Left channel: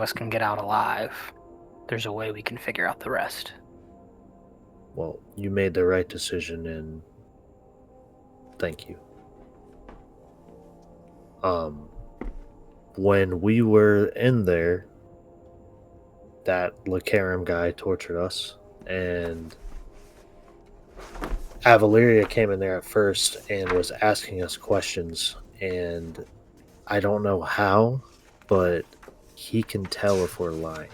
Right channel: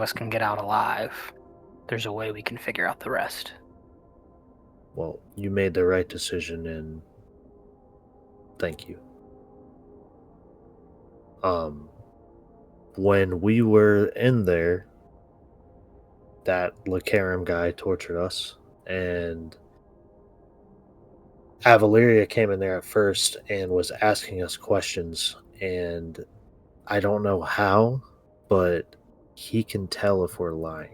of us can get out alive, there's a way we can figure out the rest. Well, you made the right decision, and thank you. When we were in there, that Lacarum guy tortured us, and Avaleria came in there at first and was asking us questions, and I don't know how, but he can tell if we're lying.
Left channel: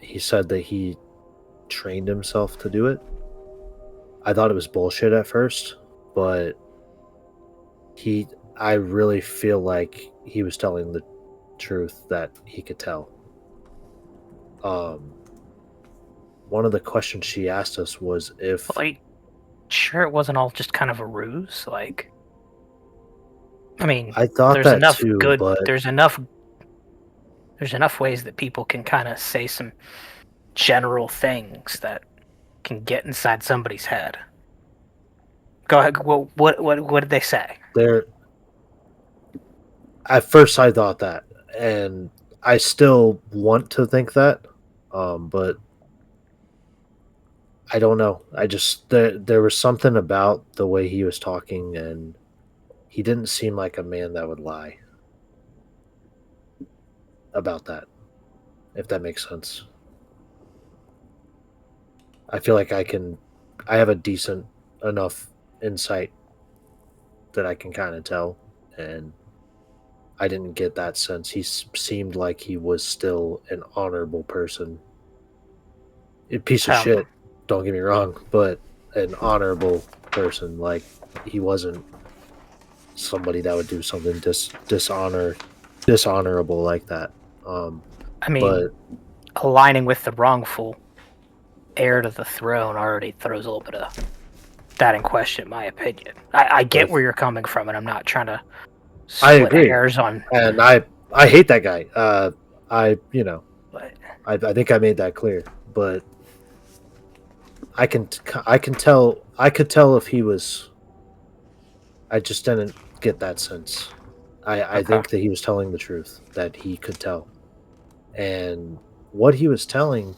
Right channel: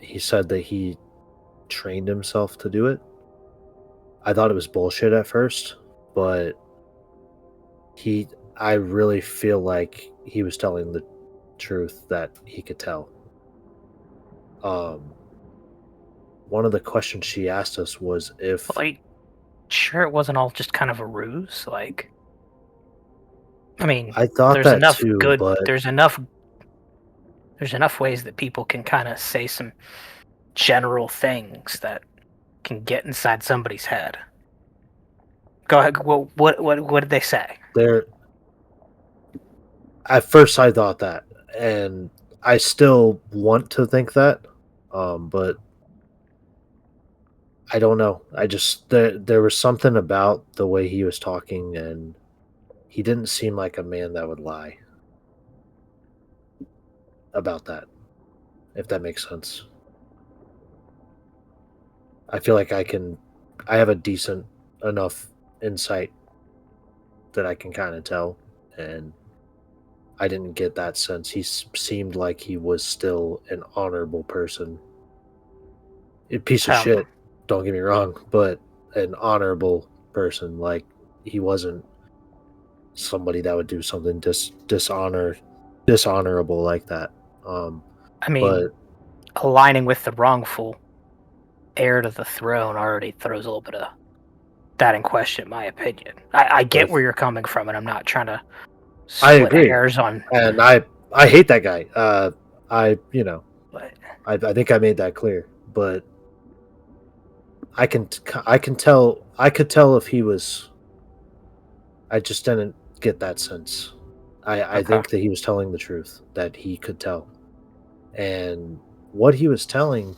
He said that he trained himself to do it. I thought it was bullshit at first, but I really feel like he was telling the truth, that he could tell. One of the questions she asked us was if... Like, sure it wasn't all just kind of a ruse? Like, I mean, I thought there's that enough too, good, but there's enough ways that people can kind of say some general things that can get inside somebody's head. Go ahead. Well, what did they say? there... At first I thought that, and I still want to think that, but I don't know. I just... there was something about the way he was talking, and he didn't seem like a man that would lie about that, if that makes sense. I feel like I have a decent enough insight that I can kind of tell, and I didn't get that sense. He seemed like he was still an honorable person. A piece of shit, don't get me wrong, but an honorable person. Like, he wasn't somebody that would do something dishonorable like that. I mean, but aligning with the wrongful heir to the throne already throws a little bit of that in question, in my opinion. I get where you're coming from, and I'm not trying to split hairs on. And I hate that guy. I think I made that clear, but I could tell if he was... I just didn't get that sense. I think that he was telling the truth, that he could tell. And what he was telling,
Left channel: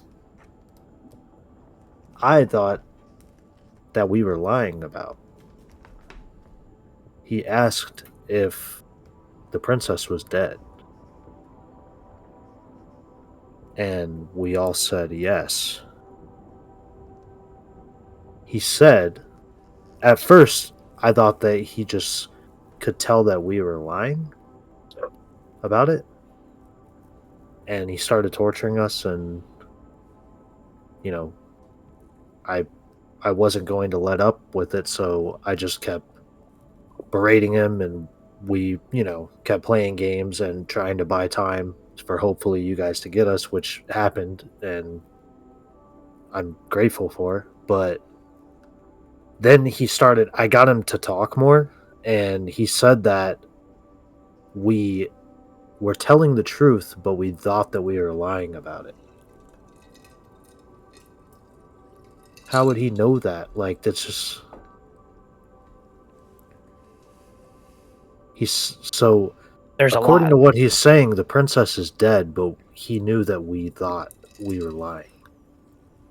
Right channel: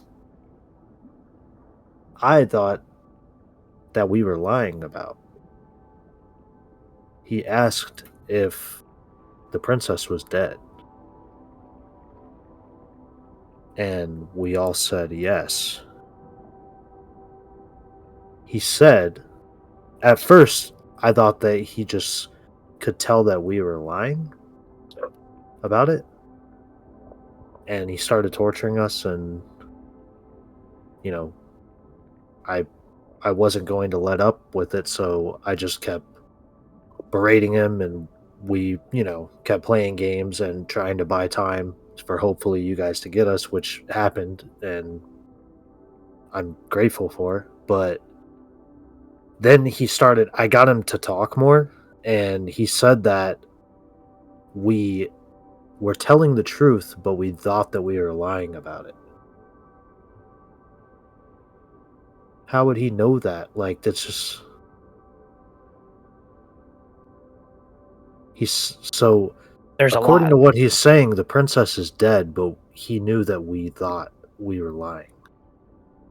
I thought that we were lying about. He asked if the princess was dead. And we all said yes. He said, at first, I thought that he just could tell that we were lying about it. And he started torturing us, and, I wasn't going to let up with it, so I just kept berating him, and we, kept playing games and trying to buy time for hopefully you guys to get us, which happened, and I'm grateful for. But then I got him to talk more, and he said that we were telling the truth, but we thought that we were lying about it. How would he know that? Like, that's just... according to what he's saying, the princess is dead, but he knew that we thought we were lying.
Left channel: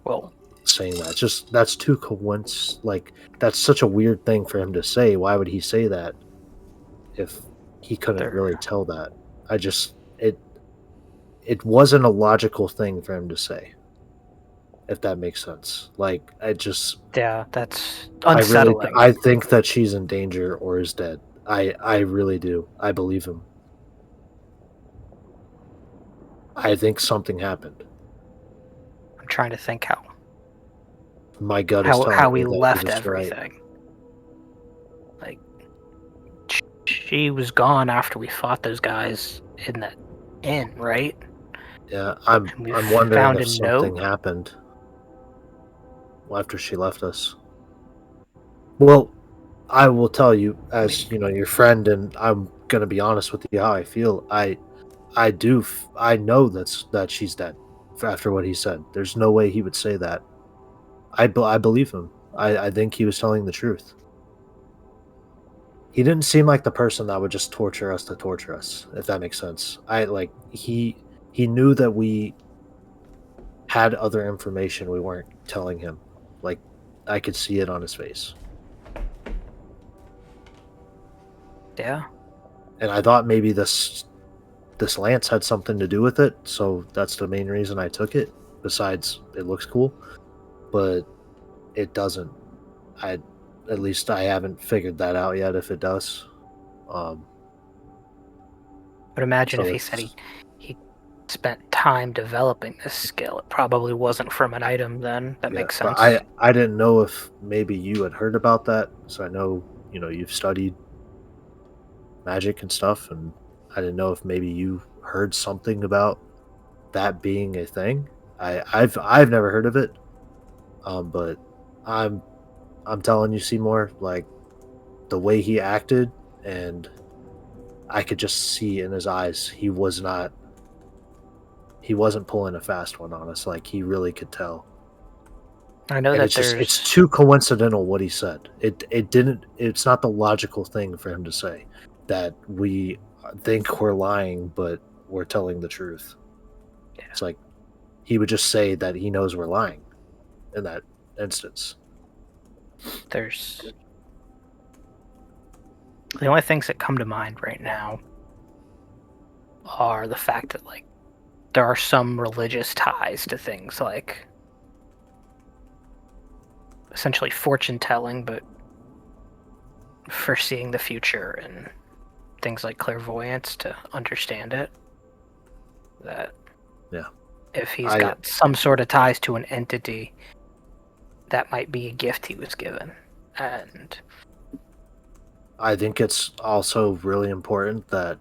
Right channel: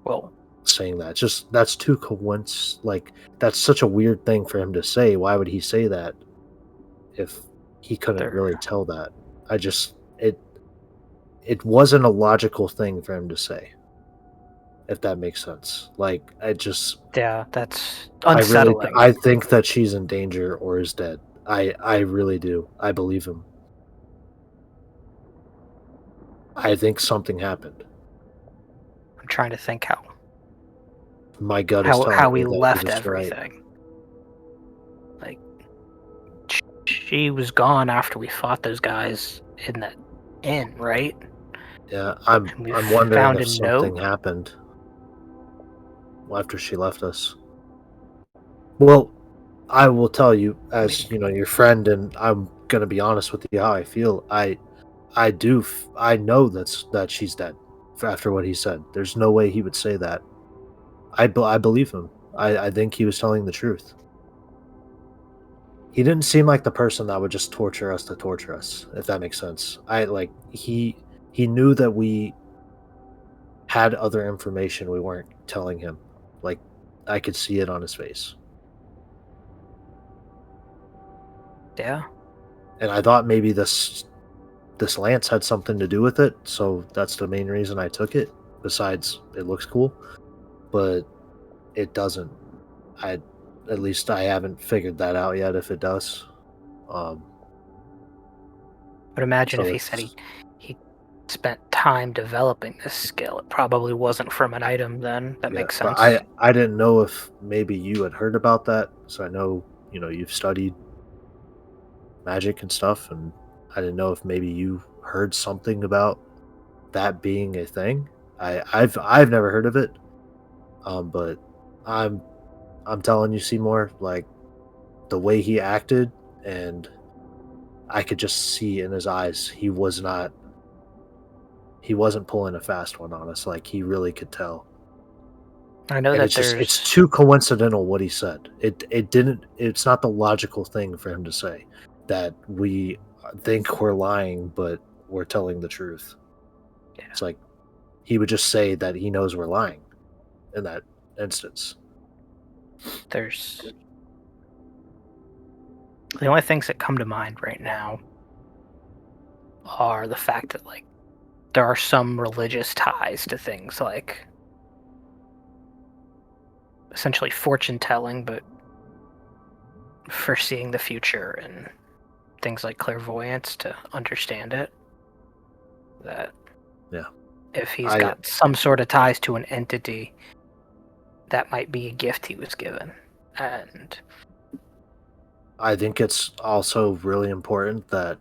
Well, saying that, that's too coincidence. Like, that's such a weird thing for him to say. Why would he say that if he couldn't really tell that? It wasn't a logical thing for him to say, if that makes sense. Like, yeah, that's unsettling. I think that she's in danger or is dead. I really do. I believe him. I think something happened. I'm trying to think how. My gut is telling how me we that left he was everything. Right. Like, she was gone after we fought those guys in that inn, right? Yeah, I'm wondering if something happened after she left us. Well, I will tell you, as your friend, and I'm gonna be honest with you how I feel. I know that she's dead after what he said. There's no way he would say that. I believe him. I think he was telling the truth. he didn't seem like the person that would just torture us to torture us, if that makes sense. I like he knew that we had other information we weren't telling him. Like I could see it on his face. Yeah, And I thought maybe this lance had something to do with it, so that's the main reason I took it. Besides, it looks cool, but it doesn't. I At least I haven't figured that out yet. If it does, um, but imagine if so he said it's he spent time developing this skill. It probably wasn't from an item. Then that yeah. makes But sense. I didn't know if maybe you had heard about that. So I know you've studied magic and stuff, and I didn't know if maybe you heard something about that being a thing. I've never heard of it, but I'm I'm telling you, Seymour, like the way he acted, and I could just see in his eyes he wasn't pulling a fast one on us. Like he really could tell, I know and that it's there's too coincidental what he said. It's not the logical thing for him to say that we think we're lying, but we're telling the truth. yeah, It's like he would just say that he knows we're lying in that instance. there's the only things that come to mind right now are the fact that like there are some religious ties to things like essentially fortune telling, but foreseeing the future and things like clairvoyance to understand it. That Yeah, if he's I got some sort of ties to an entity, that might be a gift he was given. And I think it's also really important that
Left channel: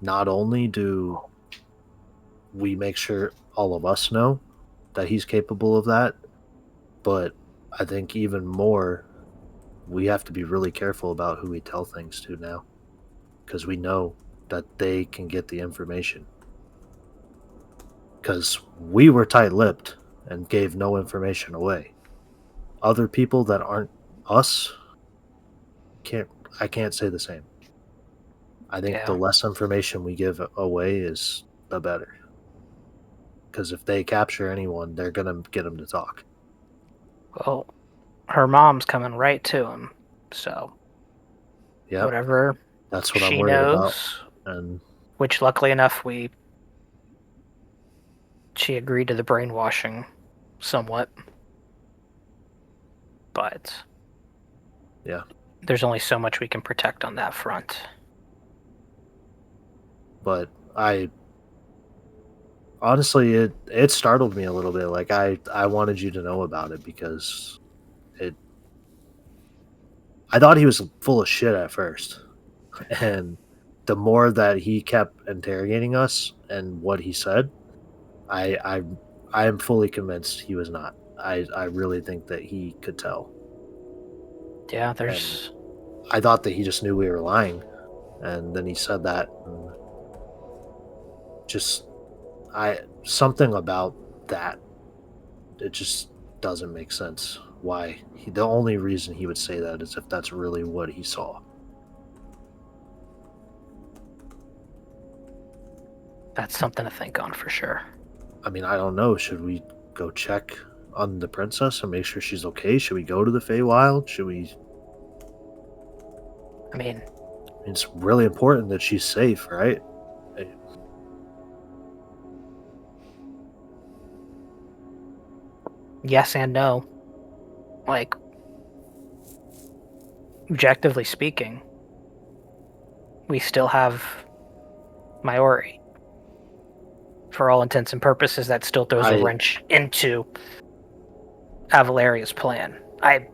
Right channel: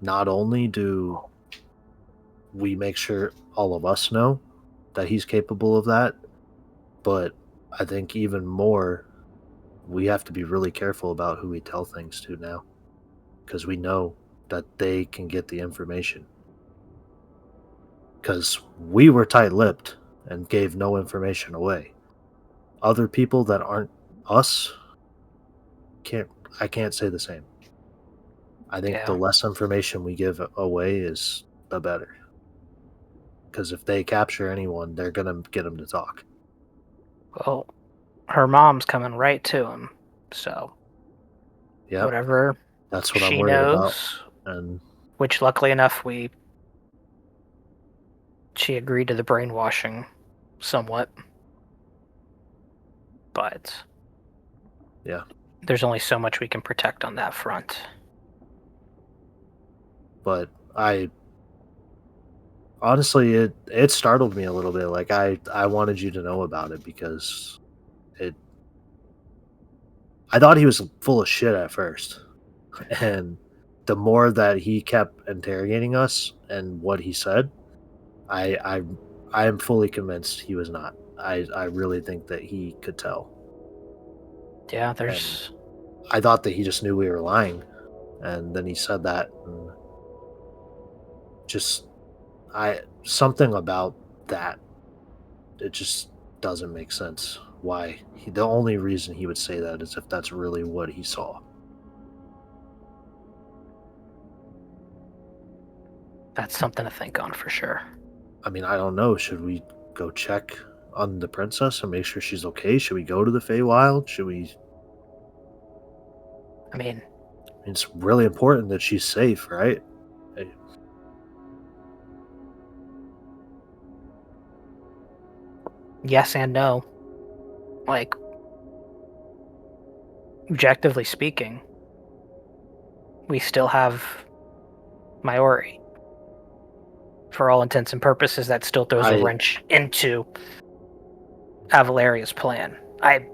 not only do we make sure all of us know that he's capable of that, but I think even more, we have to be really careful about who we tell things to now because we know that they can get the information. Because we were tight lipped and gave no information away. Other people that aren't us can't, I can't say the same. I think the yeah, less information we give away is the better. Because if they capture anyone, they're going to get them to talk. well, her mom's coming right to him. So Yep, whatever that's what I'm she worried about. knows, And which luckily enough she agreed to the brainwashing somewhat, but yeah, there's only so much we can protect on that front. but I honestly, it startled me a little bit. Like I wanted you to know about it because it. I thought he was full of shit at first, and the more that he kept interrogating us and what he said, I I I am fully convinced he was not. I really think that he could tell, Yeah, and there's I thought that he just knew we were lying, and then he said that, and just I something about that it just doesn't make sense. Why the only reason he would say that is if that's really what he saw. that's something to think on for sure. I mean, I don't know. Should we go check on the princess and make sure she's okay? Should we go to the Feywild? Should we? I mean, I mean, it's really important that she's safe, right? Eh, yes and no. Like, objectively speaking, we still have Maori. For all intents and purposes, that still throws a I wrench into Avalaria's plan. I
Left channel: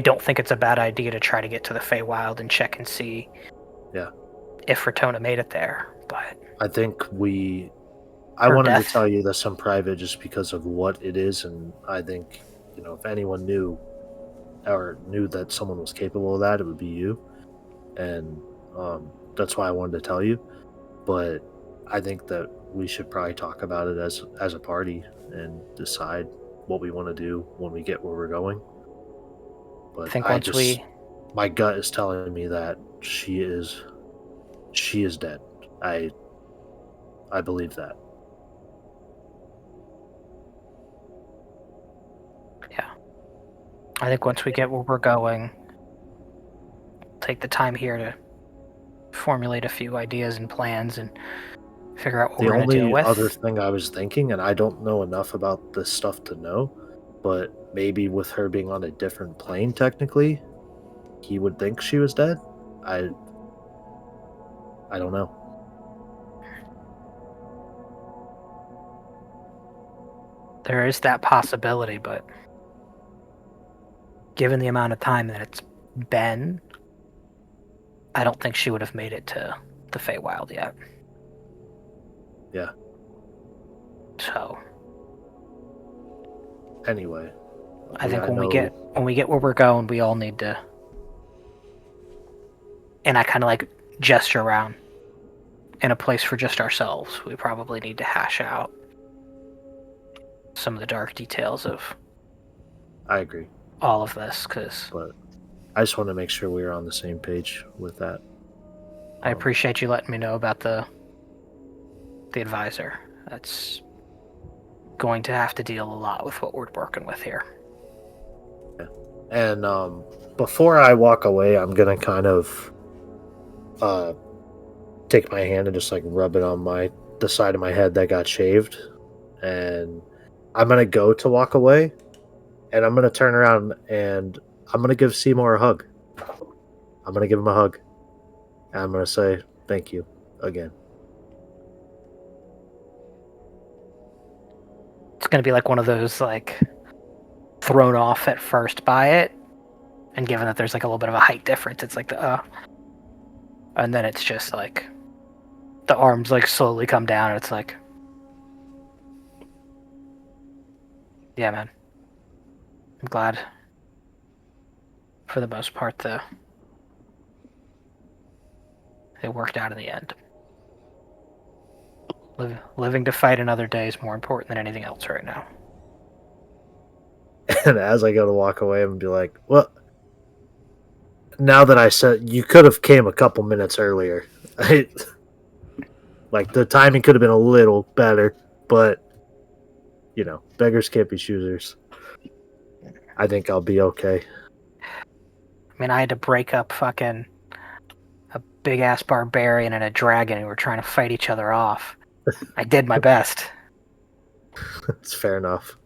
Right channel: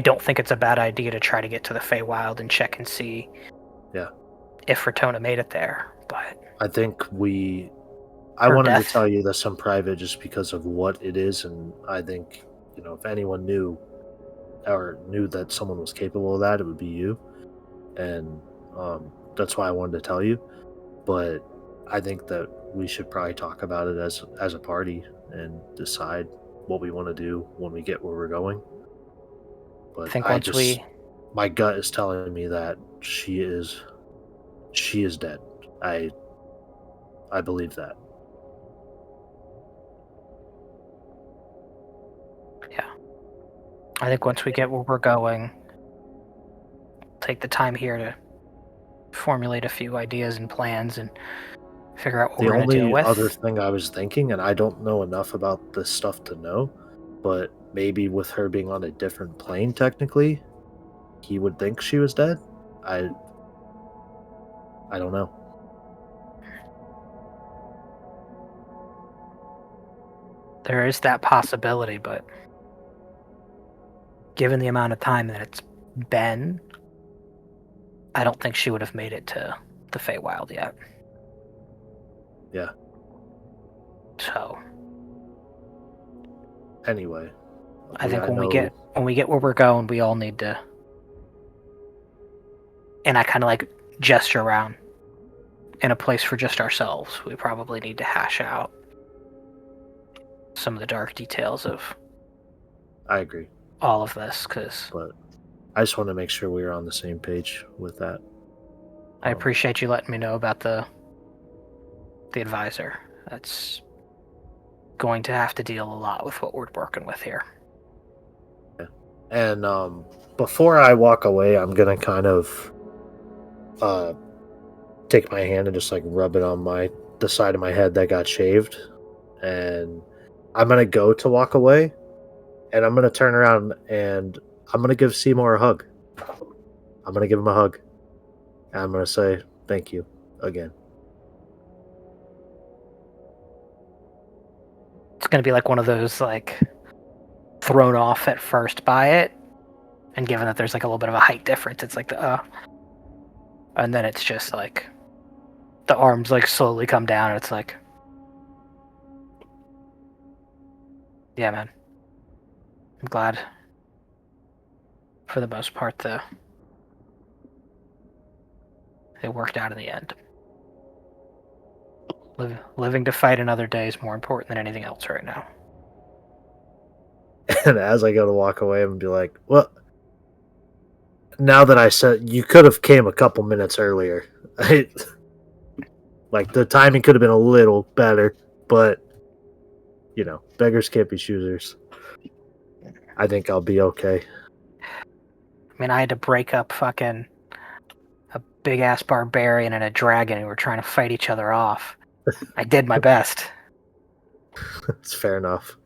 don't think it's a bad idea to try to get to the Feywild and check and see yeah. if Ratona made it there. But I think we. I her wanted to death, tell you this in private just because of what it is, and I think if anyone knew or knew that someone was capable of that, it would be you, and that's why I wanted to tell you. But I think that we should probably talk about it as a party and decide what we want to do when we get where we're going. I But think I once just my gut is telling me that she is dead. I believe that. Yeah. I think once we get where we're going, take the time here to formulate a few ideas and plans and figure out what The we're going to deal only other with. thing I was thinking, and I don't know enough about this stuff to know, but maybe with her being on a different plane technically, he would think she was dead. I don't know. There is that possibility, but given the amount of time that it's been, I don't think she would have made it to the Feywild yet. Yeah. So Anyway, I think I when we know. get where we're going, we all need to. And I kind of like gesture around in a place for just ourselves. We probably need to hash out some of the dark details of I agree, all of this, because but I just want to make sure we are on the same page with that. I appreciate you letting me know about the advisor. That's going to have to deal a lot with what we're working with here. And before I walk away, I'm gonna kind of take my hand and just like rub it on the side of my head that got shaved, and I'm gonna go to walk away, and I'm gonna turn around and I'm gonna give Seymour a hug. I'm gonna give him a hug, and I'm gonna say thank you again. It's going to be like one of those, like, thrown off at first by it, and given that there's like a little bit of a height difference, it's like and then it's just like the arms like slowly come down, and it's like, yeah, man, I'm glad for the most part it worked out in the end. Living to fight another day is more important than anything else right now. And as I go to walk away, I'm gonna be like, well, now that I said you could have came a couple minutes earlier. Like the timing could have been a little better, but beggars can't be choosers. I think I'll be okay. I mean, I had to break up fucking a big ass barbarian and a dragon who were trying to fight each other off. I did my best. It's fair enough.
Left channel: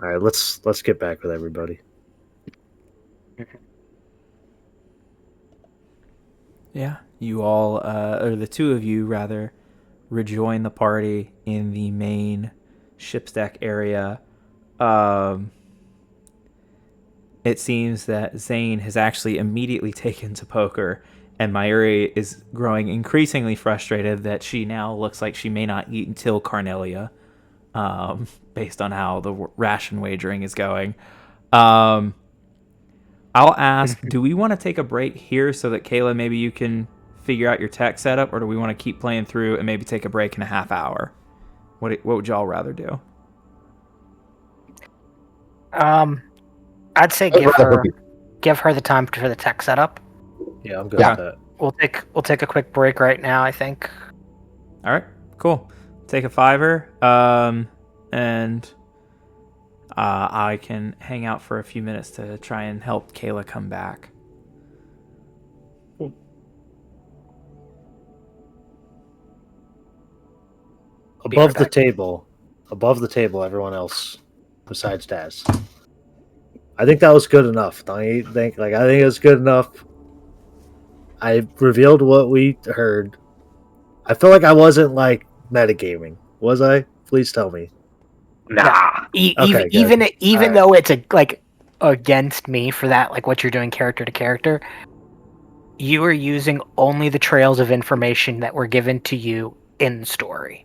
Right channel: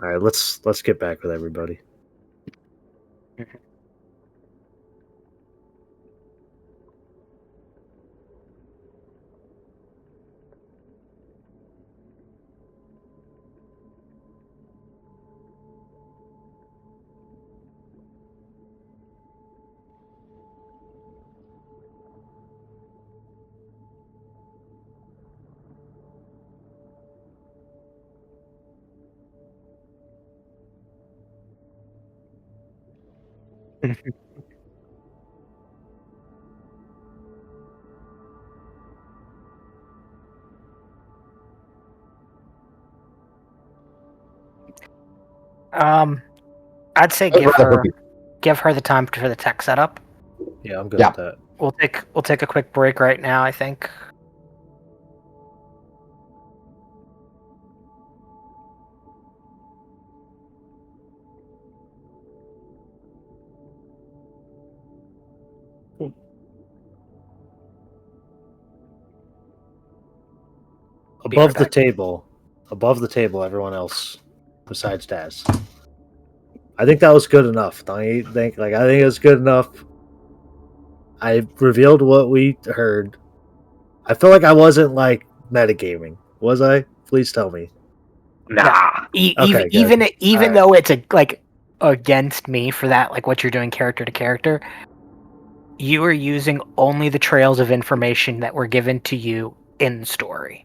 All right, let's get back with everybody. Yeah, you all, or the two of you rather, rejoin the party in the main ship's deck area. It seems that Zane has actually immediately taken to poker, and Mayuri is growing increasingly frustrated that she now looks like she may not eat until Carnelia, based on how the ration wagering is going. I'll ask, do we want to take a break here so that Kayla, maybe you can figure out your tech setup, or do we want to keep playing through and maybe take a break in a half hour? What would y'all rather do? I'd say give her the time for the tech setup. Yeah, I'm good with that. We'll take a quick break right now, I think. All right, cool. Take a $5, and I can hang out for a few minutes to try and help Kayla come back. Above the table, everyone else besides Daz. I think that was good enough. I think it was good enough. I revealed what we heard. I feel like I wasn't like metagaming, was I? Please tell me. Nah. Even though it's like against me for that, like what you're doing character to character, you are using only the trails of information that were given to you in the story.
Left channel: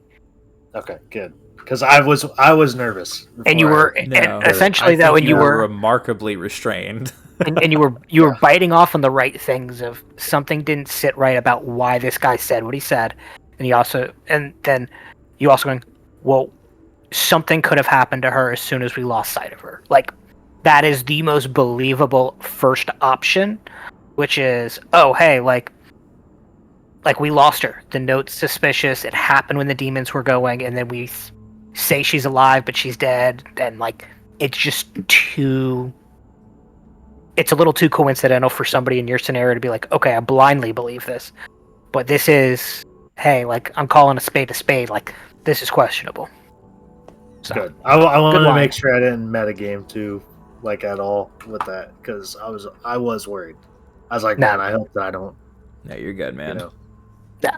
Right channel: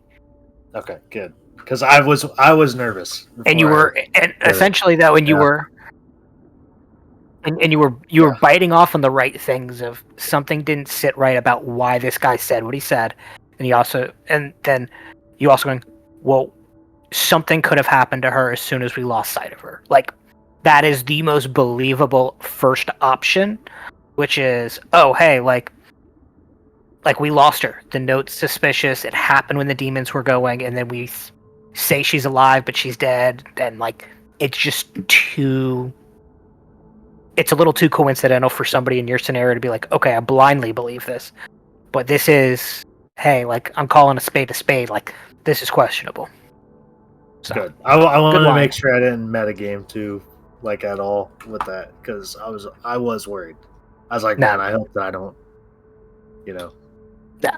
Okay, good. Because I was nervous, and you were, and essentially that when you were remarkably restrained, and you were biting off on the right things of something didn't sit right about why this guy said what he said, and then you also going, well, something could have happened to her as soon as we lost sight of her. Like that is the most believable first option, which is, oh, hey, like we lost her. The note's suspicious. It happened when the demons were going, and then we say she's alive, but she's dead. And like, it's just too. It's a little too coincidental for somebody in your scenario to be like, okay, I blindly believe this. But this is, hey, like, I'm calling a spade a spade. Like, this is questionable. So, Good. I wanted to line. make sure I didn't metagame too, like at all with that, because I was worried. I was like, No. man, I hope that I don't. No, you're good, man. You know. Yeah.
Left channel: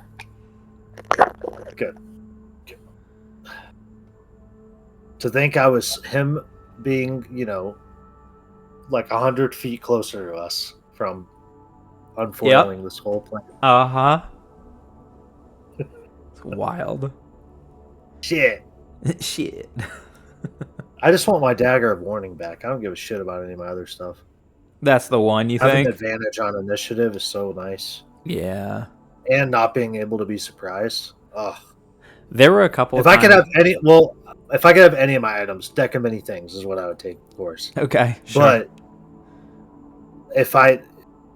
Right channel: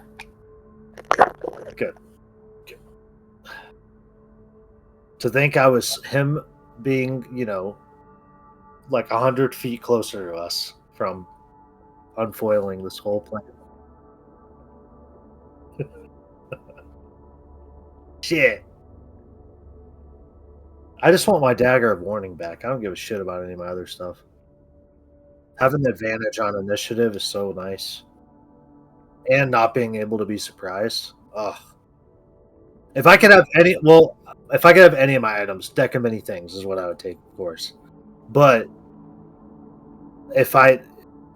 Good. To think I was him being, you know, like 100 feet closer to us from unfoiling this whole plan. Uh-huh. It's wild. Shit. Shit. I just want my dagger of warning back. I don't give a shit about any of my other stuff. That's the one, you Having think? advantage on initiative is so nice. Yeah. And not being able to be surprised. Ugh. There were a couple If I could have any, well, if I could have any of my items, deck of many things is what I would take, of course. Okay. Sure. But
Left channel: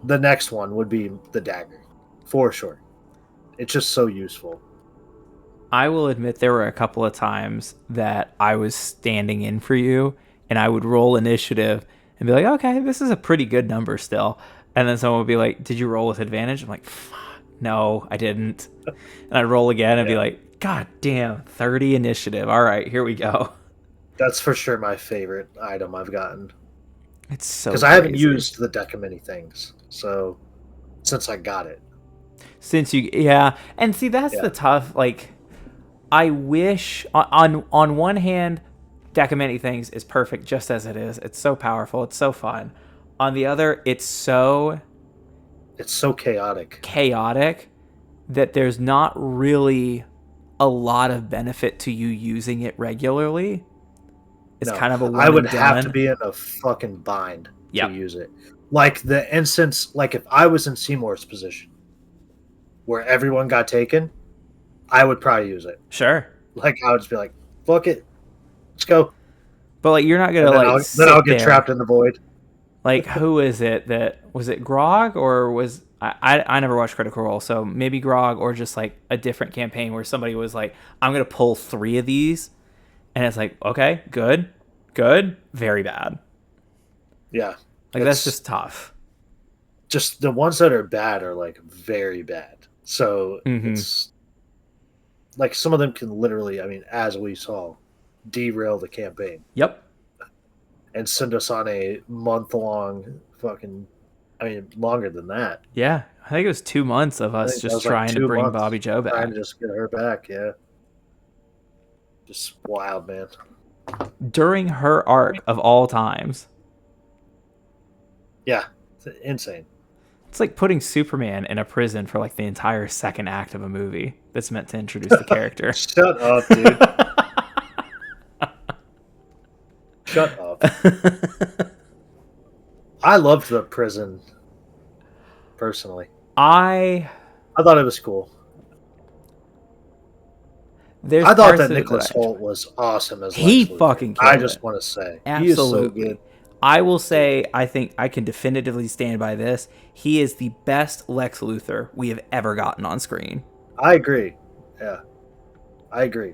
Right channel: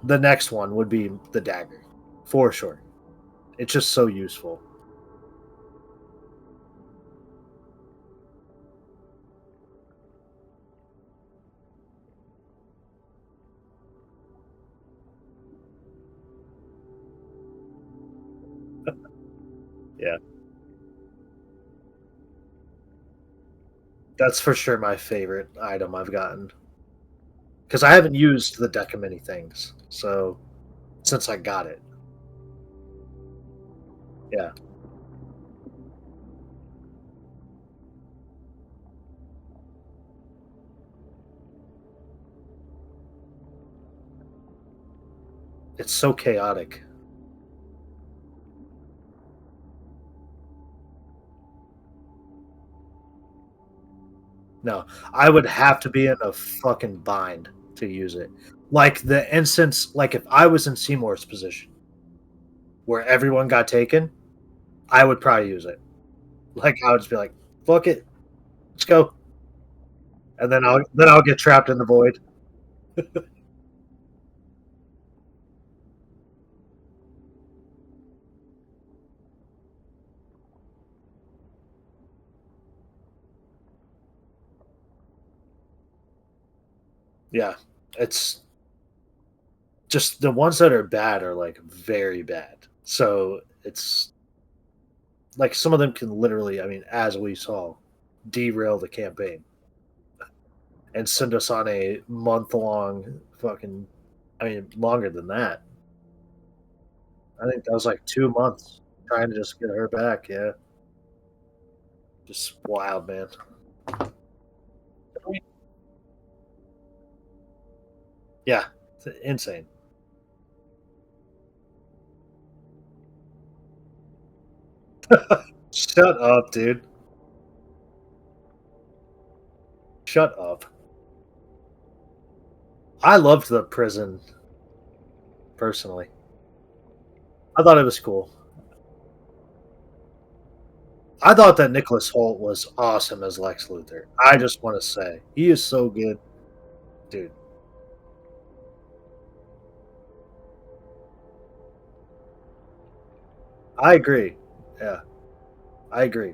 the next one would be the dagger, for sure. It's just so useful. I will admit there were a couple of times that I was standing in for you, and I would roll initiative and be like, okay, this is a pretty good number still. And then someone would be like, did you roll with advantage? I'm like, fuck, no, I didn't. And I'd roll again and be like, God damn, 30 initiative. All right, here we go. That's for sure my favorite item I've gotten. It's so because I haven't used the deck of many things, so since I got it. Since you, yeah, and see that's the tough. Like, I wish on one hand, deck of many things is perfect just as it is. It's so powerful. It's so fun. On the other, it's so chaotic. Chaotic that there's not really a lot of benefit to you using it regularly. It's kind of a I would have to be in a fucking bind to use it. Like the instance, like if I was in Seymour's position where everyone got taken, I would probably use it. Sure. Like I would just be like, fuck it. Let's go. But like you're not gonna then I'll get trapped in the void. Like who is it that was it Grog or was I never watched Critical Role, so maybe Grog or just like a different campaign where somebody was like, I'm gonna pull 3 of these. And it's like, okay, good, very bad. Yeah. Like, that's just tough. Just the ones that are bad are, like, very bad. So it's like some of them can literally, I mean, as we saw, derail the campaign. Yep. And send us on a month-long fucking, I mean, longer than that. Yeah. I think it was 2 months of us just trying to bring Bobby Joe back. Trying to just get her back, yeah. Just wild, man. During her arc of all times. Yeah, it's insane. It's like putting Superman in a prison for like the entire second act of a movie that's meant to introduce the character. Shut up, dude. Shut up. I loved the prison, personally. I thought it was cool. I thought that Nicholas Hoult was awesome as Lex Luthor. Fucking I just want to say. Absolutely. He is so good. I will say, I think I can definitively stand by this. He is the best Lex Luthor we have ever gotten on screen. I agree. Yeah. I agree.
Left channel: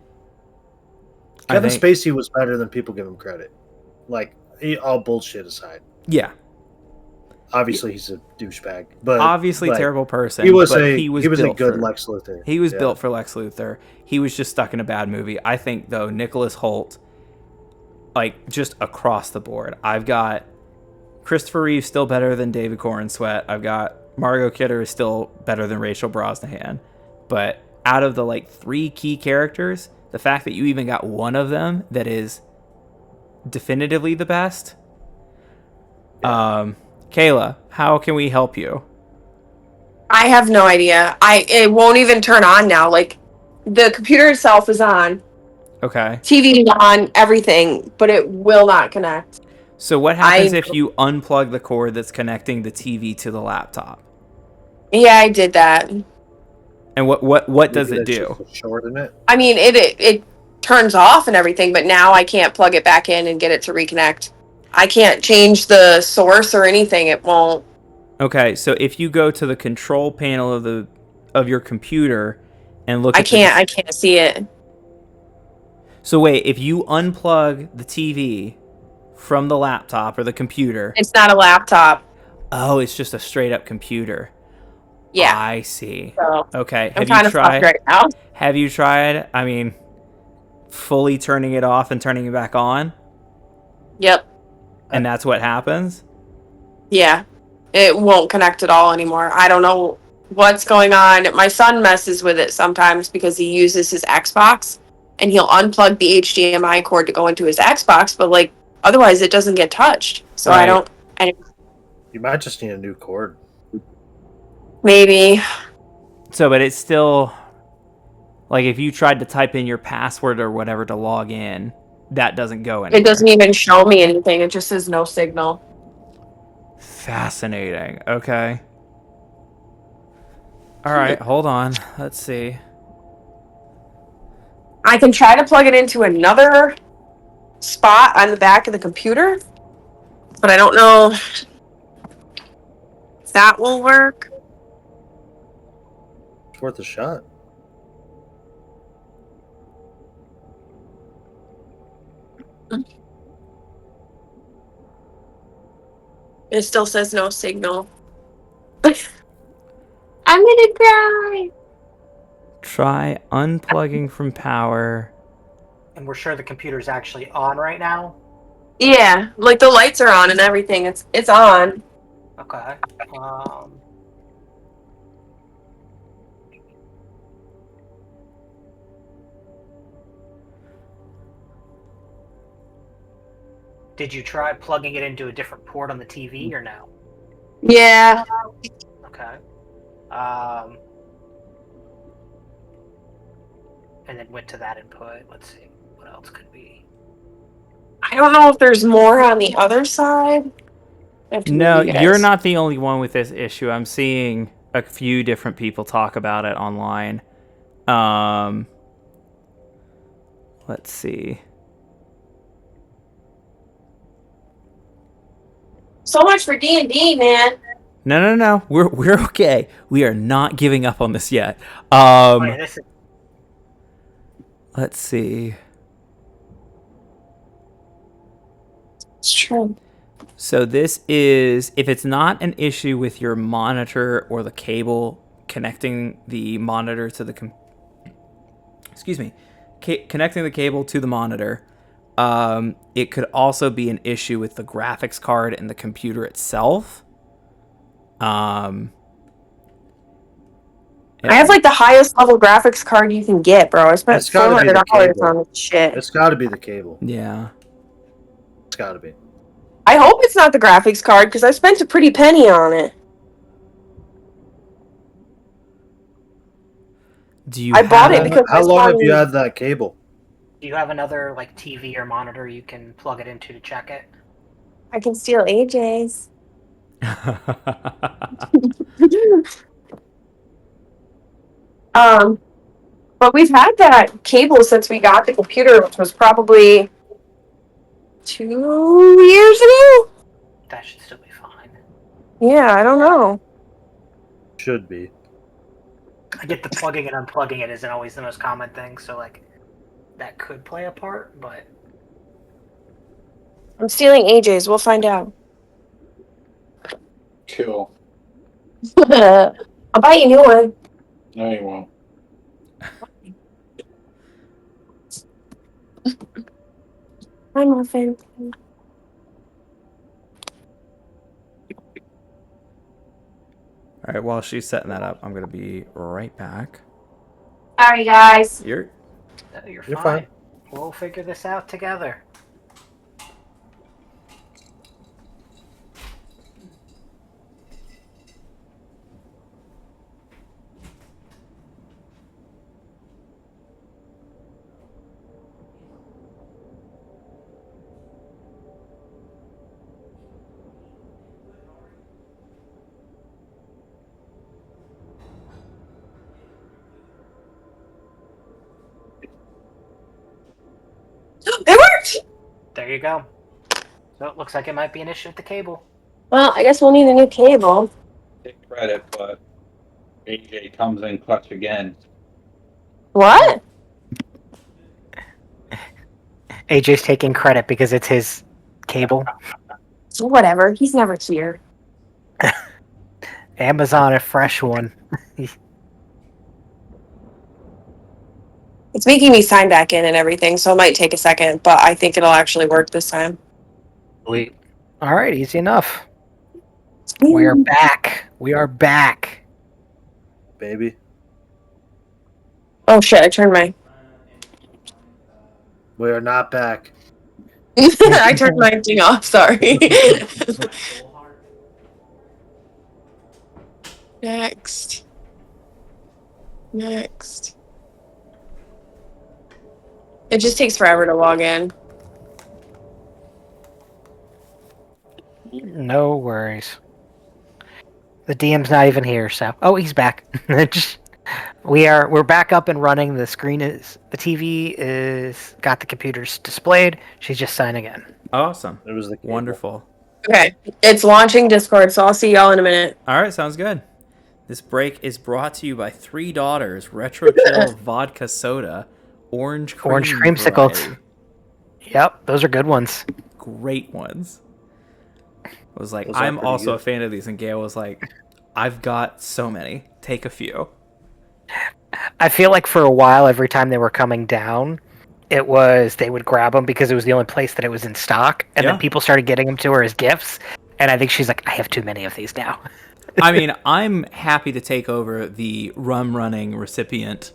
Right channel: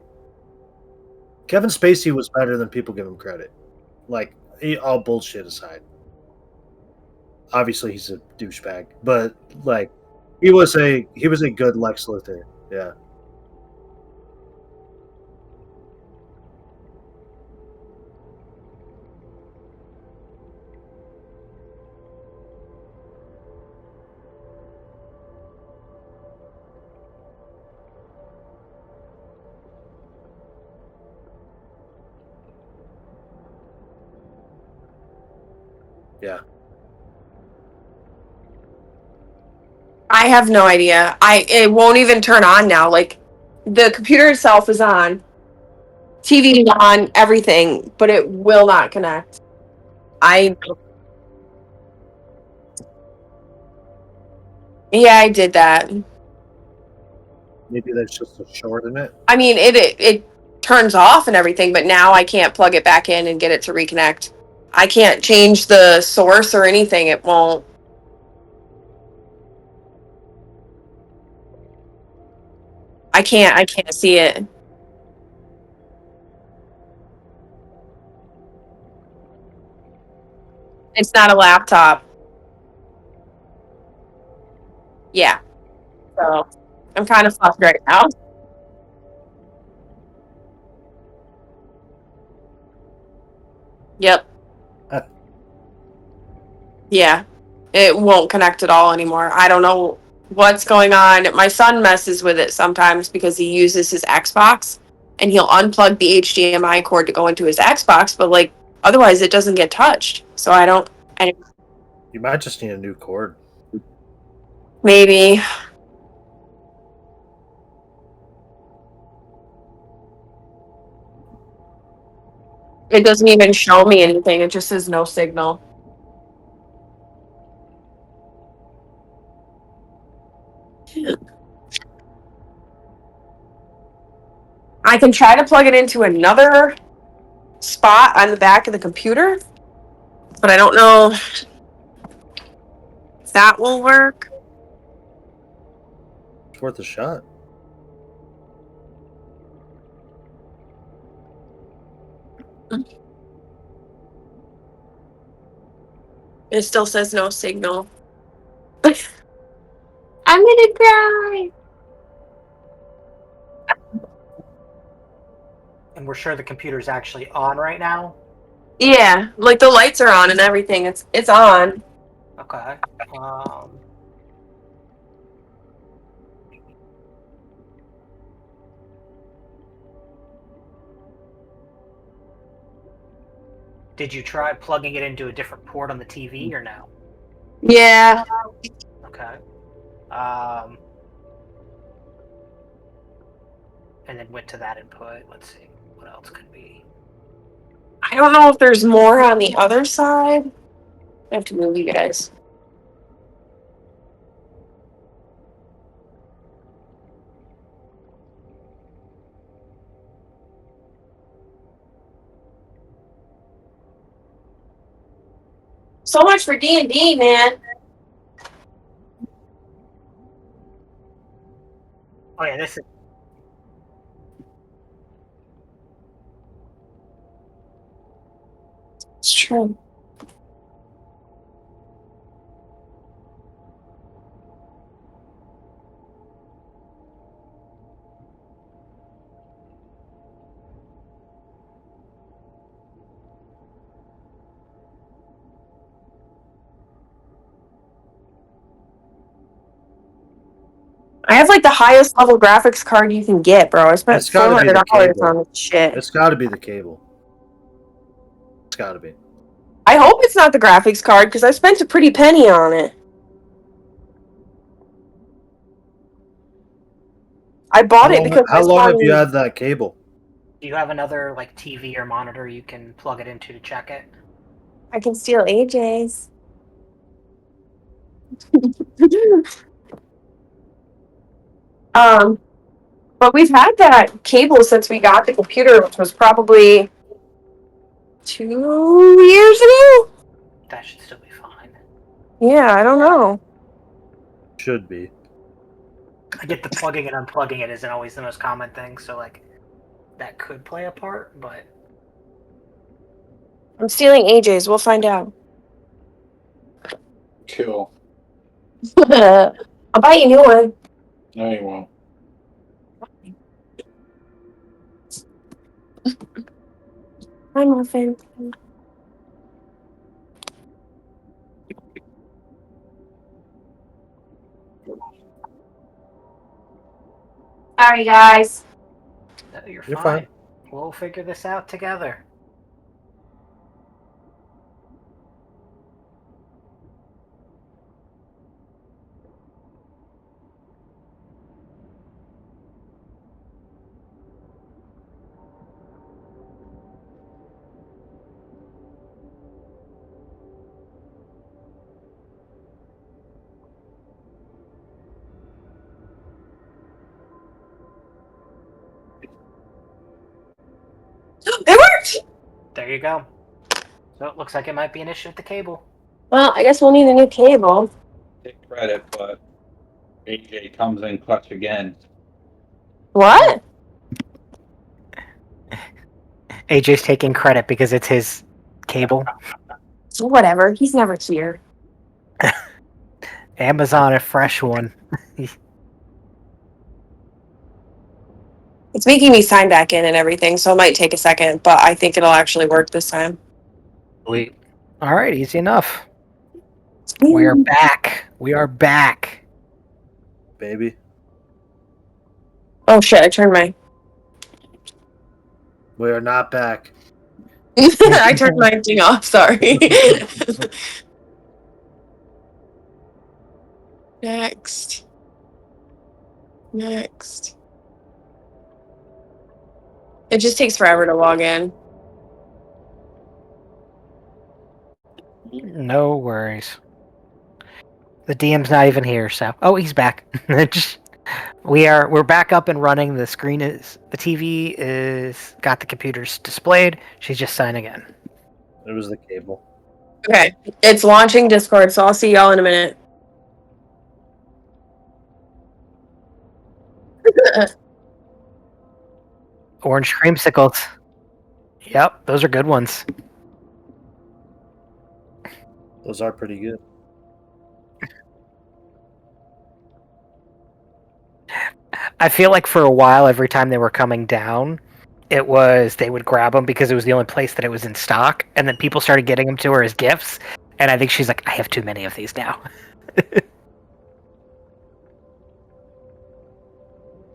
Kevin Spacey was better than people give him credit. Like, all bullshit aside. Yeah. Obviously, he's a douchebag, but obviously like, terrible person. He was a good Lex Luthor. He was built for Lex Luthor. He was just stuck in a bad movie. I think though Nicholas Hoult, like just across the board, I've got Christopher Reeve still better than David Corenswet. I've got Margot Kidder is still better than Rachel Brosnahan. But out of the like 3 key characters, the fact that you even got one of them that is definitively the best. Yeah. Kayla, how can we help you? I have no idea. It won't even turn on now. Like, the computer itself is on. Okay. TV is on, everything, but it will not connect. So what happens if you unplug the cord that's connecting the TV to the laptop? Yeah, I did that. And what does it do? Just shorten it. I mean, it turns off and everything, but now I can't plug it back in and get it to reconnect. I can't change the source or anything. It won't. Okay, so if you go to the control panel of your computer and look I at can't. I can't see it. So wait, if you unplug the TV from the laptop or the computer, It's not a laptop. oh, it's just a straight up computer. Yeah. I see. So Okay, I'm kind of fucked right now. have you tried, I mean, fully turning it off and turning it back on? Yep. And that's what happens? Yeah. It won't connect at all anymore. I don't know what's going on. My son messes with it sometimes because he uses his Xbox and he'll unplug the HDMI cord to go into his Xbox, but like otherwise it doesn't get touched. So Right. You might just need a new cord. Maybe. So, but it's still like if you tried to type in your password or whatever to log in, that doesn't go anywhere. It doesn't even show me anything. It just says no signal. Fascinating. Okay. All right, hold on. Let's see. I can try to plug it into another spot on the back of the computer, but I don't know if that will work. It's worth a shot. It still says no signal. I'm gonna cry. Try unplugging from power. And we're sure the computer's actually on right now. Yeah, like the lights are on and everything. It's on. Okay. Did you try plugging it into a different port on the TV or no? Yeah. Okay. And then went to that input. Let's see what else could be. I don't know if there's more on the other side. I have to No, move you you're guys. not the only one with this issue. I'm seeing a few different people talk about it online. Let's see. So much for D&D, man. No. We're okay. We are not giving up on this yet. Oh yeah, this is Let's see. It's true. So this is if it's not an issue with your monitor or the cable connecting the monitor to the connecting the cable to the monitor. It could also be an issue with the graphics card and the computer itself. I have like the highest level graphics card you can get, bro. I spent It's gotta be the $400 cable. on this shit. It's got to be the cable. Yeah. It's got to be. I hope it's not the graphics card because I spent a pretty penny on it. Do you I bought have it because How my long have you son- had that cable? Do you have another like TV or monitor you can plug it into to check it? I can steal AJ's. But we've had that cable since we got the computer, which was probably 2 years ago. That should still be fine. Yeah, I don't know. Should be. I get the plugging and unplugging it isn't always the most common thing, so like that could play a part, but I'm stealing AJ's. We'll find out. Cool. I'll buy you a new one. No, you won't. I'm muffin. All right, while she's setting that up, I'm going to be right back. Sorry, guys. You're you're You're fine. fine. We'll figure this out together. It worked! There you go. So it looks like it might be an issue with the cable. Well, I guess we'll need a new cable. Take credit, but AJ comes in clutch again. What? AJ's taking credit because it's his cable. Whatever. He's never here. Amazon, a fresh one. It's making me sign back in and everything, so it might take a second, but I think it'll actually work this time. Sweet. All right, easy enough. We are back. We are back. Baby. Oh shit, I turned my We are not back. I turned my thing off, sorry. Next. It just takes forever to log in. No worries. The DM's not even here, so he's back. We're back up and running. The TV is got the computers displayed. She's just signing in. Awesome. It was the cable. Wonderful. Okay. It's launching Discord, so I'll see y'all in a minute. All right, sounds good. This break is brought to you by Three Daughters Retro Chill Vodka Soda, Orange Creamsicles. Bread. Yep, those are good ones. Great ones. I was like, Those are I'm pretty also good. a fan of these, and Gail was like, I've got so many. Take a few. I feel like for a while, every time they were coming down, it was they would grab them because it was the only place that it was in stock, and Yeah. then people started getting them to her as gifts. And I think she's like, I have too many of these now. I mean, I'm happy to take over the rum running recipient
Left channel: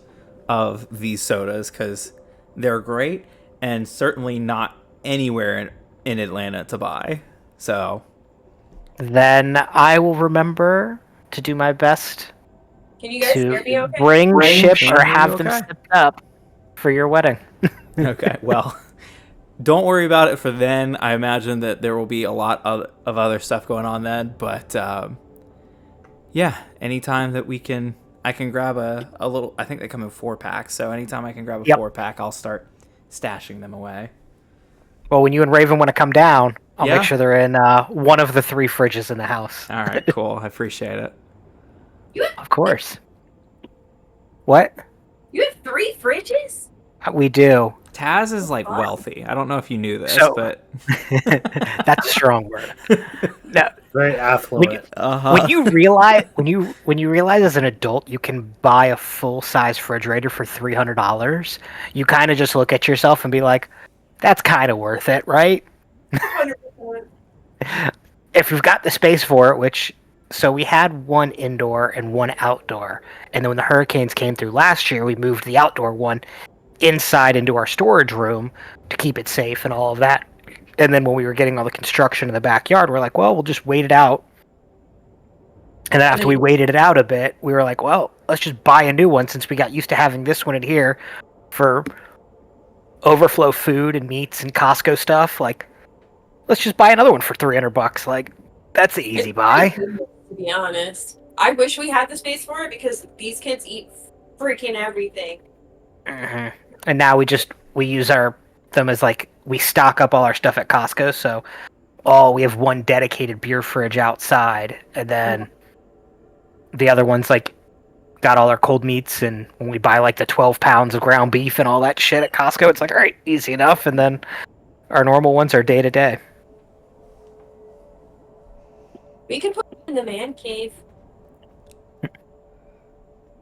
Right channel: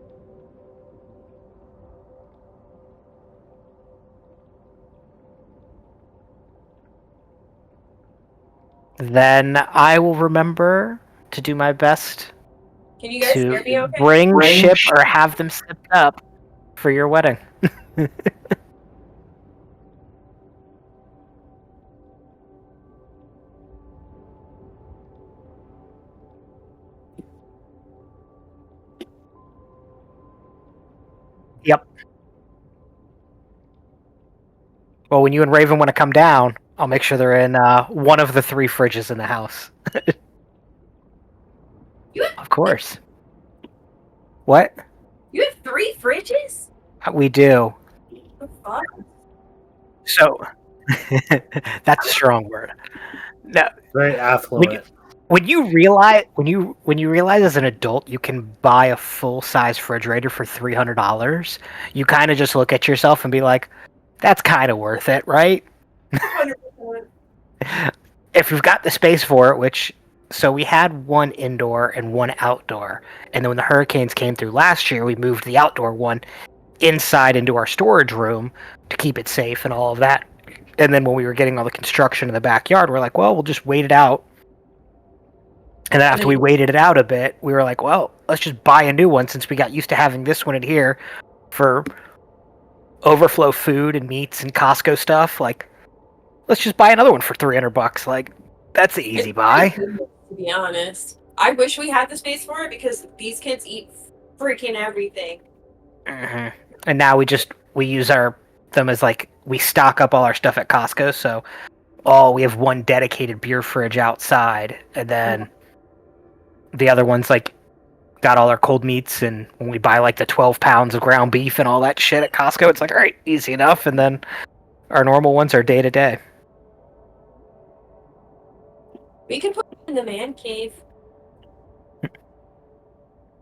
of these sodas because they're great and certainly not anywhere in Atlanta to buy. So, Then I will remember to do my best Can you guys hear me to okay? bring, ship, Can or you have hear them me okay? shipped up for your wedding. okay, well, don't worry about it for then. I imagine that there will be a lot of other stuff going on then, but yeah, anytime that I can grab a little, I think they come in 4-packs, so anytime I can grab a Yep. 4-pack, I'll start stashing them away. Well, when you and Raven want to come down, I'll Yeah. make sure they're in one of the 3 fridges in the house. All right, cool. I appreciate it. Of course. What? You have 3 fridges? We do. Taz is like wealthy. I don't know if you knew this, So- but That's a strong word. No, Very affluent. when you realize as an adult you can buy a full size refrigerator for $300, you kind of just look at yourself and be like, "That's kind of worth it, right?" 100%. If you've got the space for it, so we had one indoor and one outdoor, and then when the hurricanes came through last year, we moved the outdoor one inside into our storage room to keep it safe and all of that. And then when we were getting all the construction in the backyard, we're like, well, we'll just wait it out. And then after we waited it out a bit, we were like, well, let's just buy a new one since we got used to having this one in here for overflow food and meats and Costco stuff. Like, let's just buy another one for $300. Like, that's the easy buy. To be honest, I wish we had the space for it because these kids eat freaking everything. Mm-hmm. And now we use them as like we stock up all our stuff at Costco. So we have one dedicated beer fridge outside, and then the other one's like got all our cold meats. And when we buy like the 12 pounds of ground beef and all that shit at Costco, it's like, all right, easy enough. And then our normal ones are day to day. We could put it in the man cave.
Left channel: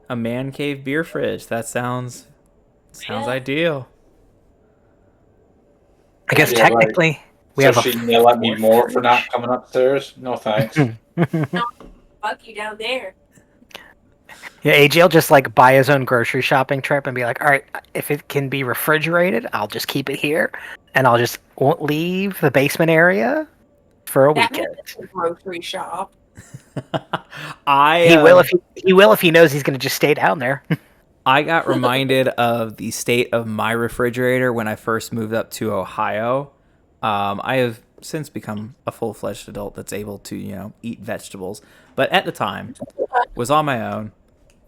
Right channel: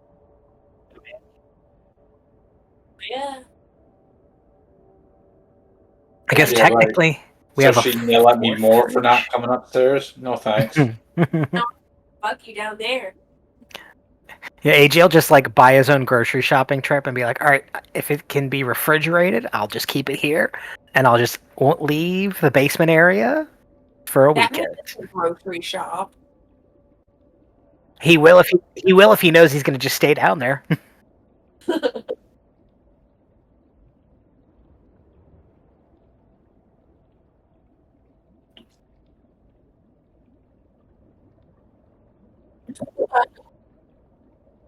a man cave beer fridge. That sounds Yeah. ideal. I guess Yeah, right. technically we So have she may let me more for not coming upstairs? No thanks. Fuck you down there. Yeah, AJ will just like buy his own grocery shopping trip and be like, all right, if it can be refrigerated, I'll just keep it here, and I'll just won't leave the basement area for a That weekend. makes a grocery shop. He will if he knows he's going to just stay down there. I got reminded of the state of my refrigerator when I first moved up to Ohio. I have since become a full-fledged adult that's able to, eat vegetables. But at the time, was on my own,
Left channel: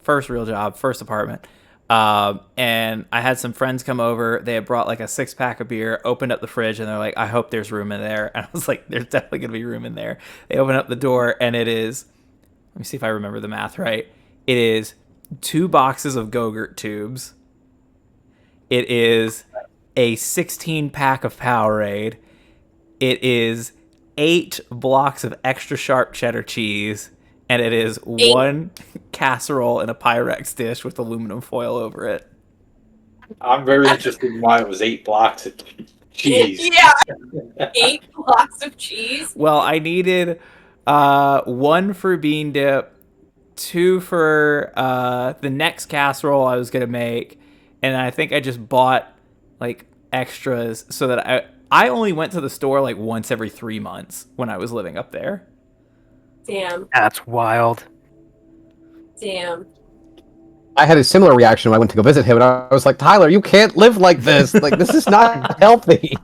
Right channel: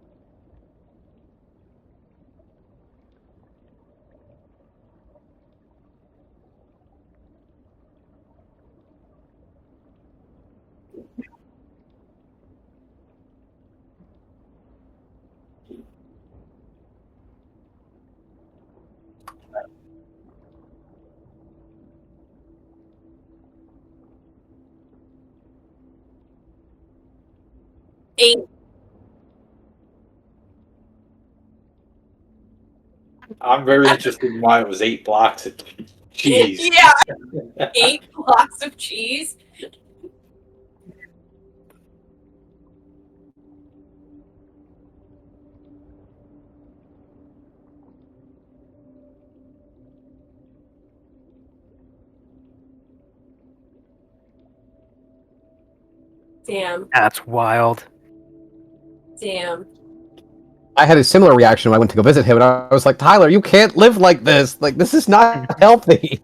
first real job, first apartment. And I had some friends come over. They had brought like a 6-pack of beer, opened up the fridge, and they're like, I hope there's room in there. And I was like, there's definitely going to be room in there. They open up the door, and it is, let me see if I remember the math right. It is 2 boxes of Go-Gurt tubes. It is a 16-pack of Powerade. It is 8 blocks of extra sharp cheddar cheese. And it is 1 casserole in a Pyrex dish with aluminum foil over it. I'm very interested in why it was 8 blocks of cheese. Yeah, 8 blocks of cheese. Well, I needed 1 for bean dip, 2 for the next casserole I was going to make, and I think I just bought like extras so that I only went to the store like once every 3 months when I was living up there. Damn. That's wild. Damn. I had a similar reaction when I went to go visit him, and I was like, Tyler, you can't live like this. Like, this is not healthy.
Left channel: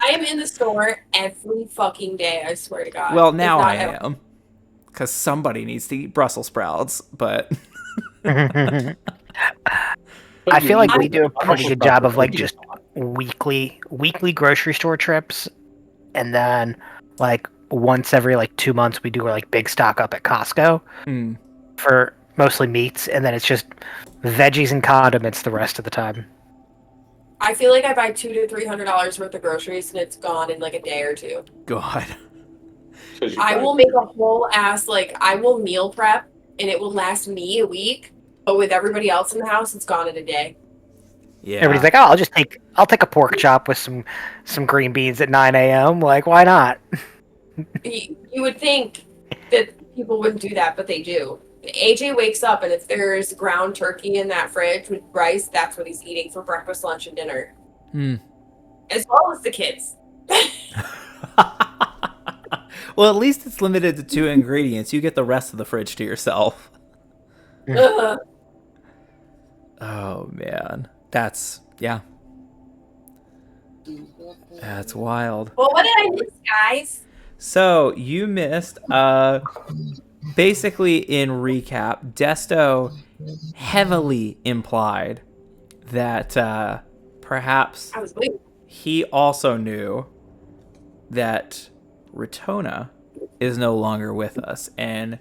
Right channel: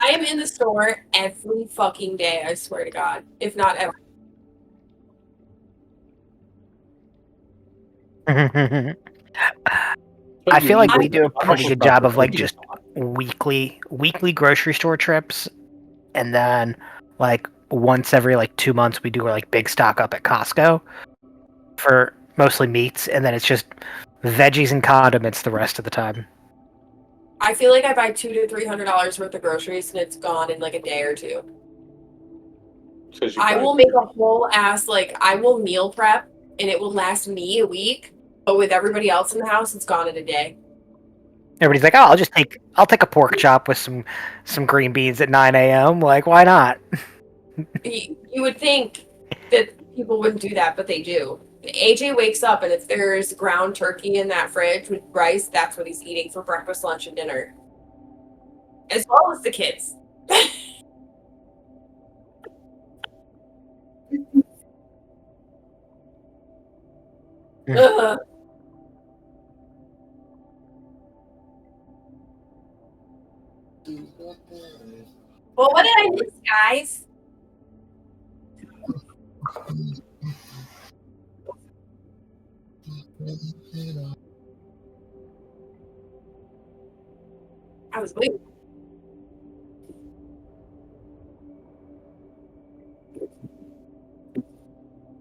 I am in the store every fucking day, I swear to God. Well, If now not I every- am. Because somebody needs to eat Brussels sprouts, but... I feel like we do a pretty good job of like just weekly grocery store trips, and then like once every like 2 months we do like big stock up at Costco for mostly meats, and then it's just veggies and condiments the rest of the time. I feel like I buy $200 to $300 worth of groceries and it's gone in like a day or two. God. I will make a whole ass, like, I will meal prep and it will last me a week, but with everybody else in the house, it's gone in a day. Yeah. Everybody's like, "Oh, I'll take a pork chop with some green beans at 9 a.m. Like, why not?" You would think that people wouldn't do that, but they do. AJ wakes up and if there's ground turkey in that fridge with rice, that's what he's eating for breakfast, lunch, and dinner. As well as the kids. Well, at least it's limited to 2 ingredients. You get the rest of the fridge to yourself. Ugh. Oh, man. That's, yeah. That's wild. Well, what did I miss, guys? So, you missed, basically in recap, Desto heavily implied that perhaps I was waiting. he also knew that Ratona is no longer with us and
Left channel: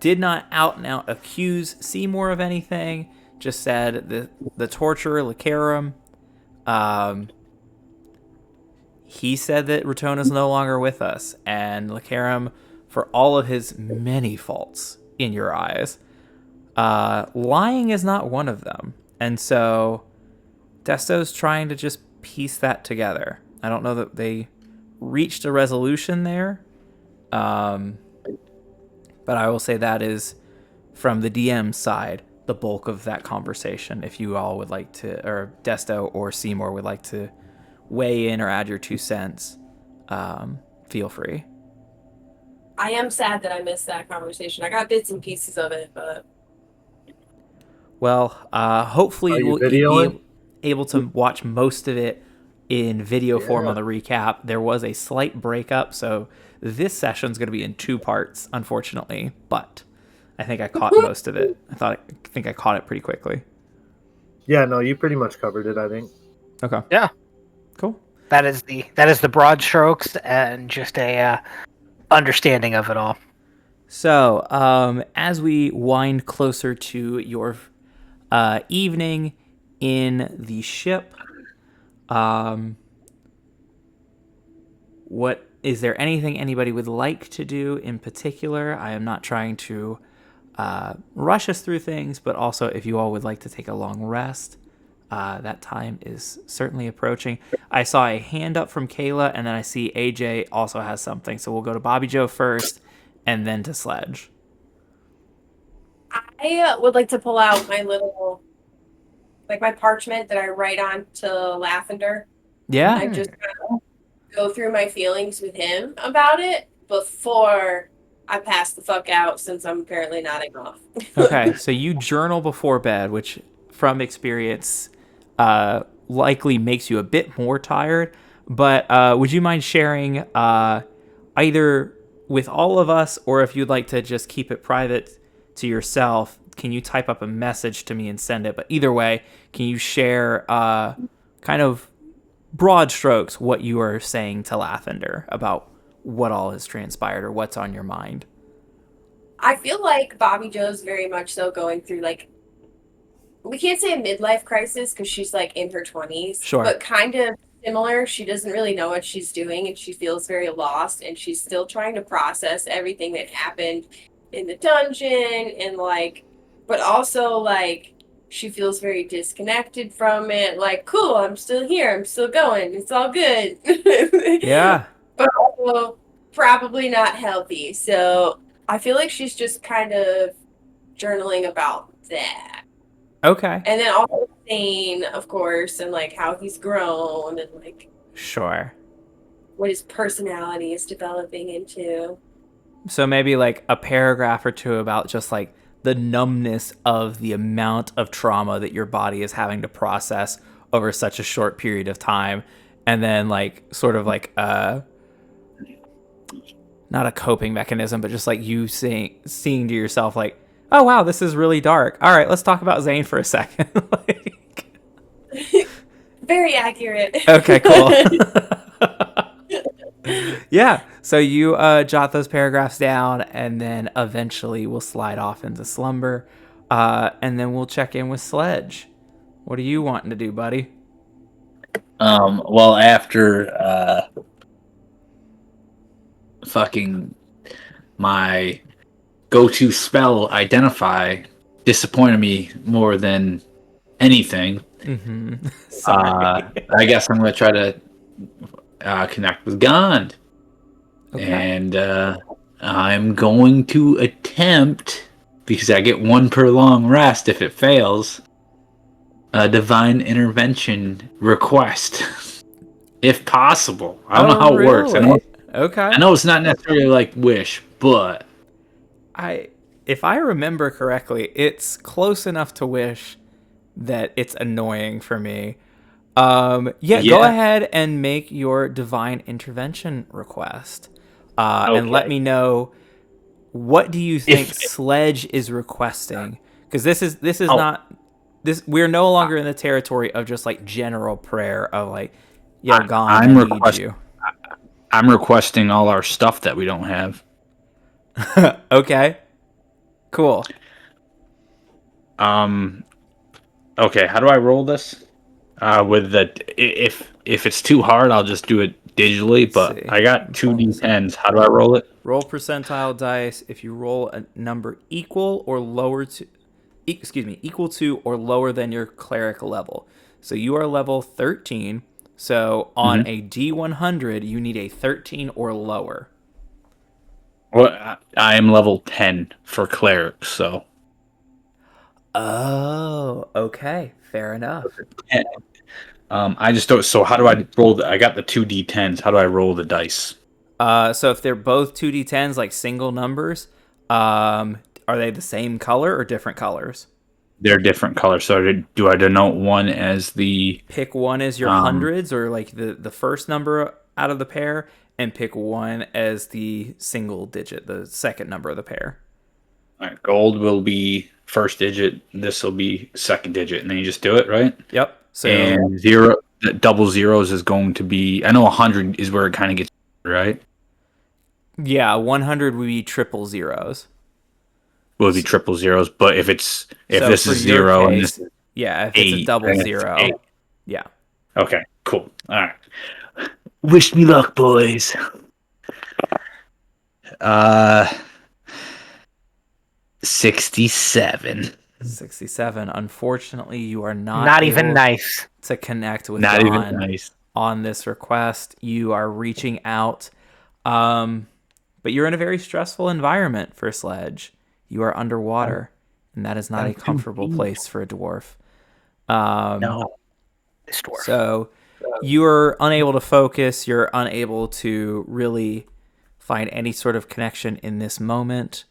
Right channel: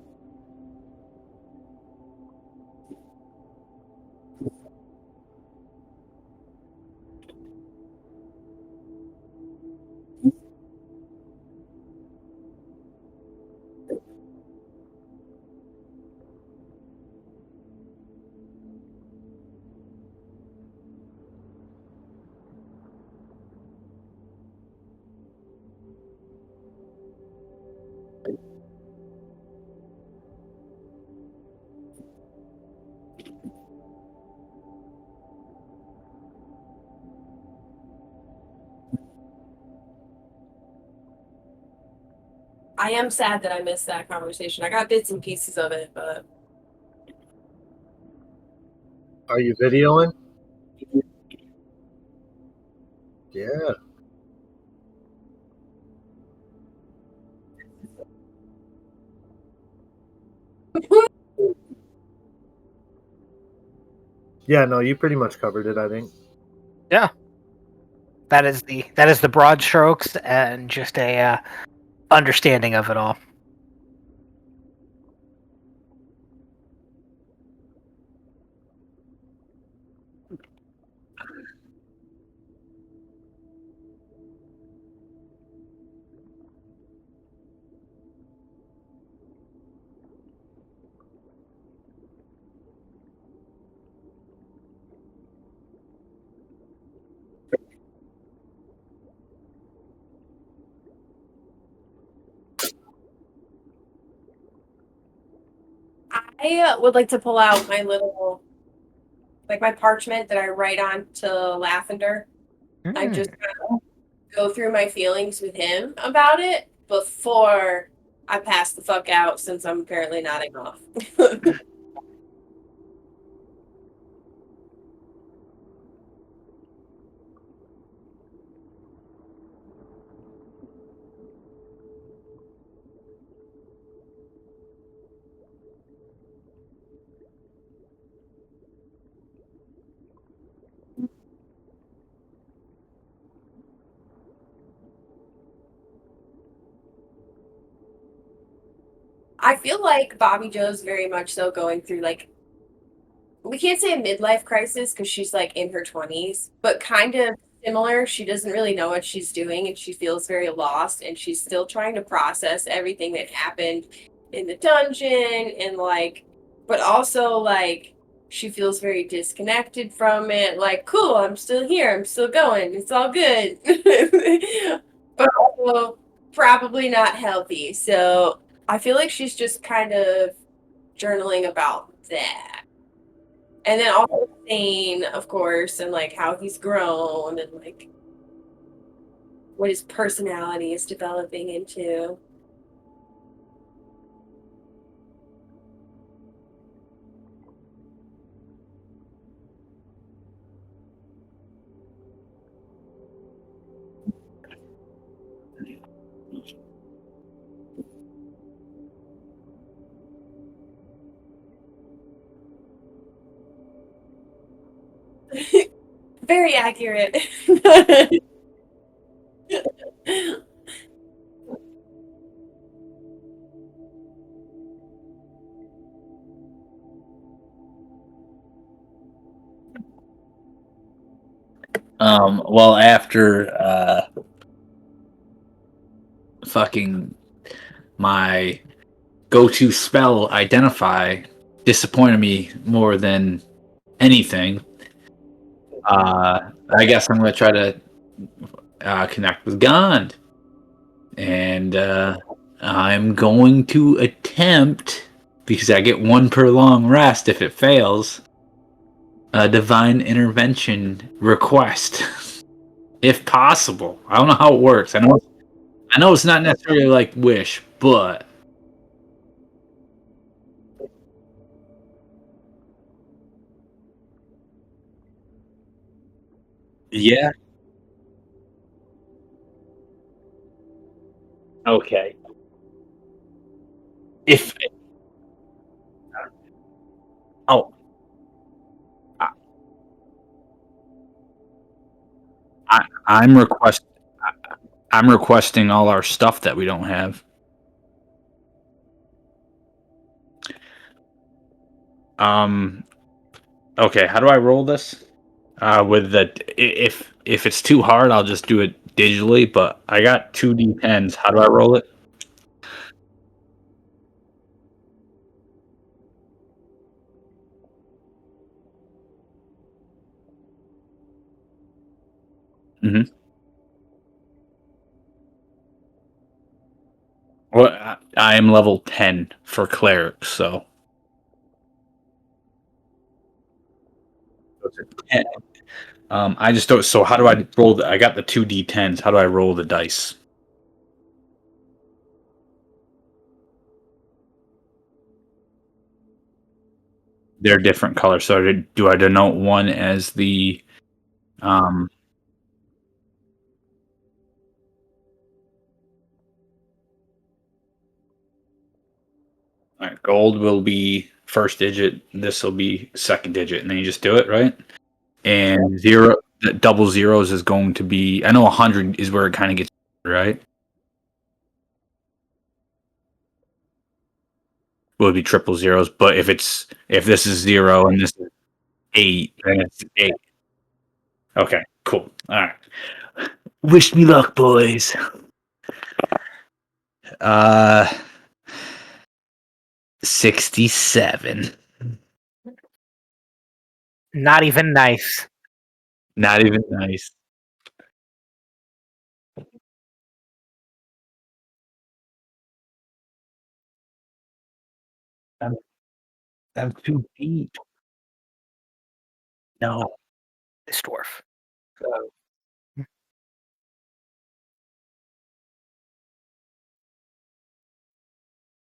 did not out and out accuse Seymour of anything, just said the torturer, Lacarum, he said that Ratona's no longer with us, and Lacarum, for all of his many faults in your eyes, lying is not one of them. And so Desto's trying to just piece that together. I don't know that they reached a resolution there, but I will say that is, from the DM side, the bulk of that conversation. If you all would like to, or Desto or Seymour would like to weigh in or add your 2 cents, feel free. I am sad that I missed that conversation. I got bits and pieces of it, but Well, hopefully Are you we'll videoing? be able to watch most of it in video form on the recap. There was a slight breakup, so this session's going to be in 2 parts, unfortunately, but I think I caught most of it. I think I caught it pretty quickly. Yeah, no, you pretty much covered it, I think. Okay. Yeah. Cool. That is the broad strokes and just a understanding of it all. So, as we wind closer to your evening in the ship, what is there anything anybody would like to do in particular? I am not trying to rush us through things, but also if you all would like to take a long rest, that time is certainly approaching. I saw a hand up from Kayla, and then I see AJ also has something. So we'll go to Bobby Joe first, and then to Sledge. I would like to pull out my little, like my parchment that I write on to Lavender. Yeah. I just kind of go through my feelings with him about it before I pass the fuck out, since I'm apparently nodding off. Okay, so you journal before bed, which from experience likely makes you a bit more tired, but would you mind sharing either with all of us, or if you'd like to just keep it private to yourself, can you type up a message to me and send it? But either way, can you share kind of broad strokes what you are saying to Lathander about what all has transpired or what's on your mind? I feel like Bobby Joe's very much so going through like, we can't say a midlife crisis because she's like in her 20s, Sure. but kind of similar. She doesn't really know what she's doing and she feels very lost and she's still trying to process everything that happened in the dungeon and like, but also like she feels very disconnected from it. Like, cool, I'm still here, I'm still going, it's all good. Yeah. But also probably not healthy. So I feel like she's just kind of journaling about that. Okay. And then also Thane, of course, and like how he's grown and like Sure. what his personality is developing into. So maybe like a paragraph or two about just like the numbness of the amount of trauma that your body is having to process over such a short period of time. And then like sort of like not a coping mechanism, but just like you seeing to yourself like, oh wow, this is really dark. All right, let's talk about Zane for a second. Like, Very accurate. okay, cool. Yeah, so you jot those paragraphs down, and then eventually we'll slide off into slumber, and then we'll check in with Sledge. What are you wanting to do, buddy? Well, after fucking my go-to spell identify disappointed me more than anything. Mm-hmm. I guess I'm gonna try to connect with God, Okay. and I'm going to attempt, because I get one per long rest if it fails, a divine intervention request, if possible. I don't know how it works. Okay. I know it's not necessarily like wish, but If I remember correctly, it's close enough to wish that it's annoying for me. Yeah, go yeah. ahead and make your divine intervention request. And let Okay. me know, what do you think If Sledge is requesting? Because this is oh, not this. We're no longer in the territory of just like general prayer of like, yo, Gone, I need you. I'm requesting all our stuff that we don't have. Okay, cool. Okay, how do I roll this? With the if it's too hard, I'll just do it digitally. Let's But see. I got two d10s. How do I roll it? Roll percentile dice. If you roll a number equal or lower to, equal to or lower than your cleric level. So you are level 13. So on a D100, you need a 13 or lower. Well, I am level 10 for cleric, so. Oh, okay. Fair enough. I just don't. So how do I roll? I got the two d10s. How do I roll the dice? So if they're both 2d10s, like single numbers, are they the same color or different colors? They're different colors. So do I denote one as the Pick one as your hundreds or like the first number out of the pair, and pick one as the single digit, the second number of the pair. all right, gold will be first digit. This will be second digit, and then you just do it, right? Yep. So And zero, double zeros is going to be. I know 100 is where it kind of gets right. yeah, 100 would be triple zeros. Will be triple zeros, but if So this for is your 0 and case, this is yeah, if it's a 8, double then it's zero, 8. yeah. Okay, cool. All right. Wish me luck, boys. 67. 67. Unfortunately, you are not Not even able nice. to connect with Not even Dawn nice. on this request. You are reaching out, but you're in a very stressful environment for Sledge. You are underwater, and that is not a I'm too comfortable deep. place for a dwarf. No. This dwarf. So you're unable to focus. You're unable to really find any sort of connection in this moment.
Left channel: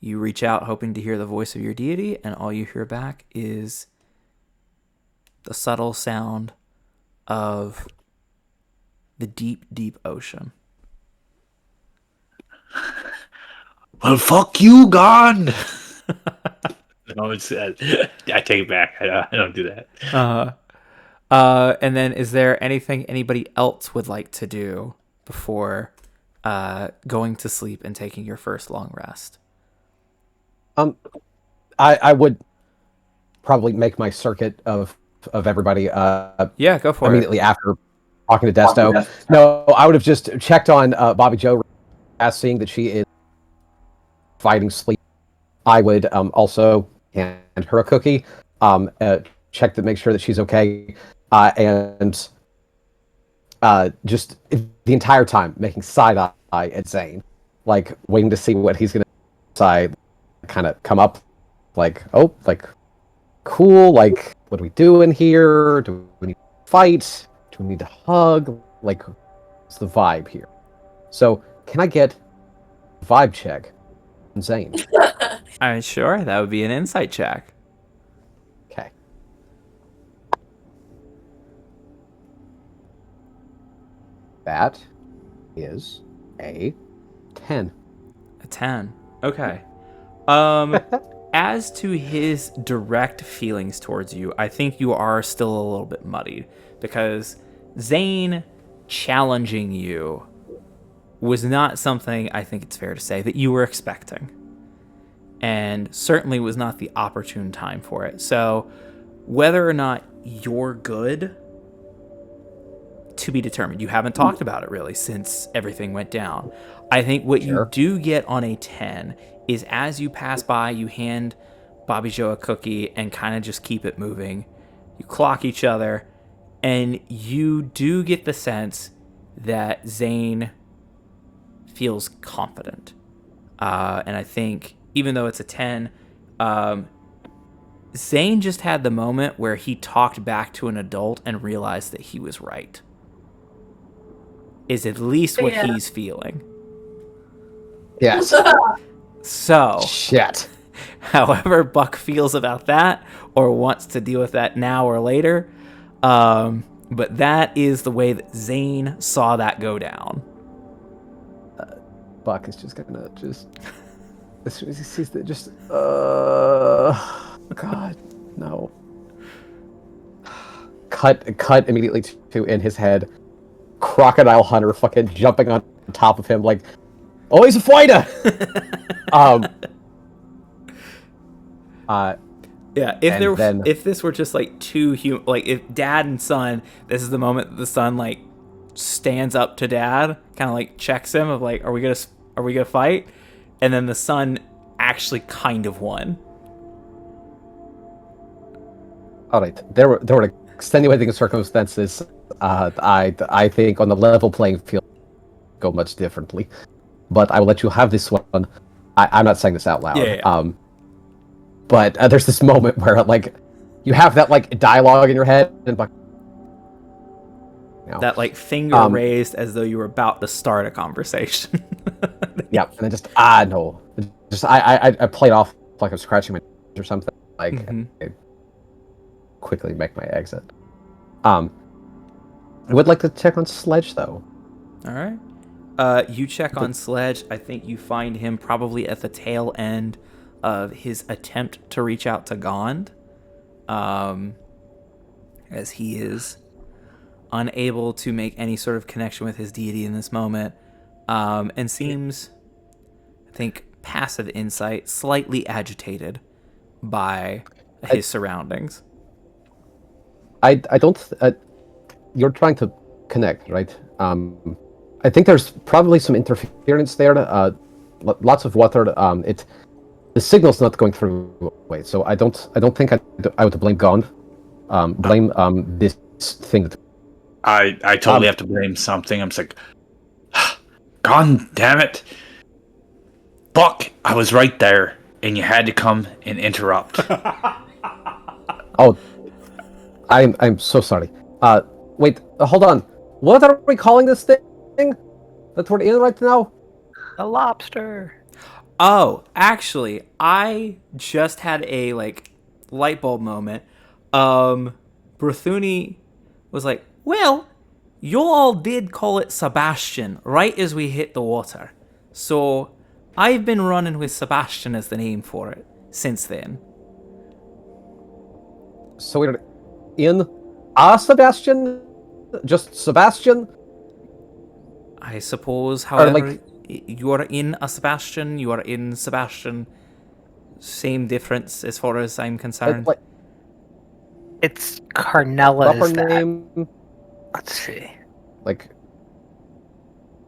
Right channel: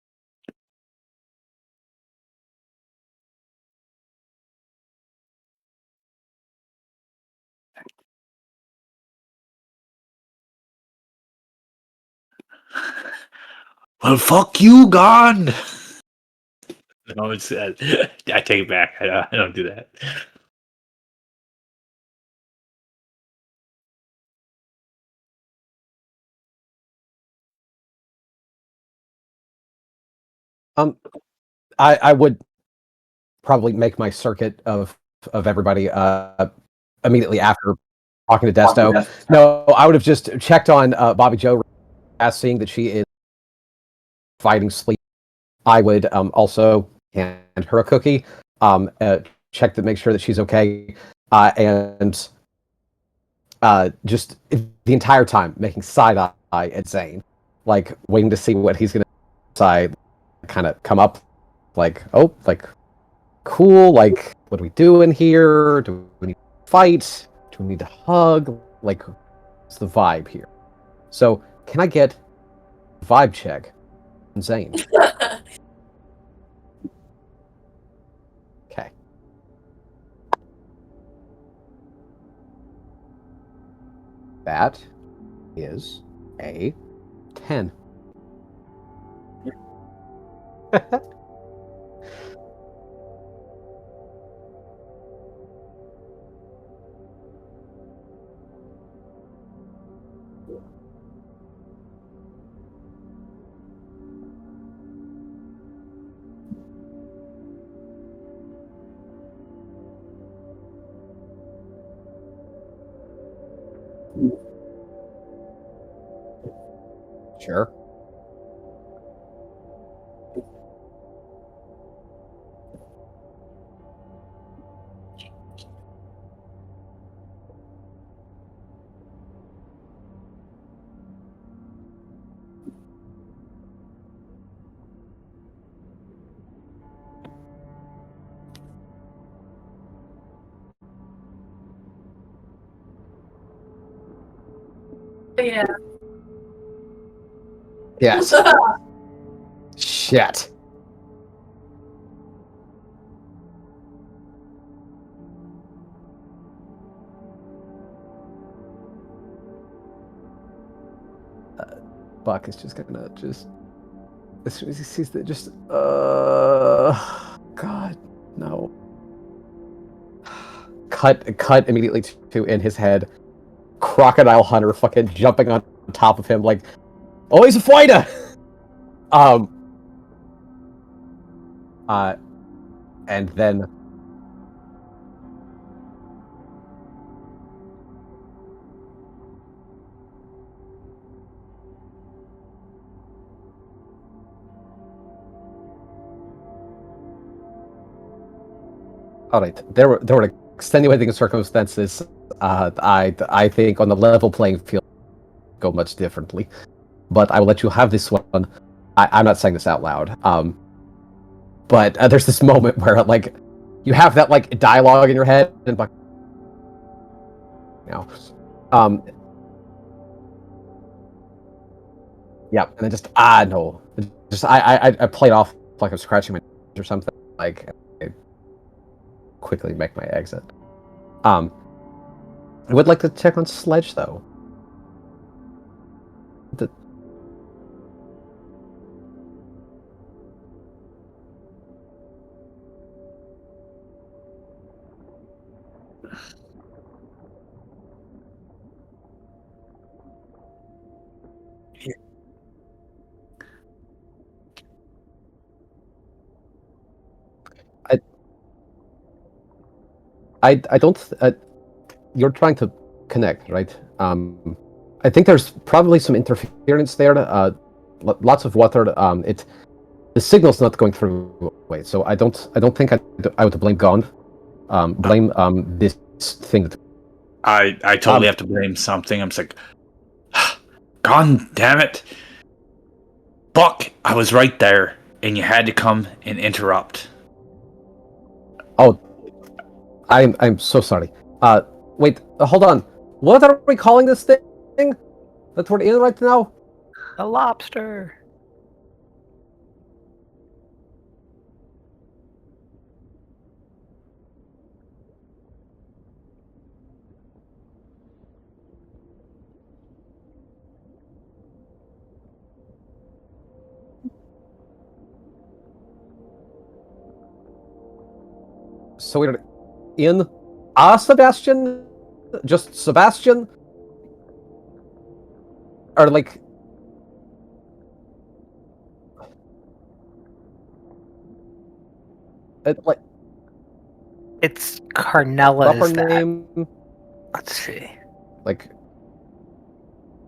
You reach out hoping to hear the voice of your deity, and all you hear back is the subtle sound of the deep, deep ocean. Well, fuck you, gone. No, it's I take it back. I don't do that. And then is there anything anybody else would like to do before going to sleep and taking your first long rest? I would probably make my circuit of everybody Yeah, go for immediately after talking to Desto. No, I would have just checked on Bobby Joe, seeing that she is fighting sleep. I would also hand her a cookie, check to make sure that she's okay, and just the entire time making side eye at Zane, like waiting to see what he's gonna decide, kind of come up, like, oh, like, cool, like, what do we do in here? Do we need to fight? Do we need to hug? Like, what's the vibe here? So, can I get a vibe check from Zane? All right, sure. That would be an insight check. Okay. That is a 10. A 10. Okay. As to his direct feelings towards you, I think you are still a little bit muddied because Zane challenging you was not something, I think it's fair to say, that you were expecting. And certainly was not the opportune time for it. So whether or not you're good, to be determined. You haven't talked about it really since everything went down. I think what you do get on a 10 is as you pass by, you hand Bobby Joe a cookie and kind of just keep it moving. You clock each other, and you do get the sense that Zane feels confident. And I think, even though it's a 10, Zane just had the moment where he talked back to an adult and realized that he was right. Is at least what he's feeling. Yes. So, shit. However Buck feels about that or wants to deal with that now or later, but that is the way that Zane saw that go down. Buck is just gonna just as soon as he sees that, just God, no. Cut immediately to in his head. Crocodile Hunter fucking jumping on top of him like, oh, he's a fighter. Yeah, if this were just like two like if dad and son, this is the moment that the son like stands up to dad, kind of like checks him of like, are we gonna fight? And then the son actually kind of won. All right, there were extenuating circumstances. I think on the level playing field go much differently, but I will let you have this one. I'm not saying this out loud. Yeah. But there's this moment where like you have that like dialogue in your head and like, that like finger raised as though you were about to start a conversation. Yeah, and then just no, just I played off like I'm scratching my or something. Like I quickly make my exit. I would like to check on Sledge though. All right. You check on Sledge. I think you find him probably at the tail end of his attempt to reach out to Gond, as he is unable to make any sort of connection with his deity in this moment, and seems, I think, passive insight, slightly agitated by his surroundings. I don't. You're trying to connect, right? I think there's probably some interference there. Lots of water. The signal's not going through. Wait, so I don't think I would blame Gond. Blame this thing. I totally have to blame something. I'm just like, God damn it, Buck! I was right there, and you had to come and interrupt. Oh, I'm so sorry. Wait, hold on. What are we calling this thing that we're in right now? A lobster. Oh, actually, I just had a like light bulb moment. Berthuni was like, well, you all did call it Sebastian right as we hit the water. So I've been running with Sebastian as the name for it since then. So we're in Sebastian? Just Sebastian? I suppose, Or however, like, you are in a Sebastian, you are in Sebastian. Same difference as far as I'm concerned. like It's proper Carnella's that. name? Let's see. Like,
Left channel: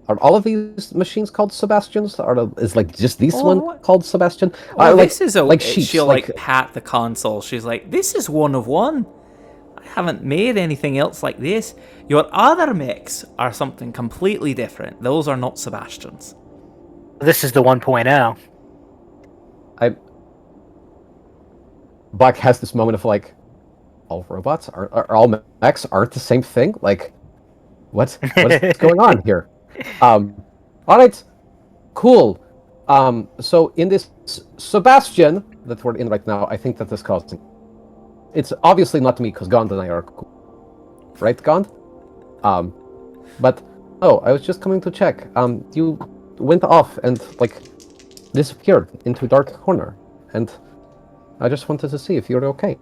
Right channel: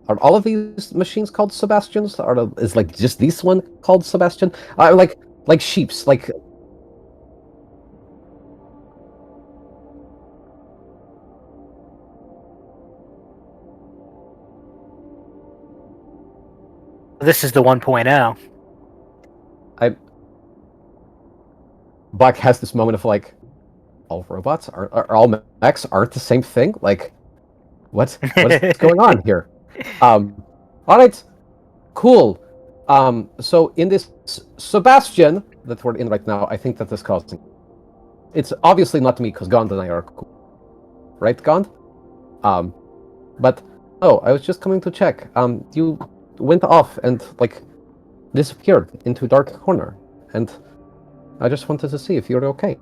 are all of these machines called Sebastians? Is like just this one what? called Sebastian? Oh, Like this is like okay. sheeps. She'll Like pat the console. She's like, "This is one of one. I haven't made anything else like this. Your other mechs are something completely different. Those are not Sebastians." This is the 1.0. Buck has this moment of like, all robots are all mechs aren't the same thing. Like, what is going on here? All right, cool. So in this Sebastian that we're in right now, I think that this causing. It's obviously not me because Gond and I are cool, right, Gond? But I was just coming to check. You went off and like disappeared into a dark corner, and I just wanted to see if you're okay.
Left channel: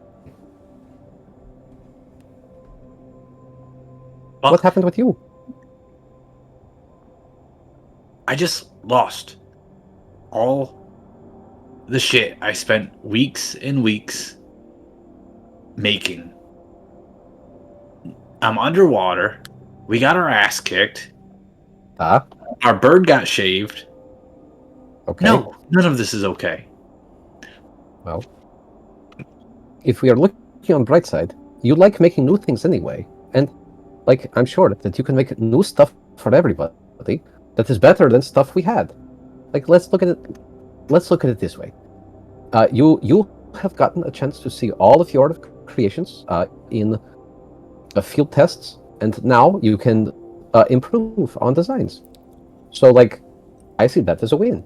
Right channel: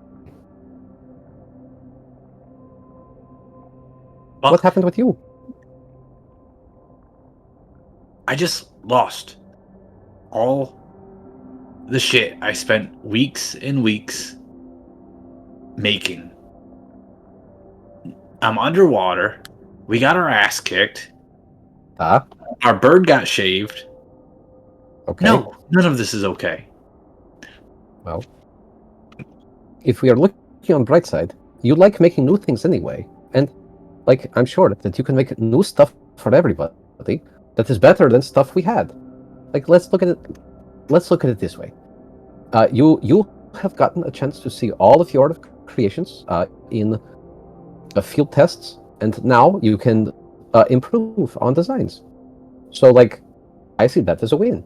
Buck, What happened with you? I just lost all the shit I spent weeks and weeks making. I'm underwater. We got our ass kicked. Our bird got shaved. Okay. No, none of this is okay. Well, if we are looking on the bright side, you like making new things anyway, and like I'm sure that you can make new stuff for everybody that is better than stuff we had. Like let's look at it. Let's look at it this way. You have gotten a chance to see all of your creations in field tests, and now you can improve on designs. So like, I see that as a win.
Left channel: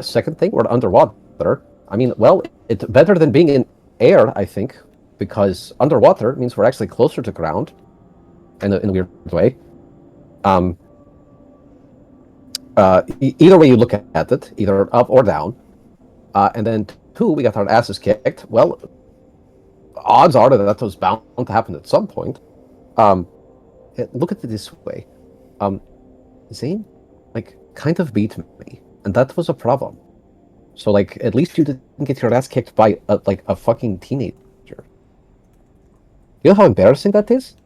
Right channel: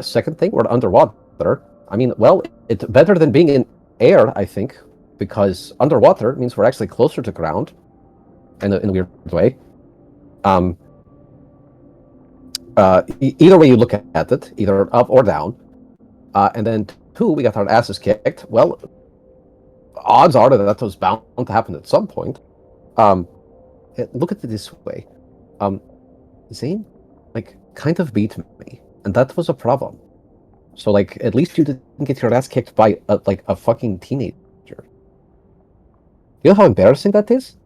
Second thing, we're underwater. I mean, well, it's better than being in air, I think, because underwater means we're actually closer to ground in a weird way. Either way you look at it, either up or down. And then two, we got our asses kicked. Well, odds are that was bound to happen at some point. Look at it this way. Zane, like, kind of beat me, and that was a problem. So, like, at least you didn't get your ass kicked by, a fucking teenager. You know how embarrassing that is?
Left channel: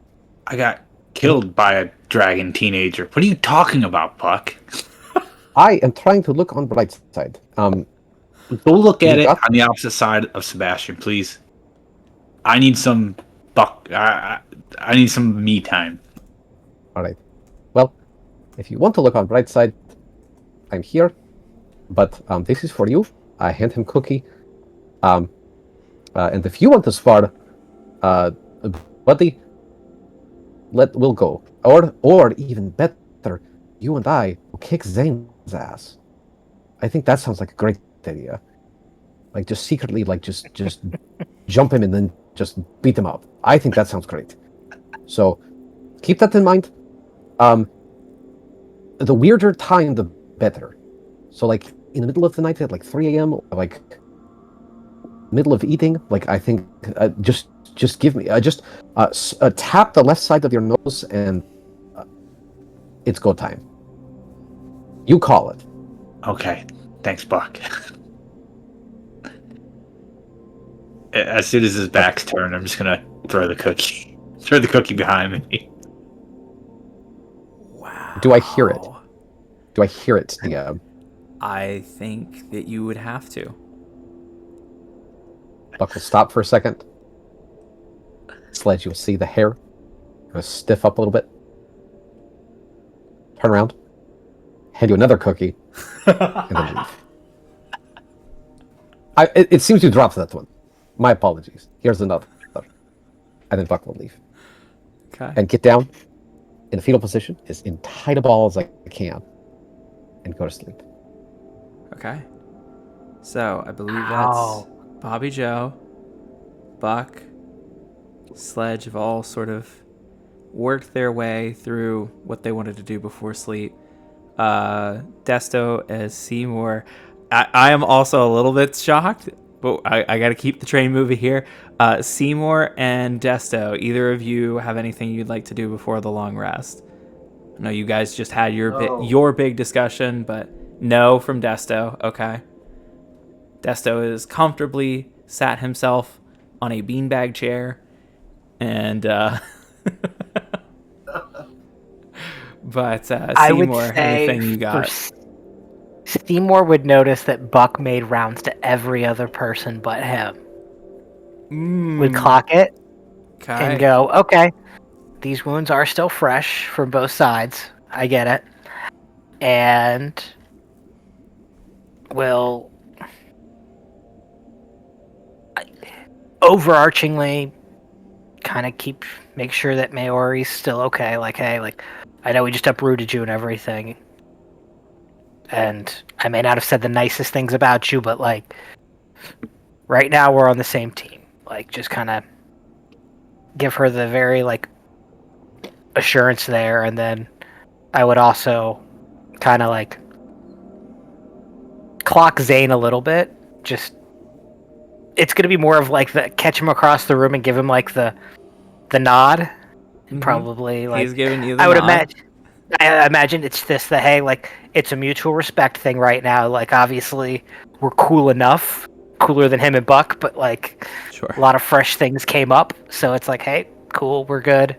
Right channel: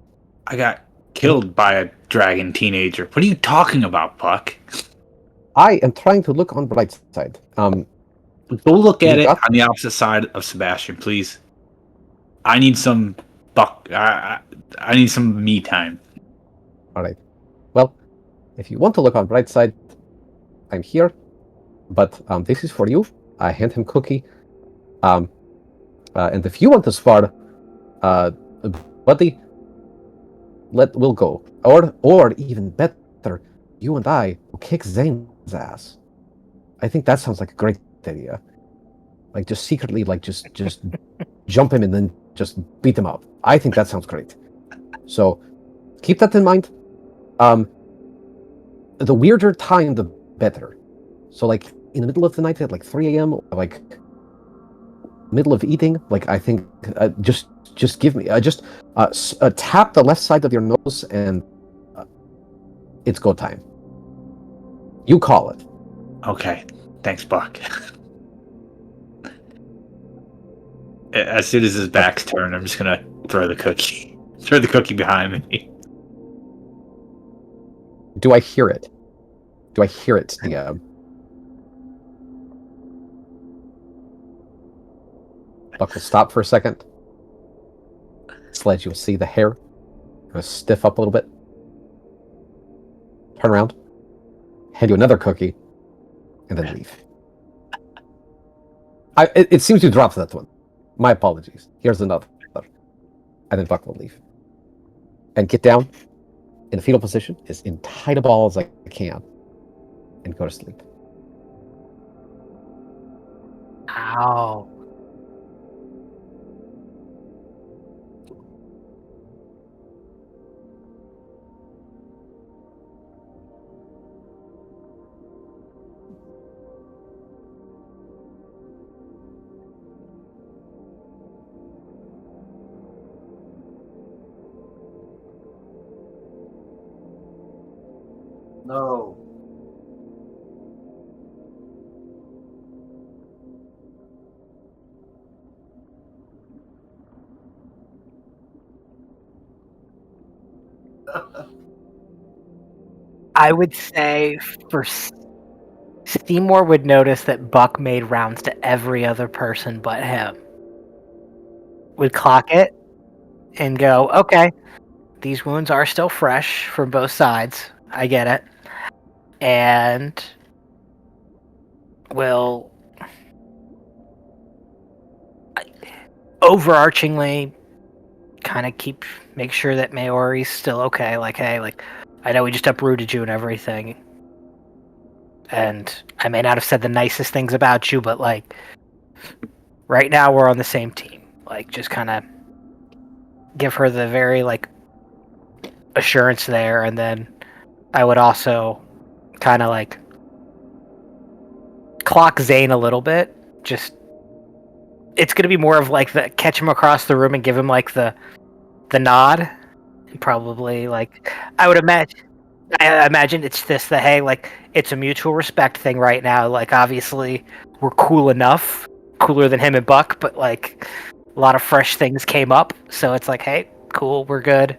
I got killed by a dragon teenager. What are you talking about, Puck? I am trying to look on the bright side. Go look at it on the opposite side of Sebastian, please. I need some I need some me time. All right. Well, if you want to look on the bright side, I'm here. But this is for you. I hand him cookie. And if you want to spar, buddy, we'll go. Or even better, you and I will kick Zane's ass. I think that sounds like a great idea. Like just secretly, like just jump him and then just beat him up. I think that sounds great. So keep that in mind. The weirder time, the better. So like in the middle of the night at like 3 a.m., like middle of eating, like I think just give me tap the left side of your nose and it's go time. You call it. Okay. Thanks, Buck. As soon as his back's turned, I'm just gonna throw the cookie behind me. Wow. Do I hear it? Do I hear it, DM? I think that you would have to. Buck will stop for a second. Sledge, you'll see the hair kind of stiff up a little bit. Turn around, hand you another cookie, and then leave. It seems you dropped that one. My apologies. Here's another. And then Buck will leave. Okay. And get down in a fetal position as in tight a ball as I can. And go to sleep. Okay. So I believe Ow. that's Bobby Joe, Buck, Sledge have all sort of worked their way through what they wanted to do before sleep. Desto as Seymour. I am also a little bit shocked, but I got to keep the train moving here. Seymour and Desto, either of you have anything you'd like to do before the long rest? I know you guys just had No. your big discussion, but no from Desto. Okay. Desto is comfortably sat himself on a beanbag chair, and but I would Seymour, say anything you for got? Seymour would notice that Buck made rounds to every other person but him. Would clock it and Okay. go, okay, these wounds are still fresh from both sides. I get it. And will overarchingly kind of make sure that Maori's still okay. Like, hey, like, I know we just uprooted you and everything. And I may not have said the nicest things about you, but like, right now we're on the same team. Like, just kind of give her the very, like, assurance there. And then I would also kind of like clock Zane a little bit. Just, it's going to be more of like the catch him across the room and give him like the nod. And probably like, He's giving you the I would nod. imagine it's this, the hey, like, it's a mutual respect thing right now. Like, obviously we're cool enough, cooler than him and Buck, but like, Sure. a lot of fresh things came up, so it's like, hey, cool, we're good.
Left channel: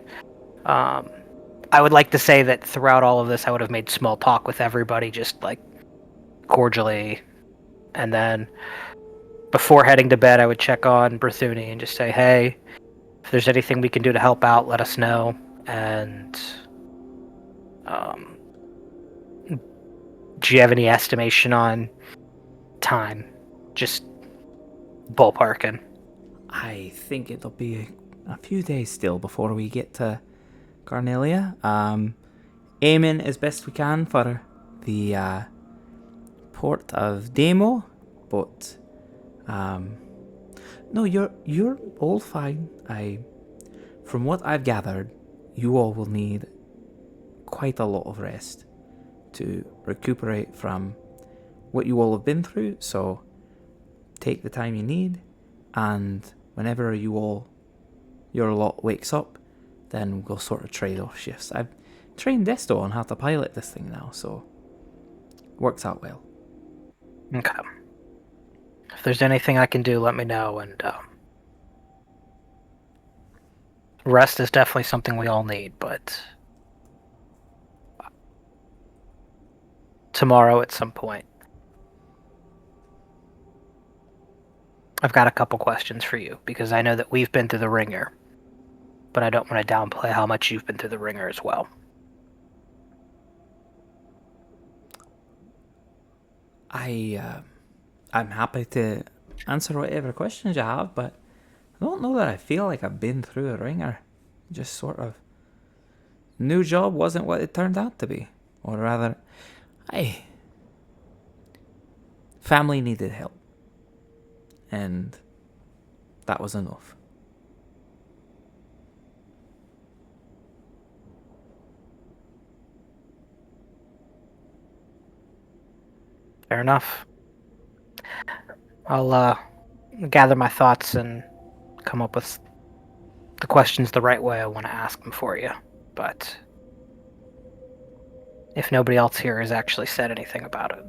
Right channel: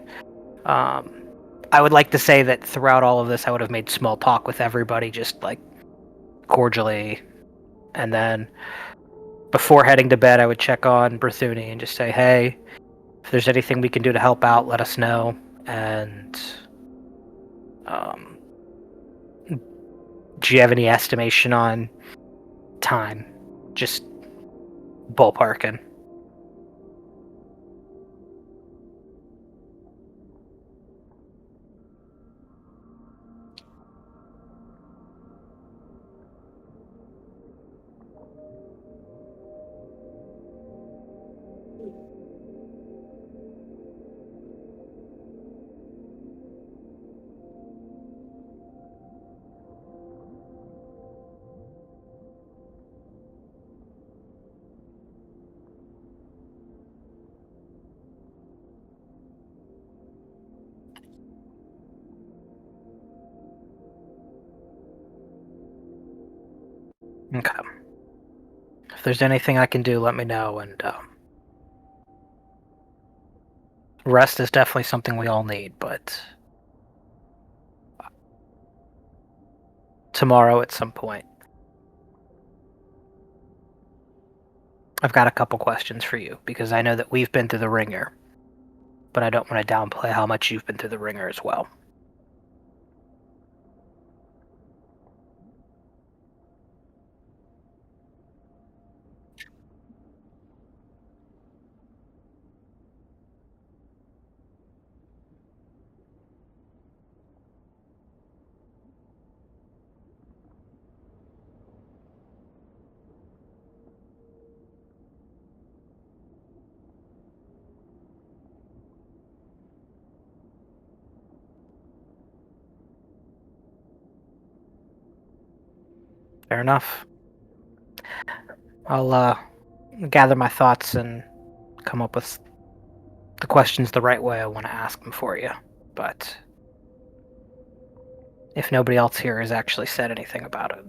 I would like to say that throughout all of this I would have made small talk with everybody, just like cordially, and then before heading to bed I would check on Berthuni and just say, hey, if there's anything we can do to help out, let us know. And do you have any estimation on time? Just ballparking. I think it'll be a few days still before we get to Carnelia. Aiming as best we can for the port of Demo, but no, you're all fine. From what I've gathered, you all will need quite a lot of rest to recuperate from what you all have been through. So take the time you need, and whenever your lot wakes up, then we'll sort of trade off shifts. I've trained Desto on how to pilot this thing now, so works out well. Okay. If there's anything I can do, let me know. And rest is definitely something we all need, but tomorrow at some point. I've got a couple questions for you, because I know that we've been through the ringer, but I don't want to downplay how much you've been through the ringer as well. I'm happy to answer whatever questions you have, but I don't know that I feel like I've been through a ringer. Just sort of new job wasn't what it turned out to be, or rather, family needed help, and that was enough. Fair enough. I'll gather my thoughts and come up with the questions the right way I want to ask them for you. But if nobody else here has actually said anything about it,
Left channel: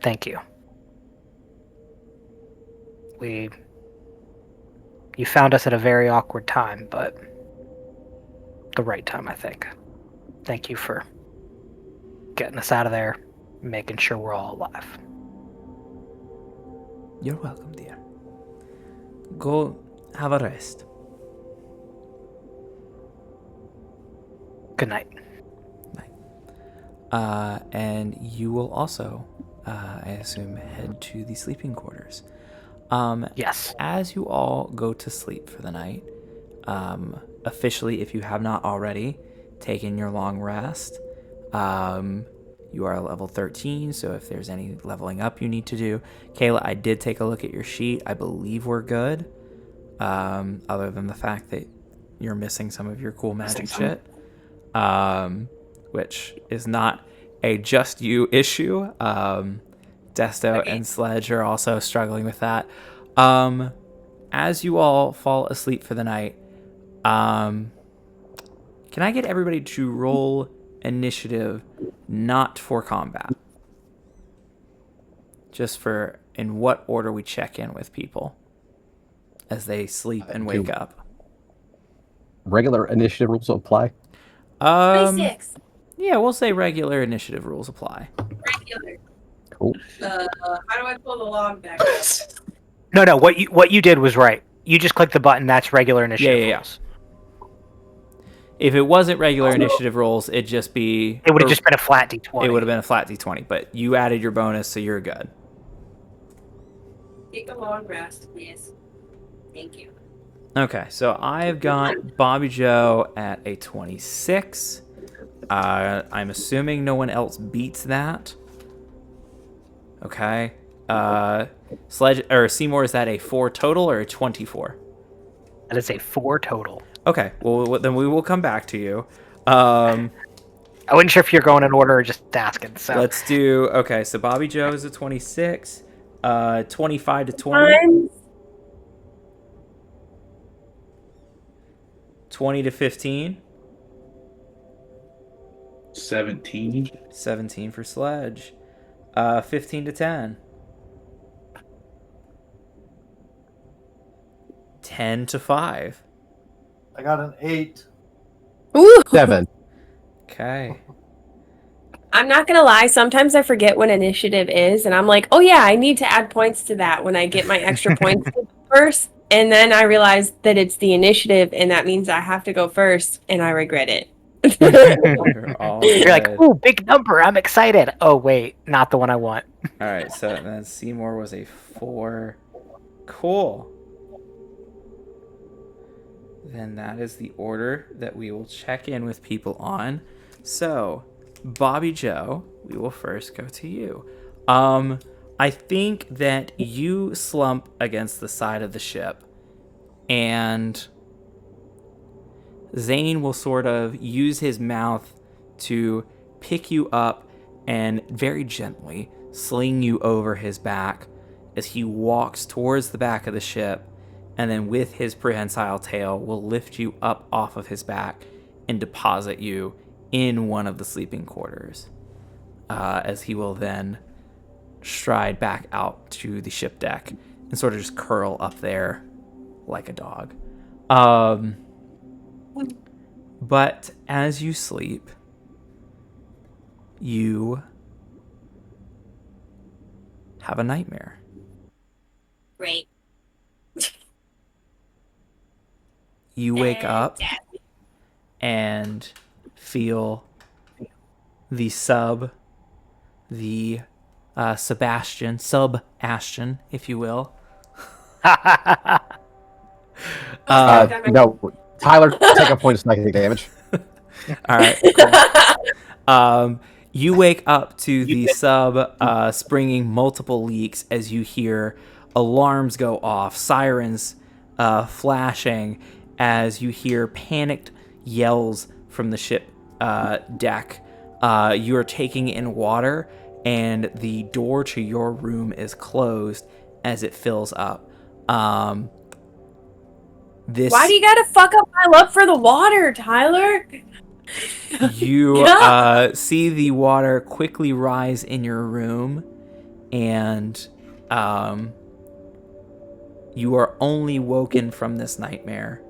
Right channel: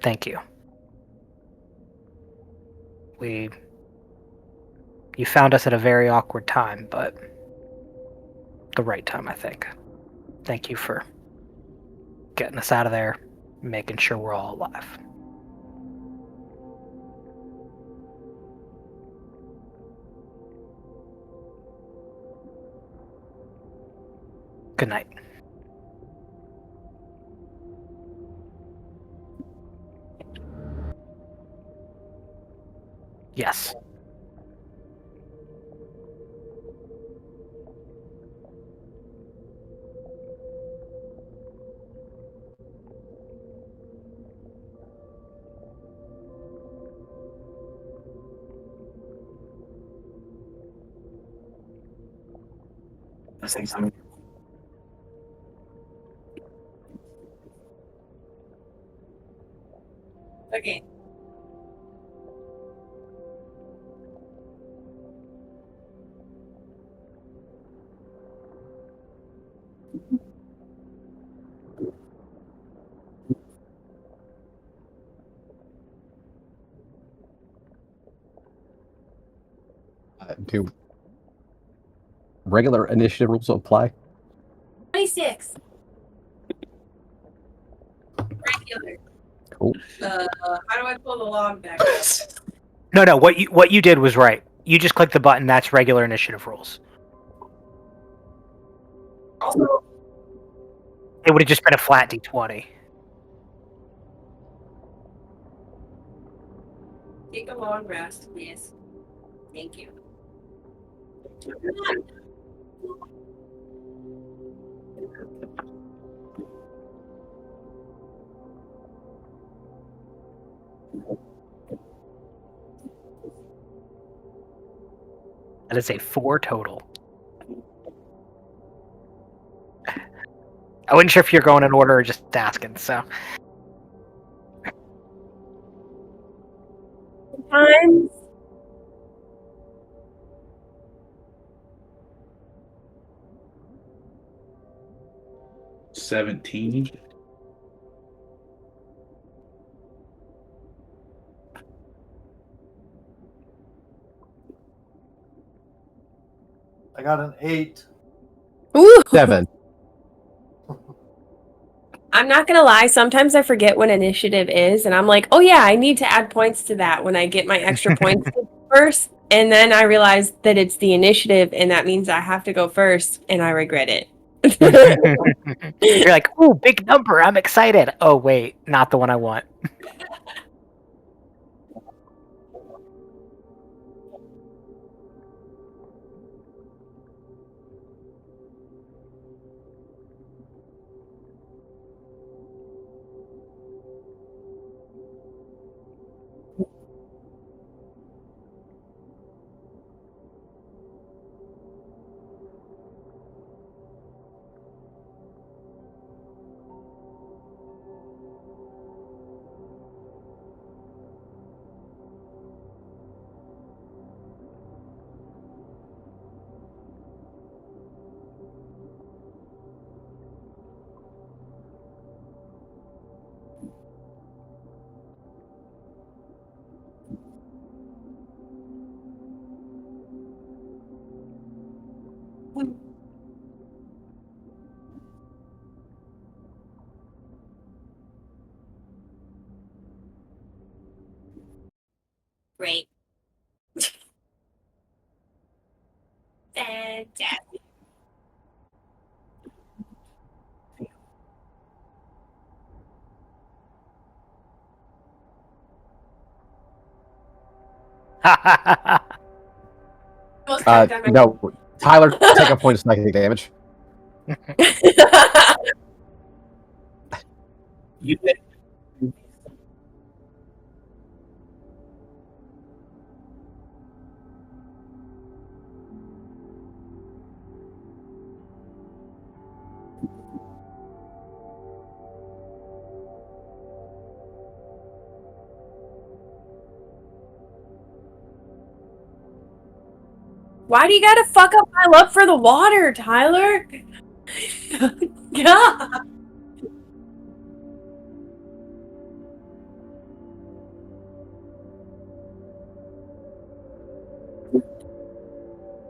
thank you. You found us at a very awkward time, but the right time, I think. Thank you for getting us out of there, making sure we're all alive. You're welcome, dear. Go have a rest. Good night. And you will also, I assume, head to the sleeping quarters. Yes. As you all go to sleep for the night, officially, if you have not already taken your long rest, you are level 13, so if there's any leveling up you need to do. Kayla, I did take a look at your sheet. I believe we're good, other than the fact that you're missing some of your cool magic shit, which is not a just you issue. Desto Okay. and Sledge are also struggling with that. As you all fall asleep for the night, can I get everybody to roll initiative, not for combat? Just for in what order we check in with people as they sleep and wake up. Regular initiative rules apply. 26. Yeah, we'll say regular initiative rules apply. Regular. Cool. How do I pull the log back? No. What you did was right. You just click the button. That's regular initiative Yeah. rules. If it wasn't regular initiative rolls, it'd just be... It would have just been a flat d20. It would have been a flat d20, but you added your bonus, so you're good. Take a long rest, please. Thank you. Okay, so I've got Bobby Joe at a 26. I'm assuming no one else beats that. Okay. Sledge or Seymour, is that a 4 total or a 24? That is a 4 total. Okay, well then we will come back to you. I wasn't sure if you're going in order or just asking. So Let's do... Okay, so Bobby Joe is a 26. 25 to 20. 20 to 15. 17. 17 for Sledge. 15 to 10. 10 to 5. I got an 8. Ooh. 7. Okay. I'm not gonna lie, sometimes I forget what initiative is, and I'm like, oh yeah, I need to add points to that when I get my extra points first. And then I realize that it's the initiative, and that means I have to go first, and I regret it. You're like, ooh, big number. I'm excited. Oh wait, not the one I want. All right, so then Seymour was a 4. Cool. Then that is the order that we will check in with people on. So, Bobby Joe, we will first go to you. I think that you slump against the side of the ship, and Zane will sort of use his mouth to pick you up and very gently sling you over his back as he walks towards the back of the ship, and then with his prehensile tail will lift you up off of his back and deposit you in one of the sleeping quarters, as he will then stride back out to the ship deck and sort of just curl up there like a dog. But as you sleep, you have a nightmare. Great. You wake up and feel the Sebastian, sub-Ashton, if you will. No, Tyler, take a point of psychic damage. All right. Cool. You wake up to the sub springing multiple leaks as you hear alarms go off, sirens flashing, as you hear panicked yells from the ship deck. You are taking in water, and the door to your room is closed as it fills up. Why do you gotta fuck up my love for the water, Tyler? You see the water quickly rise in your room, and you are only woken from this nightmare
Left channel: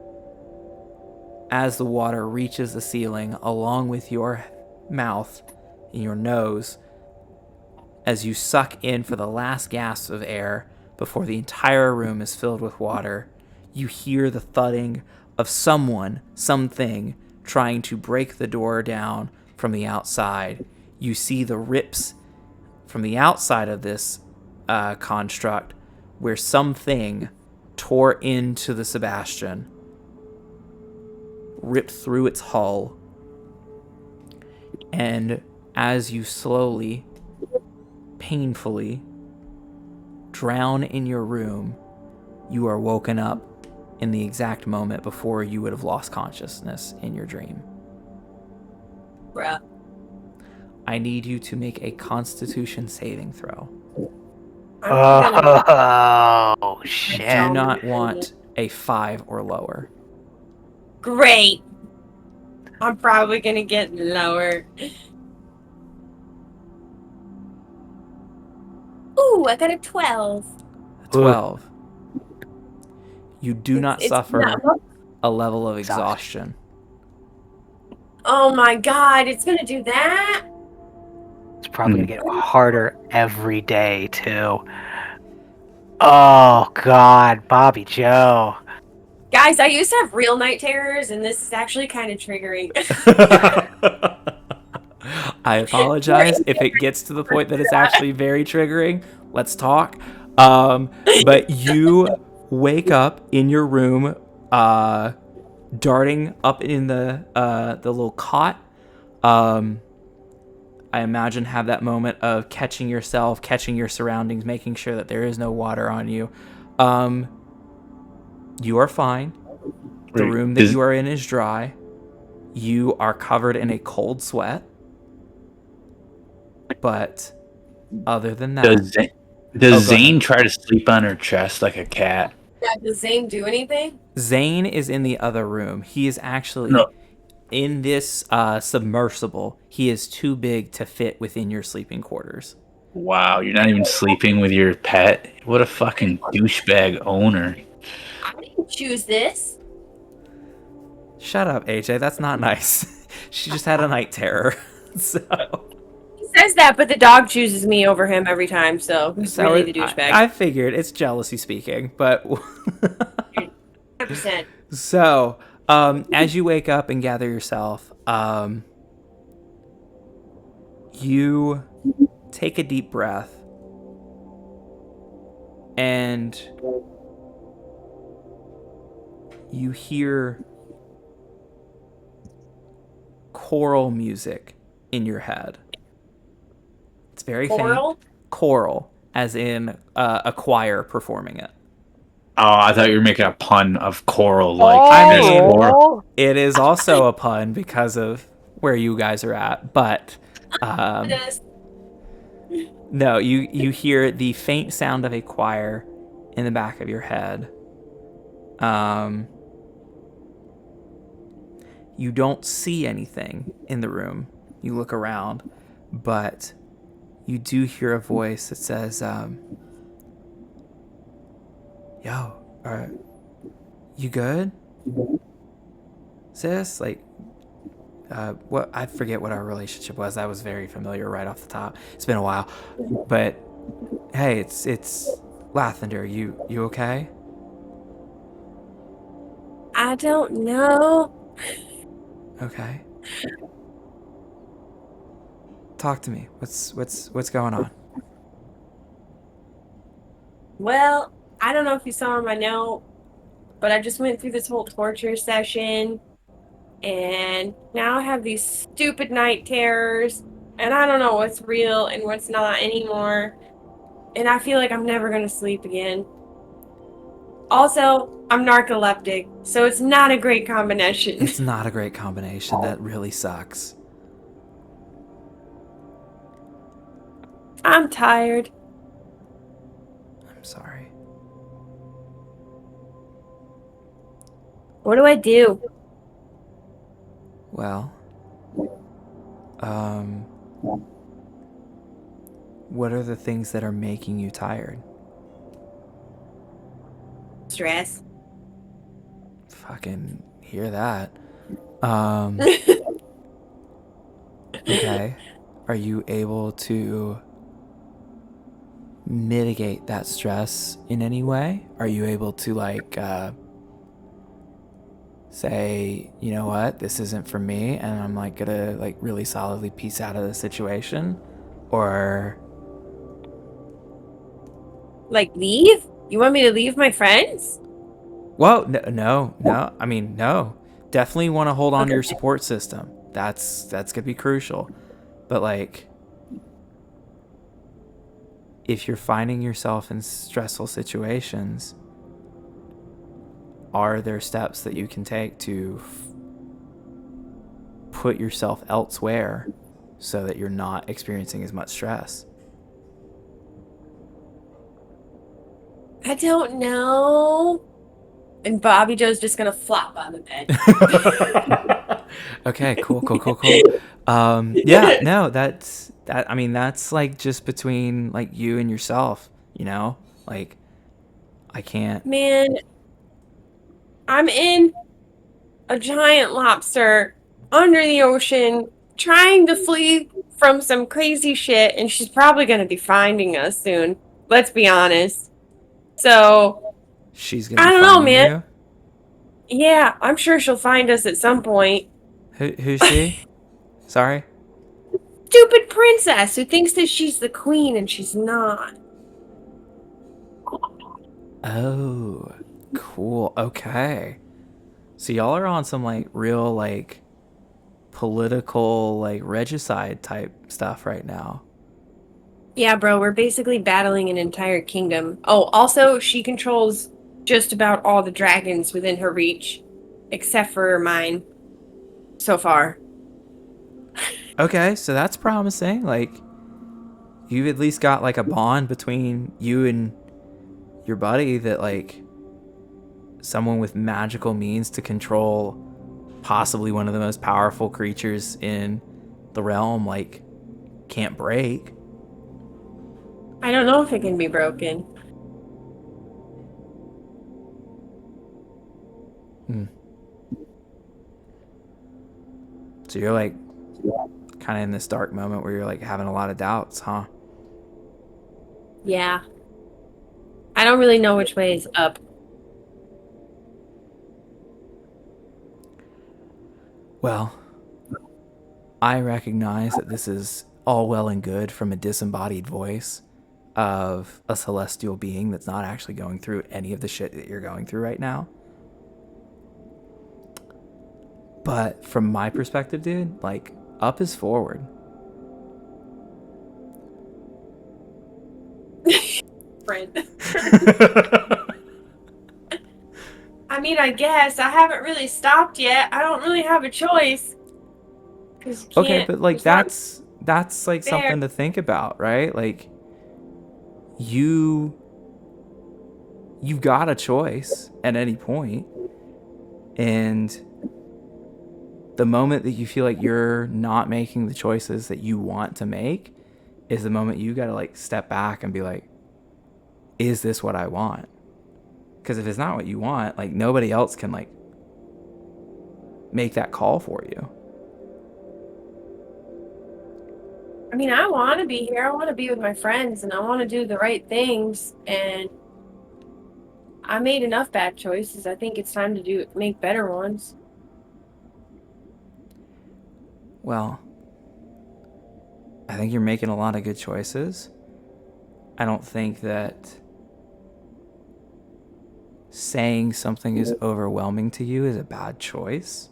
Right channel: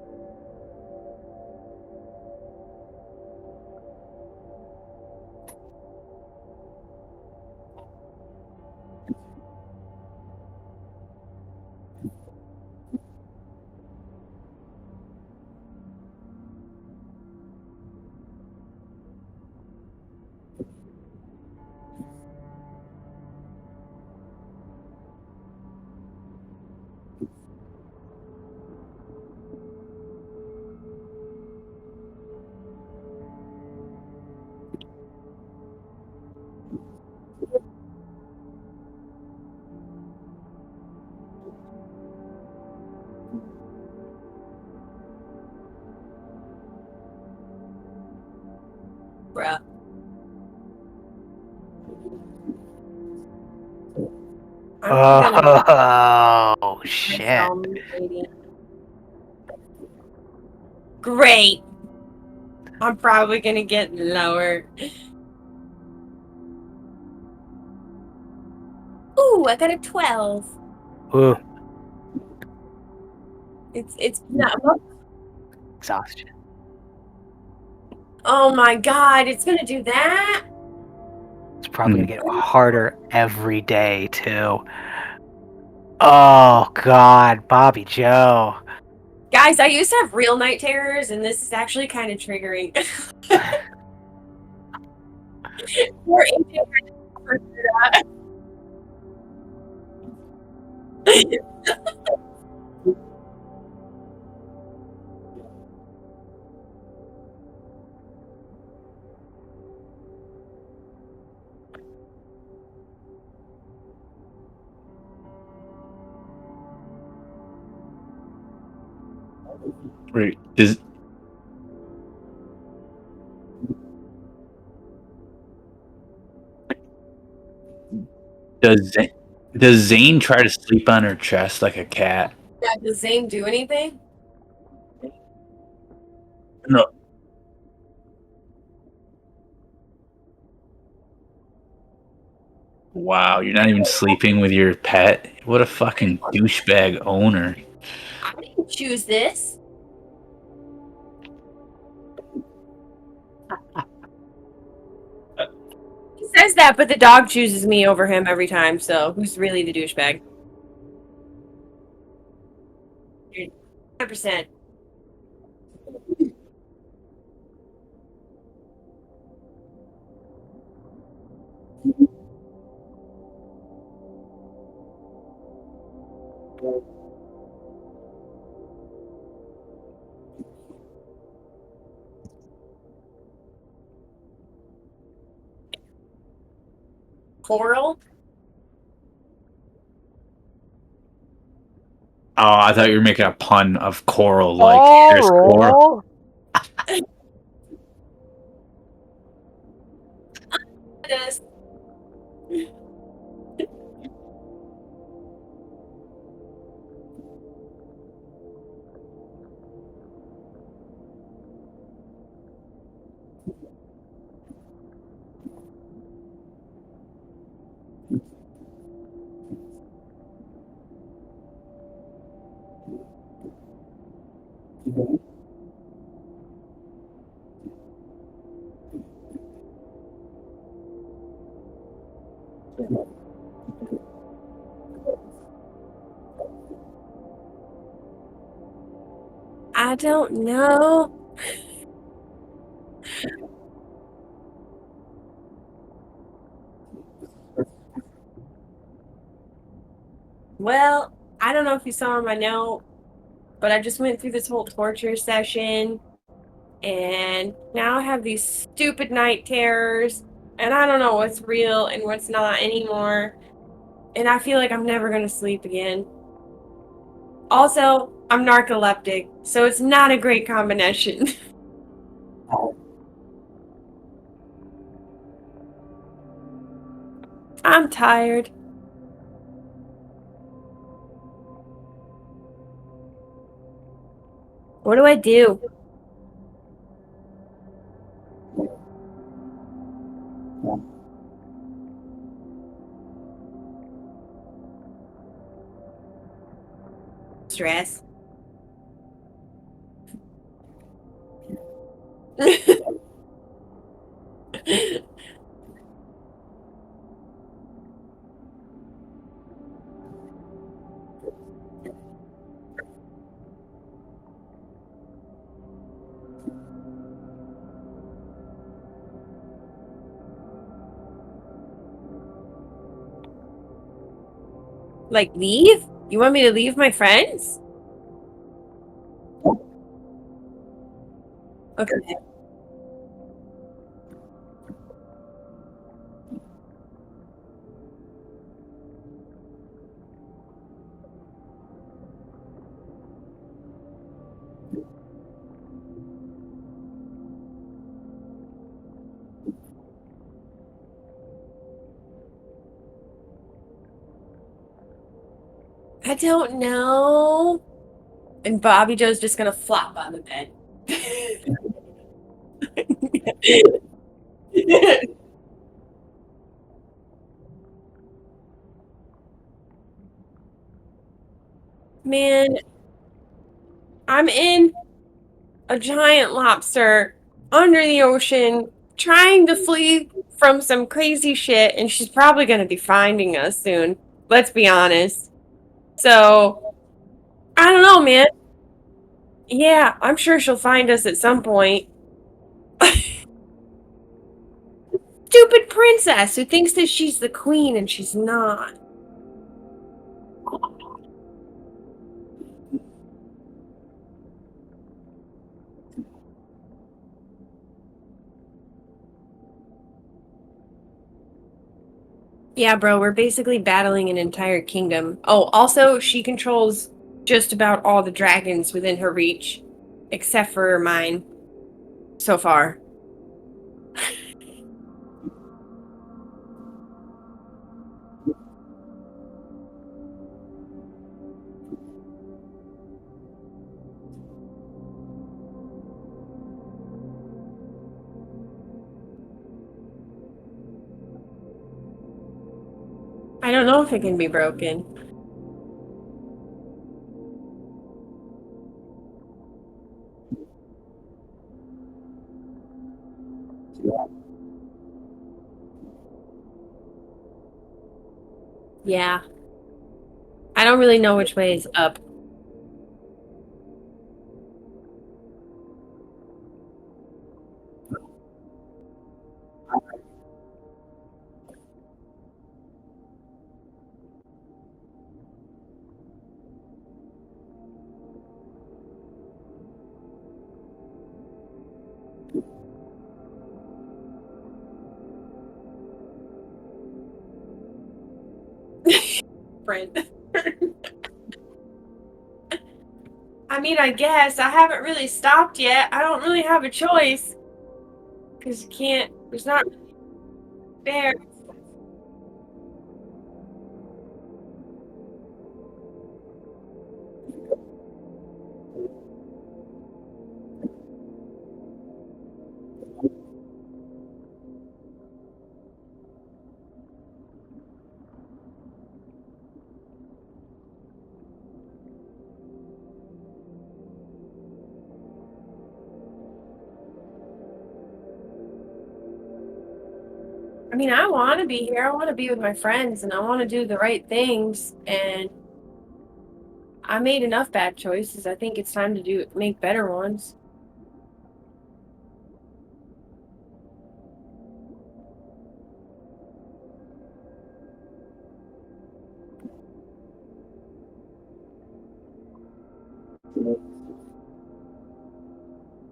as the water reaches the ceiling along with your mouth and your nose as you suck in for the last gasps of air before the entire room is filled with water. You hear the thudding of something trying to break the door down from the outside. You see the rips from the outside of this construct where something tore into the Sebastian, ripped through its hull, and as you slowly, painfully drown in your room, you are woken up in the exact moment before you would have lost consciousness in your dream. Bruh. I need you to make a Constitution saving throw. Oh I shit! do not want a 5 or lower. Great. I'm probably gonna get lower. Ooh, I got a 12. 12. You do It's- not it's suffer not- a level of Exhaustion. exhaustion. Oh my god, it's gonna do that? It's probably gonna get harder every day too. Oh god, Bobby Joe. Guys, I used to have real night terrors, and this is actually kind of triggering. I apologize if it gets to the point that it's actually very triggering. Let's talk. But you wake up in your room, darting up in the little cot. I imagine have that moment of catching yourself, catching your surroundings, making sure that there is no water on you. You are fine. The room that you are in is dry. You are covered in a cold sweat. But other than that, Does Zane try to sleep on her chest like a cat? Yeah, does Zane do anything? Zane is in the other room. He is actually No. in this submersible. He is too big to fit within your sleeping quarters. Wow, you're not even sleeping with your pet? What a fucking douchebag owner. I didn't choose this. Shut up, AJ. That's not nice. She just had a night terror. So He says that, but the dog chooses me over him every time, so who's really the douchebag? I figured it's jealousy speaking, but 100%. so as you wake up and gather yourself, you take a deep breath and you hear choral music in your head. It's very Coral? faint. Choral, as in a choir performing it. Oh, I thought you were making a pun of coral, like there's coral. It is also a pun because of where you guys are at, but no, you hear the faint sound of a choir in the back of your head. You don't see anything in the room. You look around, but you do hear a voice that says, yo, you good? Sis? Like, what? I forget what our relationship was. That was very familiar right off the top. It's been a while. But, hey, it's Lathander. You okay? I don't know. Okay. Talk to me. What's going on? Well, I don't know if you saw my note, but I just went through this whole torture session, and now I have these stupid night terrors, and I don't know what's real and what's not anymore, and I feel like I'm never going to sleep again. Also, I'm narcoleptic, so it's not a great combination. It's not a great combination. That really sucks. I'm tired. I'm sorry. What do I do? Well, what are the things that are making you tired? Stress. Fucking hear that. Okay. Are you able to mitigate that stress in any way? Are you able to say, you know what, this isn't for me, and I'm gonna really solidly piece out of the situation? Or Leave? You want me to leave my friends? well, no. I mean, no. Definitely want to hold on to your support system. That's gonna be crucial. But if you're finding yourself in stressful situations, are there steps that you can take to put yourself elsewhere so that you're not experiencing as much stress? I don't know. And Bobby Joe's just gonna flop on the bed. Okay, cool. Yeah, no, I mean, that's like just between like you and yourself, you know? Like, I can't. Man, I'm in a giant lobster under the ocean trying to flee from some crazy shit, and she's probably gonna be finding us soon. Let's be honest. So, She's gonna I be don't know, finding man. you. Yeah, I'm sure she'll find us at some point. Who's she? Sorry. Stupid princess who thinks that she's the queen and she's not. Oh, cool. Okay. So y'all are on some like real like political like regicide type stuff right now. Yeah, bro, we're basically battling an entire kingdom. Oh, also, she controls just about all the dragons within her reach, except for mine, so far. Okay, so that's promising. Like, you've at least got like a bond between you and your buddy that like someone with magical means to control possibly one of the most powerful creatures in the realm like can't break. I don't know if it can be broken. So you're like kind of in this dark moment where you're like having a lot of doubts, huh? Yeah. I don't really know which way is up. Well, I recognize that this is all well and good from a disembodied voice of a celestial being that's not actually going through any of the shit that you're going through right now. But from my perspective, dude, like, up is forward. Friend. I mean, I guess. I haven't really stopped yet. I don't really have a choice. Because you can't. Okay, but like that's like there. something to think about, right? Like you've got a choice at any point, and the moment that you feel like you're not making the choices that you want to make is the moment you got to like step back and be like, is this what I want? Because if it's not what you want, like nobody else can like make that call for you. I mean, I want to be here. I want to be with my friends and I want to do the right things. And I made enough bad choices. I think it's time to make better ones. Well, I think you're making a lot of good choices. I don't think that saying something is overwhelming to you is a bad choice.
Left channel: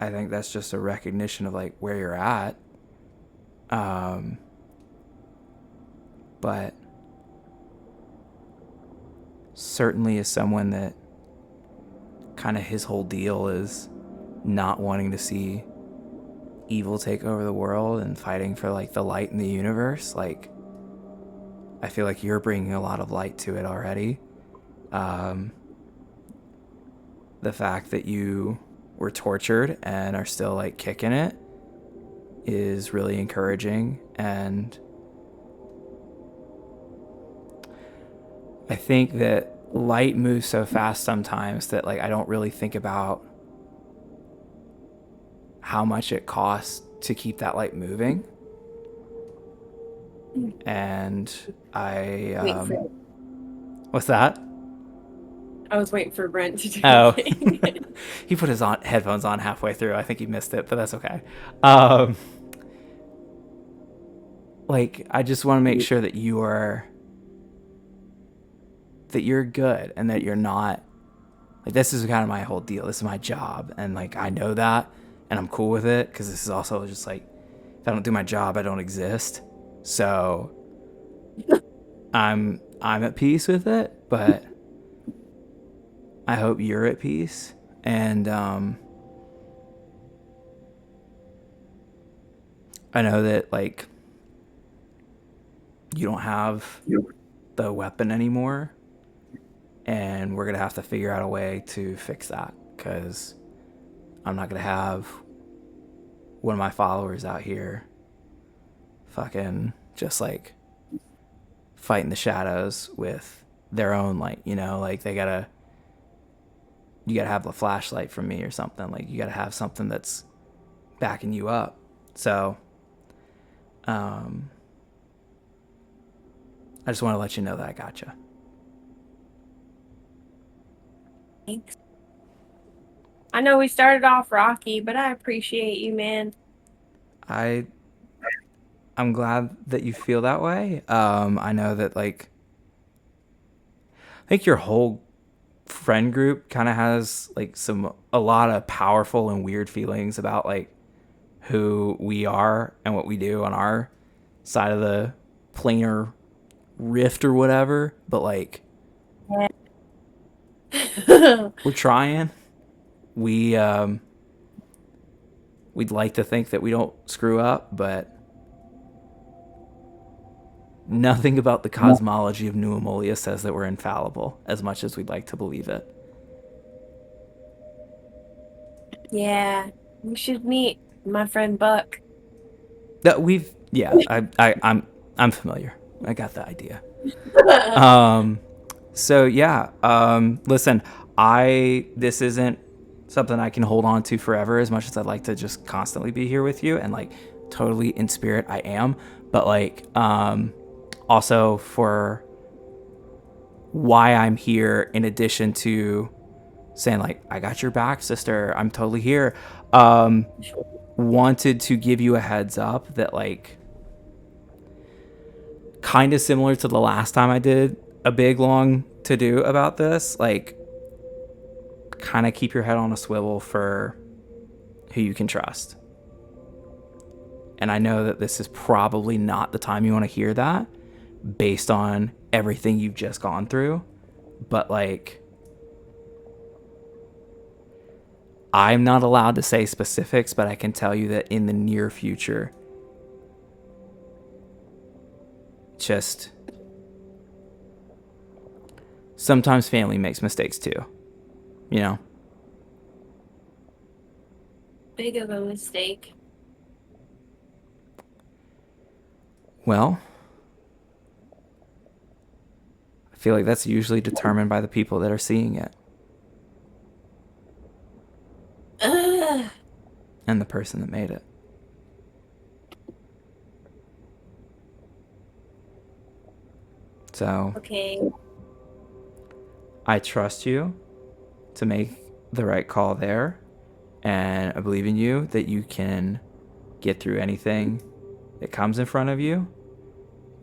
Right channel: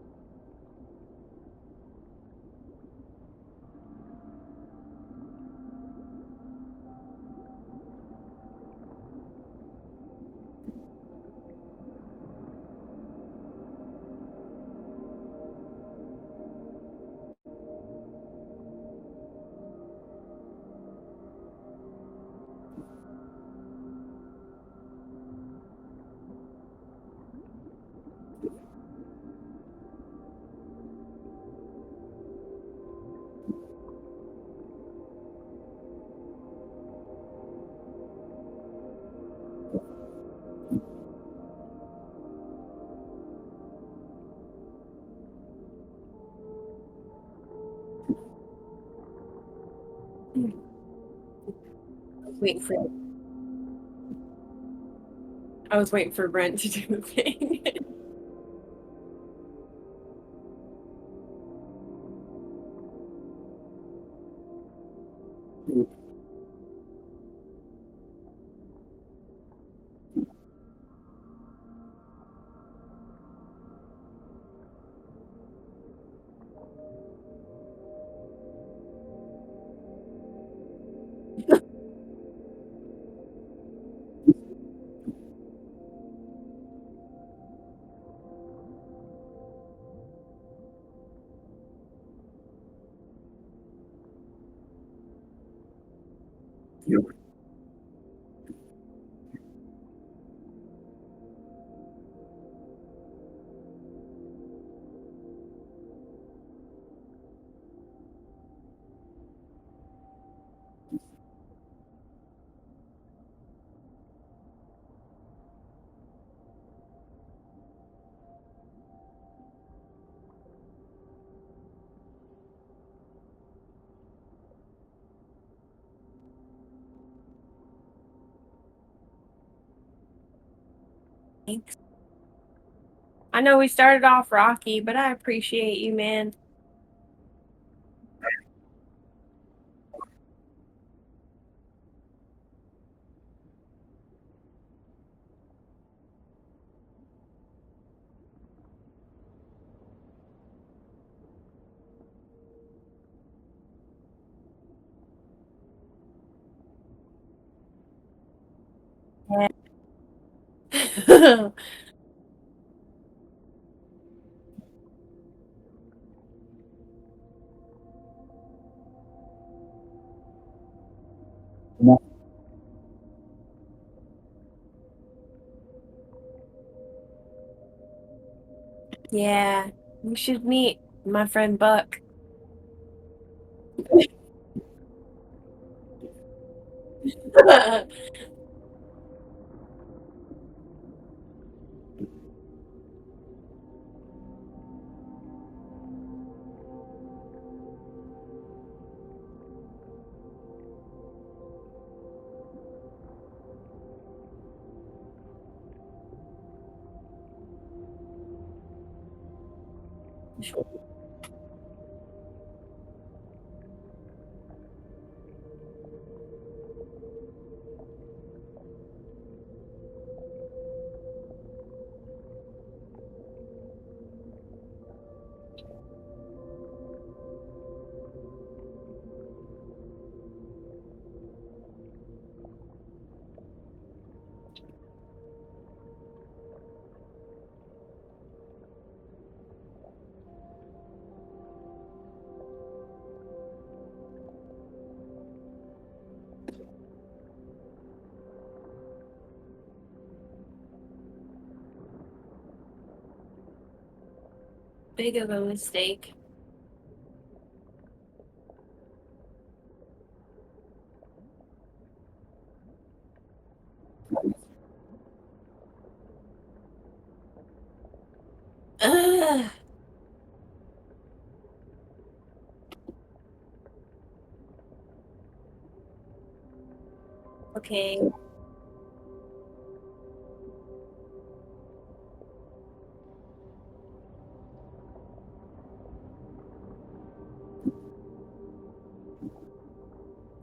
I think that's just a recognition of like where you're at. But certainly as someone that kind of his whole deal is not wanting to see evil take over the world and fighting for like the light in the universe, like I feel like you're bringing a lot of light to it already. The fact that you were tortured and are still like kicking it is really encouraging, and I think that light moves so fast sometimes that like I don't really think about how much it costs to keep that light moving. And what's that? I was waiting for Brent to do Oh. it. He put his headphones on halfway through. I think he missed it, but that's okay. Like I just want to make sure that you're good and that you're not like, this is kind of my whole deal. This is my job, and like I know that, and I'm cool with it because this is also just like, if I don't do my job, I don't exist. So I'm at peace with it, but I hope you're at peace. And I know that, like, you don't have the weapon anymore, and we're going to have to figure out a way to fix that, because I'm not going to have one of my followers out here fucking just, like, fighting the shadows with their own light, you know? Like, you gotta have a flashlight from me or something. Like, you gotta have something that's backing you up. So, I just want to let you know that I got you. Thanks. I know we started off rocky, but I appreciate you, man. I'm glad that you feel that way. I know that, like, I think your whole friend group kind of has, like, a lot of powerful and weird feelings about, like, who we are and what we do on our side of the planar rift or whatever. But, like, we're trying. We'd like to think that we don't screw up, but nothing about the cosmology of New Ammolia says that we're infallible, as much as we'd like to believe it. Yeah, we should meet my friend Buck. I'm familiar. I got the idea. So yeah, listen, this isn't something I can hold on to forever, as much as I'd like to just constantly be here with you, and, like, totally in spirit I am, but, like, also for why I'm here, in addition to saying, like, I got your back, sister, I'm totally here, wanted to give you a heads up that, like, kind of similar to the last time I did a big long to do about this, like, kind of keep your head on a swivel for who you can trust. And I know that this is probably not the time you want to hear that, based on everything you've just gone through, but, like, I'm not allowed to say specifics, but I can tell you that in the near future, just sometimes family makes mistakes too, you know? Big of a mistake. Well, I feel like that's usually determined by the people that are seeing it. And the person that made it. So, Okay. I trust you to make the right call there, and I believe in you that you can get through anything that comes in front of you.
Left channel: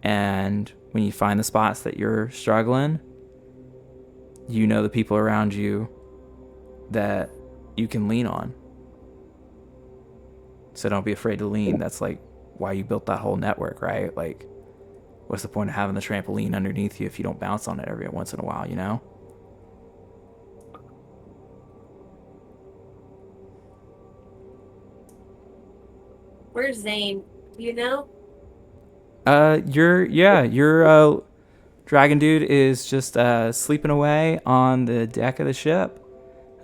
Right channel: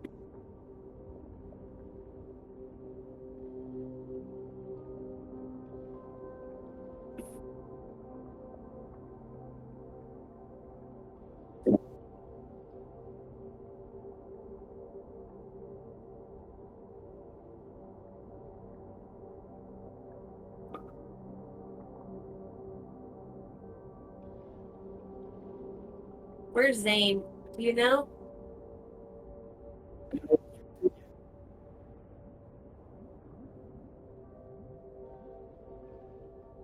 And when you find the spots that you're struggling, you know the people around you that you can lean on. So don't be afraid to lean. That's, like, why you built that whole network, right? Like, what's the point of having the trampoline underneath you if you don't bounce on it every once in a while, you know? Where's Zane? Do you know? Your dragon dude is just sleeping away on the deck of the ship,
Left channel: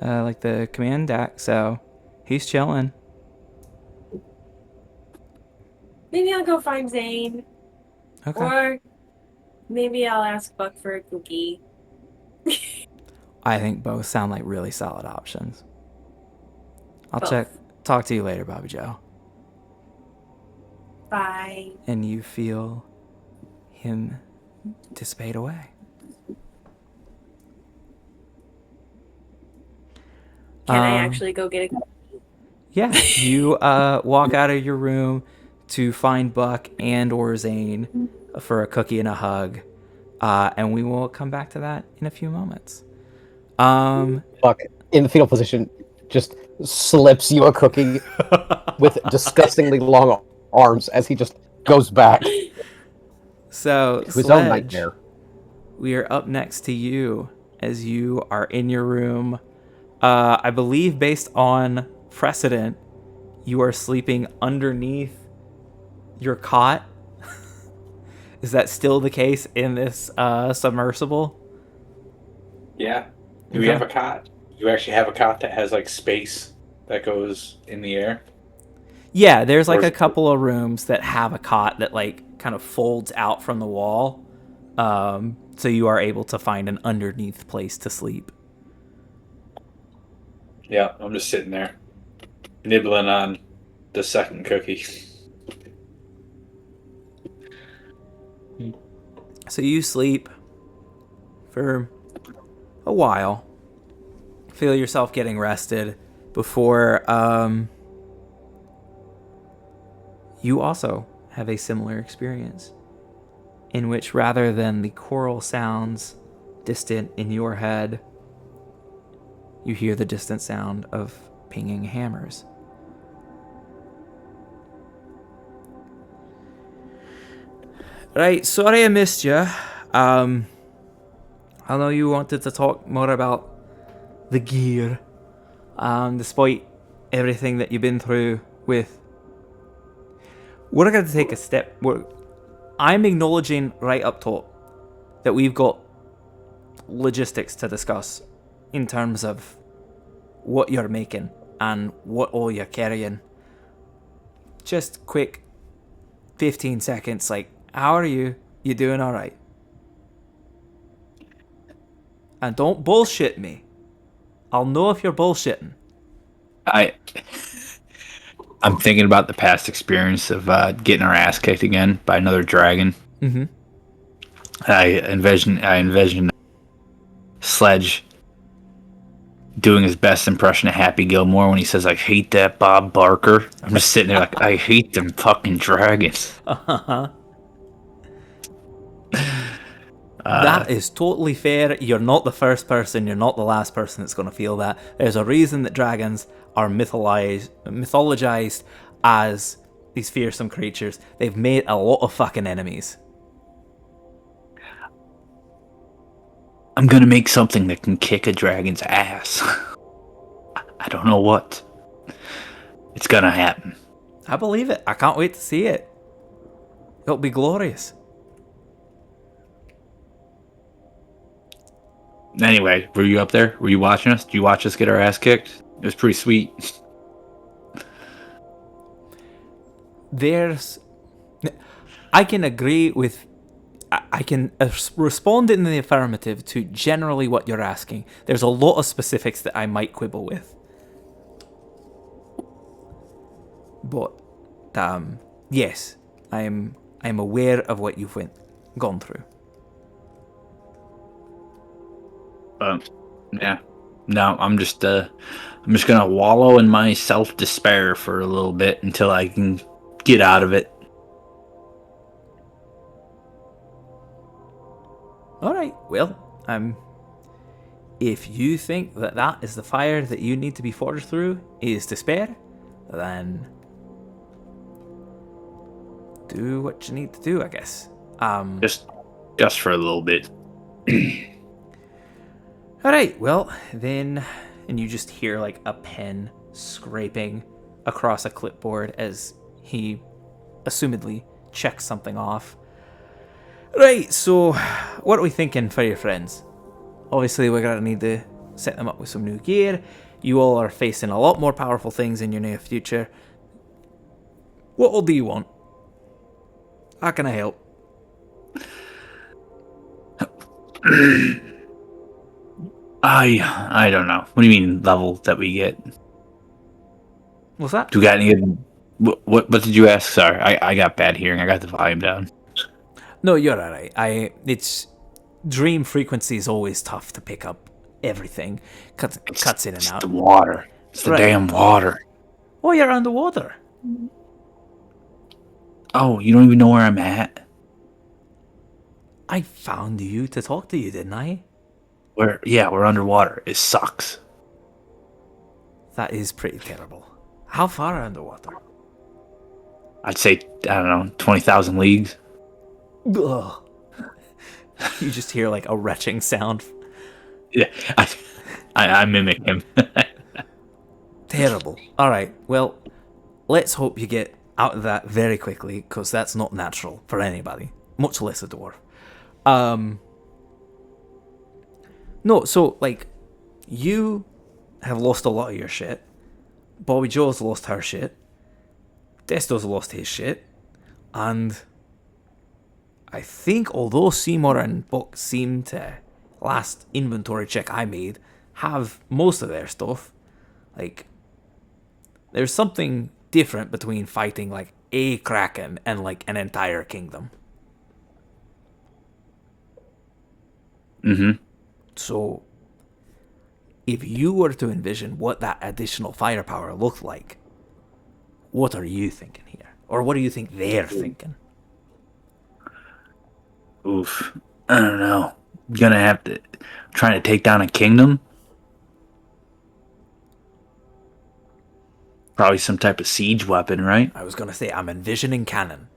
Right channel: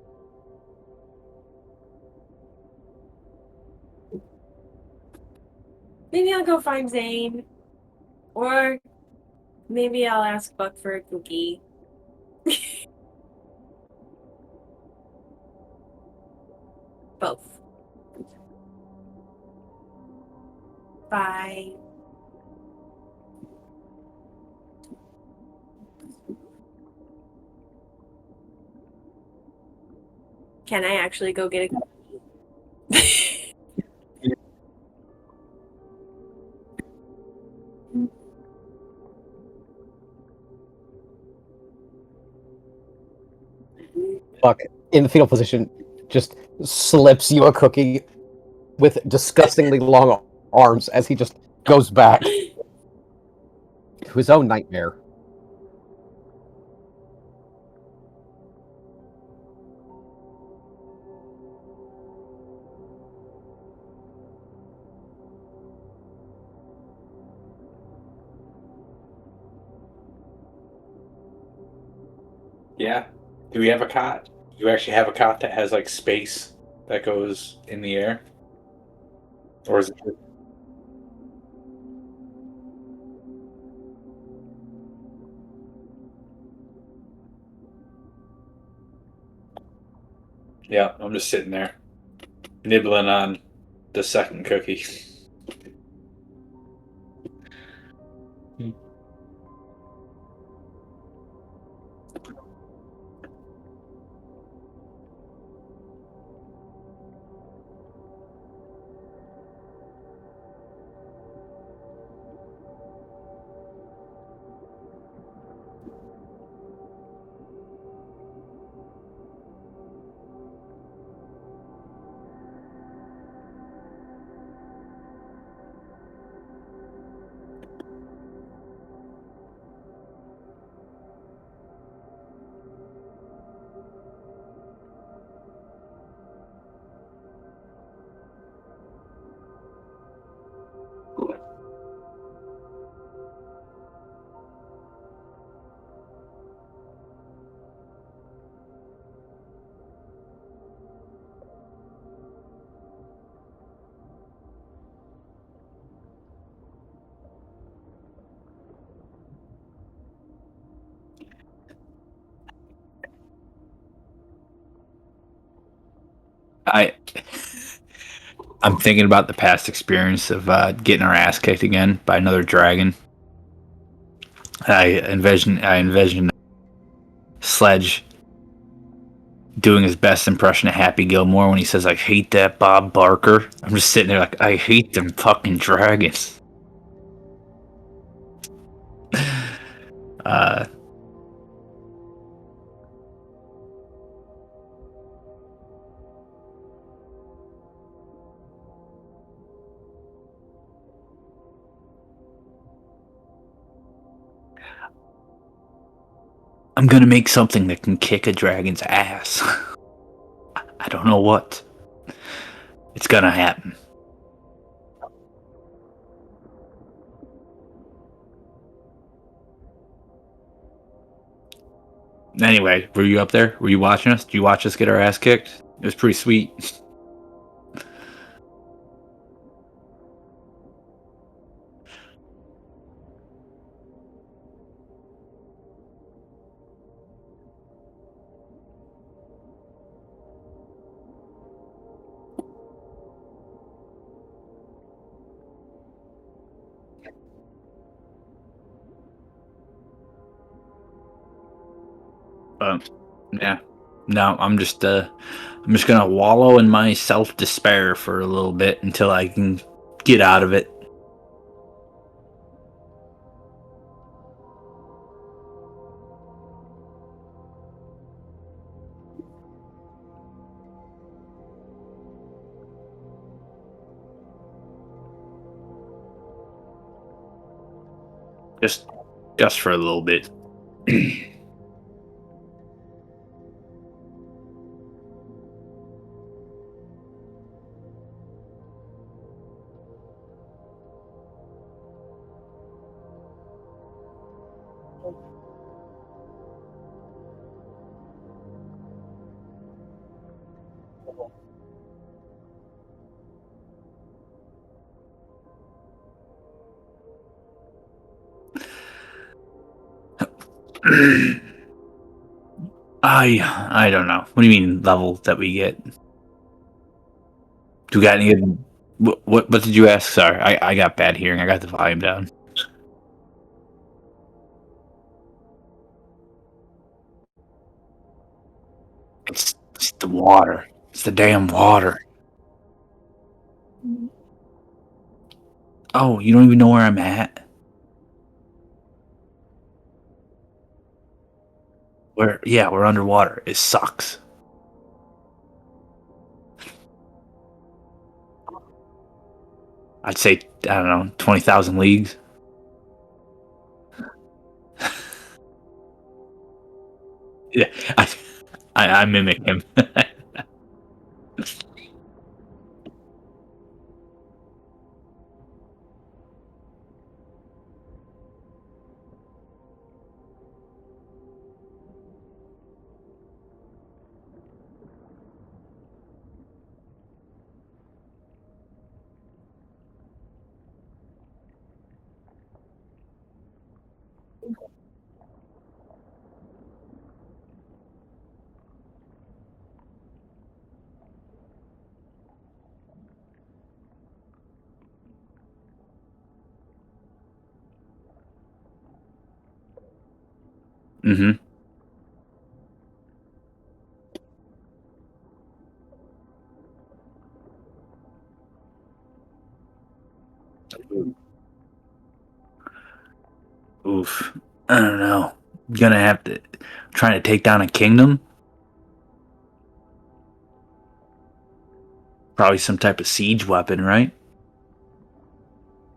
like the command deck. So he's chilling. Maybe I'll go find Zane. Okay. Or maybe I'll ask Buck for a cookie. I think both sound like really solid options. I'll Both. talk to you later, Bobby Joe. Bye. And you feel him dissipate away. Can I actually go get a cookie? Yeah, you walk out of your room to find Buck and or Zane for a cookie and a hug, and we will come back to that in a few moments. Buck, in the fetal position, just slips you a cookie with disgustingly long arms as he just goes back So to his own nightmare. We are up next to you as you are in your room. I believe, based on precedent, you are sleeping underneath your cot. Is that still the case in this submersible? Yeah. Do we have a cot? Do you actually have a cot that has like space that goes in the air? Yeah, there's Or like is a it- couple of rooms that have a cot that like kind of folds out from the wall. So you are able to find an underneath place to sleep. Yeah, I'm just sitting there, nibbling on the second cookie. So you sleep for a while. Feel yourself getting rested before you also have a similar experience in which rather than the choral sounds distant in your head, you hear the distant sound of pinging hammers. Right, sorry I missed you. I know you wanted to talk more about the gear, despite everything that you've been through with. We're going to take a step. I'm acknowledging right up top that we've got logistics to discuss in terms of what you're making and what all you're carrying. Just quick 15 seconds, like, how are you? You doing alright? And don't bullshit me. I'll know if you're bullshitting. I'm thinking about the past experience of getting our ass kicked again by another dragon. Mm-hmm. I envision Sledge doing his best impression of Happy Gilmore when he says, "I hate that Bob Barker." I'm just sitting there like, I hate them fucking dragons. That is totally fair. You're not the first person, you're not the last person that's going to feel that. There's a reason that dragons are mythologized as these fearsome creatures. They've made a lot of fucking enemies. I'm gonna make something that can kick a dragon's ass. I don't know what. It's gonna happen. I believe it. I can't wait to see it. It'll be glorious. Anyway, were you up there? Were you watching us? Did you watch us get our ass kicked? It was pretty sweet. I can agree with. I can respond in the affirmative to generally what you're asking. There's a lot of specifics that I might quibble with. But, yes, I'm aware of what you've gone through. Yeah. No, I'm just gonna wallow in my self despair for a little bit until I can get out of it. All right. Well, if you think that that is the fire that you need to be forged through is despair, then do what you need to do, I guess. Just for a little bit. All right. Well, then, and you just hear like a pen scraping across a clipboard as he assumedly checks something off. Right, so what are we thinking for your friends? Obviously, we're going to need to set them up with some new gear. You all are facing a lot more powerful things in your near future. What all do you want? How can I help? I don't know. What do you mean level that we get? What's that? Do we got any? What did you ask? Sorry, I got bad hearing. I got the volume down. No, you're alright. It's dream frequency is always tough to pick up everything. Cuts in and It's out. the water. It's the damn water. Oh, you're underwater. Oh, you don't even know where I'm at? I found you to talk to you, didn't I? We're underwater. It sucks. That is pretty terrible. How far underwater? I'd say, I don't know, 20,000 leagues. Ugh. You just hear like a retching sound. Yeah, I mimic him. Terrible. All right. Well, let's hope you get out of that very quickly, because that's not natural for anybody, much less a dwarf. No, so, like, you have lost a lot of your shit. Bobby Joe's lost her shit. Desto's lost his shit. And I think, although Seymour and Buck seem to, last inventory check I made, have most of their stuff, like, there's something different between fighting, like, a kraken and, like, an entire kingdom. Mm-hmm. So, if you were to envision what that additional firepower looked like, what are you thinking here? Or what do you think they're thinking? Oof. I don't know. Gonna have to trying to take down a kingdom. Probably some type of siege weapon, right? I was going to say, I'm envisioning cannon.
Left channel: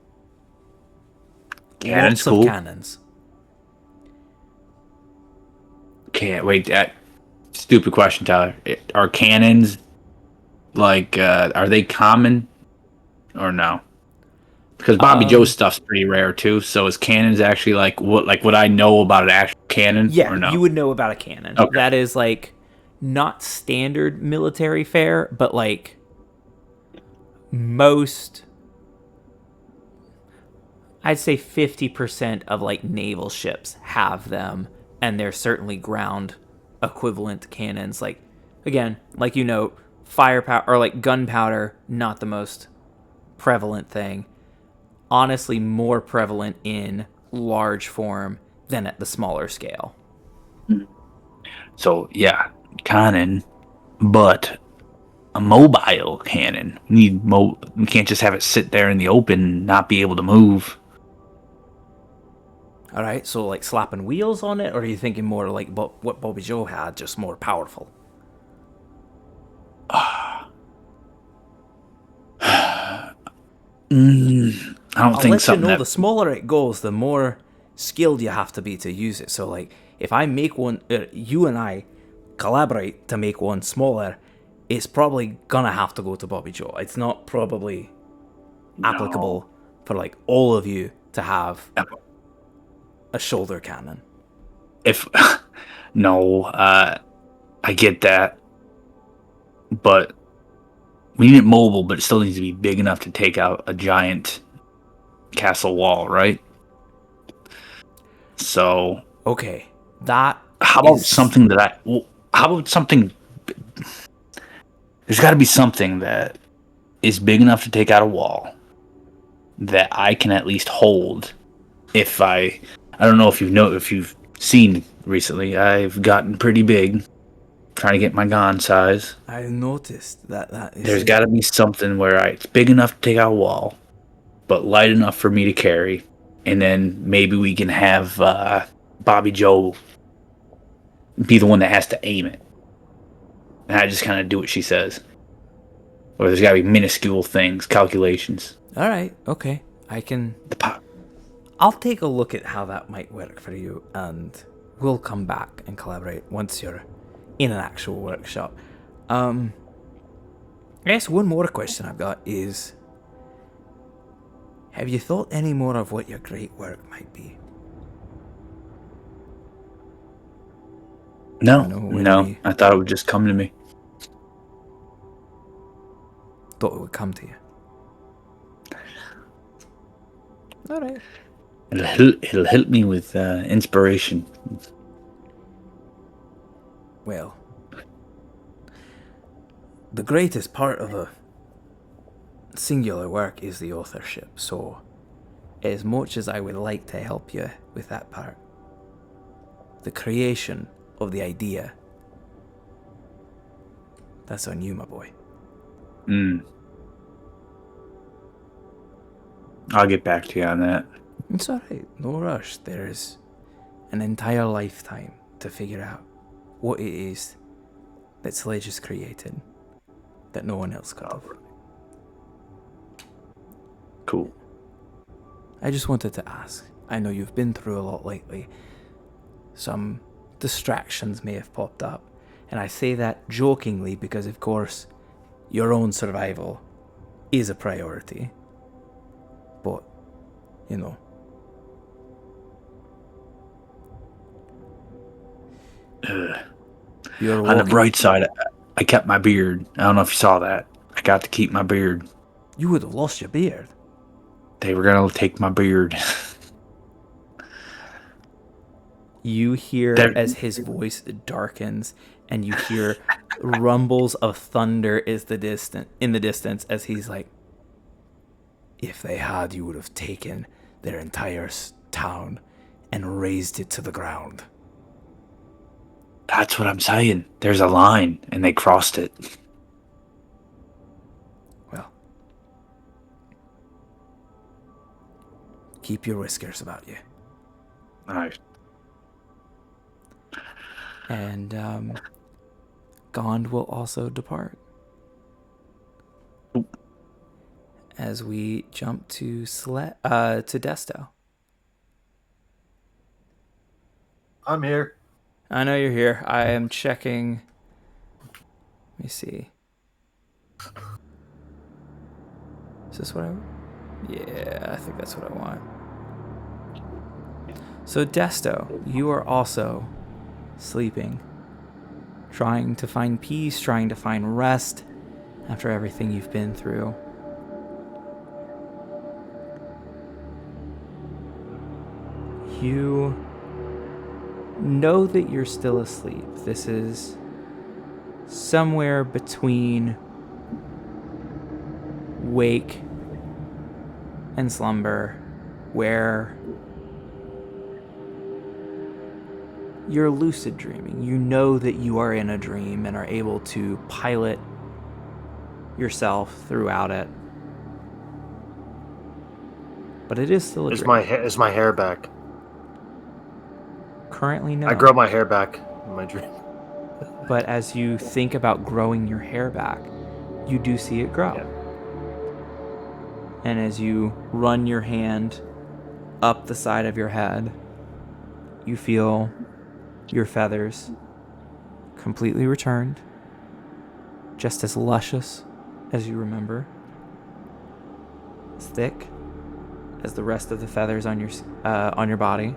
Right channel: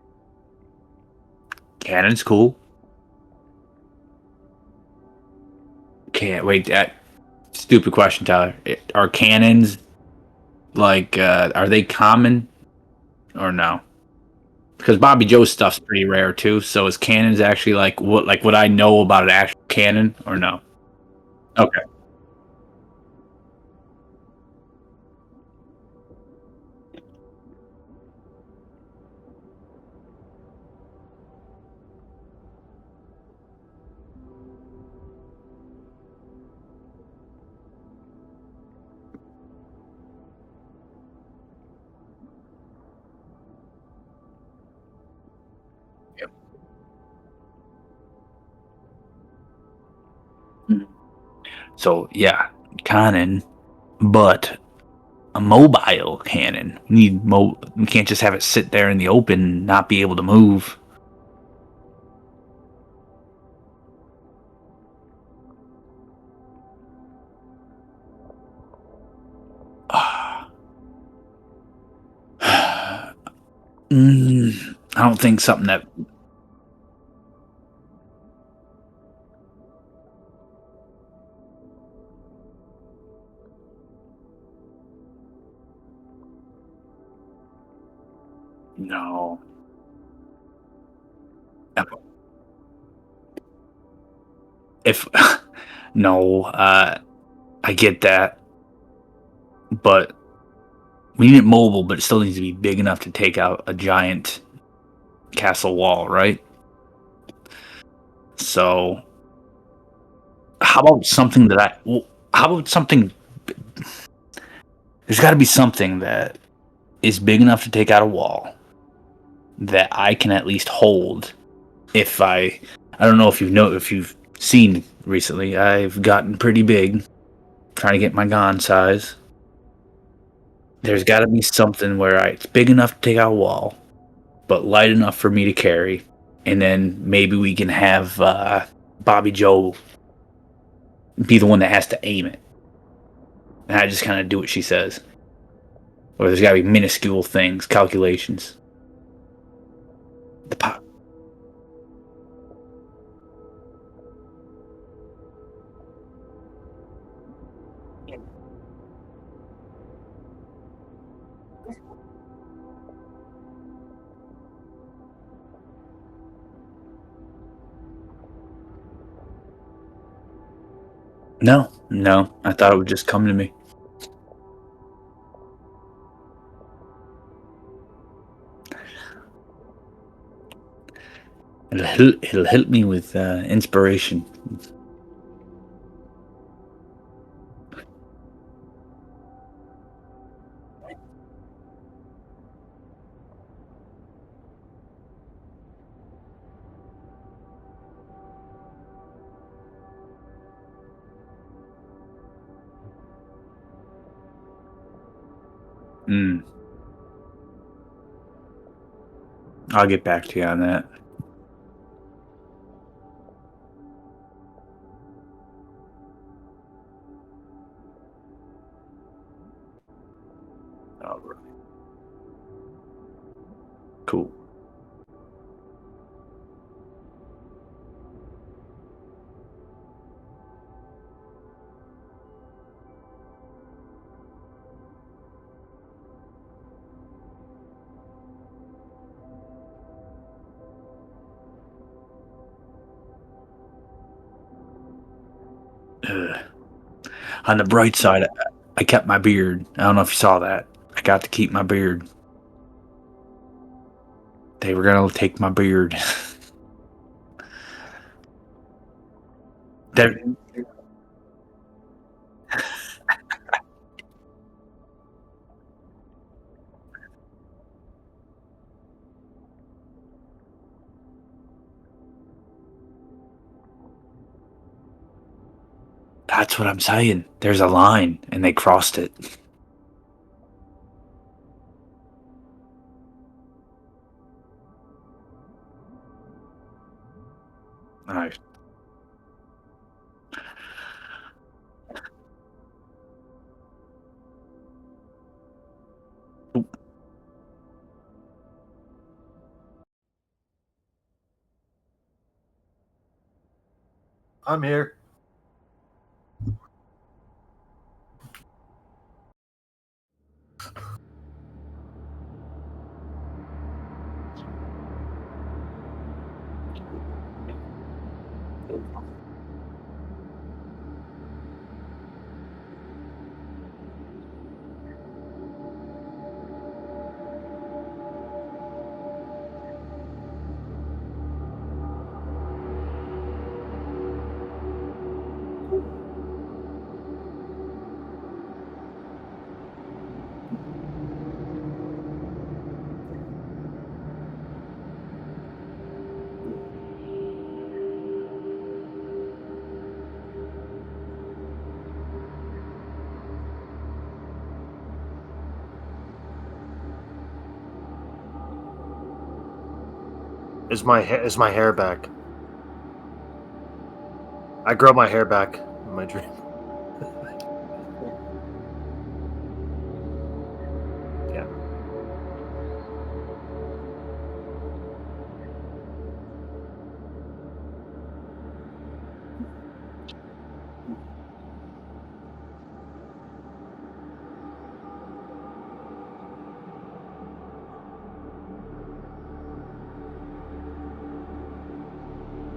Cannon's Lots cool. of cannons. Can't wait. That stupid question, Tyler. Are cannons like are they common or no? Because Bobby Joe's stuff's pretty rare too. So is cannons actually like what I know about an actual cannon Yeah, or no? you would know about a cannon. Okay. That is like not standard military fare, but like most, I'd say 50% of like naval ships have them, and they're certainly ground equivalent cannons. Like, again, like you know, firepower or like gunpowder, not the most prevalent thing. Honestly, more prevalent in large form than at the smaller scale. So yeah, cannon, but a mobile cannon. We can't just have it sit there in the open and not be able to move. All right, so like slapping wheels on it, or are you thinking more like what Bobby Joe had, just more powerful? I don't I'll think let something you know, that the smaller it goes, the more skilled you have to be to use it. So like, if I make one, you and I collaborate to make one smaller, it's probably gonna have to go to Bobby Joe. It's not probably applicable for like all of you to have a shoulder cannon. If no, I get that, but we need it mobile, but it still needs to be big enough to take out a giant castle wall, right? So Okay, that. how about something that how about something? There's got to be something that is big enough to take out a wall that I can at least hold. If I don't know if you've seen recently, I've gotten pretty big, trying to get my gun size. I noticed that is. There's got to be something where it's big enough to take out a wall, but light enough for me to carry, and then maybe we can have Bobby Joe be the one that has to aim it, and I just kind of do what she says. Or there's got to be minuscule things, calculations. All right, okay, I can. The pop. I'll take a look at how that might work for you, and we'll come back and collaborate once you're in an actual workshop. I guess one more question I've got is, have you thought any more of what your great work might be? No. I thought it would just come to me. Thought it would come to you. All right. It'll help me with inspiration. Well, the greatest part of a singular work is the authorship, so as much as I would like to help you with that part, the creation of the idea, that's on you, my boy. I'll get back to you on that. It's alright, no rush. There's an entire lifetime to figure out what it is that Sledge has created that no one else could. Cool. I just wanted to ask. I know you've been through a lot lately. Some distractions may have popped up. And I say that jokingly because, of course, your own survival is a priority. you know. You're On the walking. bright side, I kept my beard. I don't know if you saw that. I got to keep my beard. You would have lost your beard. They were gonna take my beard. You hear There- as his voice darkens, and you hear rumbles of thunder in the distance as he's like, "If they had, you would have taken their entire town and razed it to the ground." That's what I'm saying. There's a line, and they crossed it. Well, keep your whiskers about you. Alright. And Gond will also depart. As we jump to Desto. I'm here. I know you're here. I am checking. Let me see. Is this what I... Yeah, I think that's what I want. So, Desto, you are also sleeping. Trying to find peace, trying to find rest after everything you've been through. You know that you're still asleep. This is somewhere between wake and slumber, where you're lucid dreaming. You know that you are in a dream and are able to pilot yourself throughout it. But it is still a Is dream. is my hair back? Currently, no. I grow my hair back in my dream. But as you think about growing your hair back, you do see it grow. Yeah. And as you run your hand up the side of your head, you feel your feathers completely returned, just as luscious as you remember, as thick as the rest of the feathers on your body.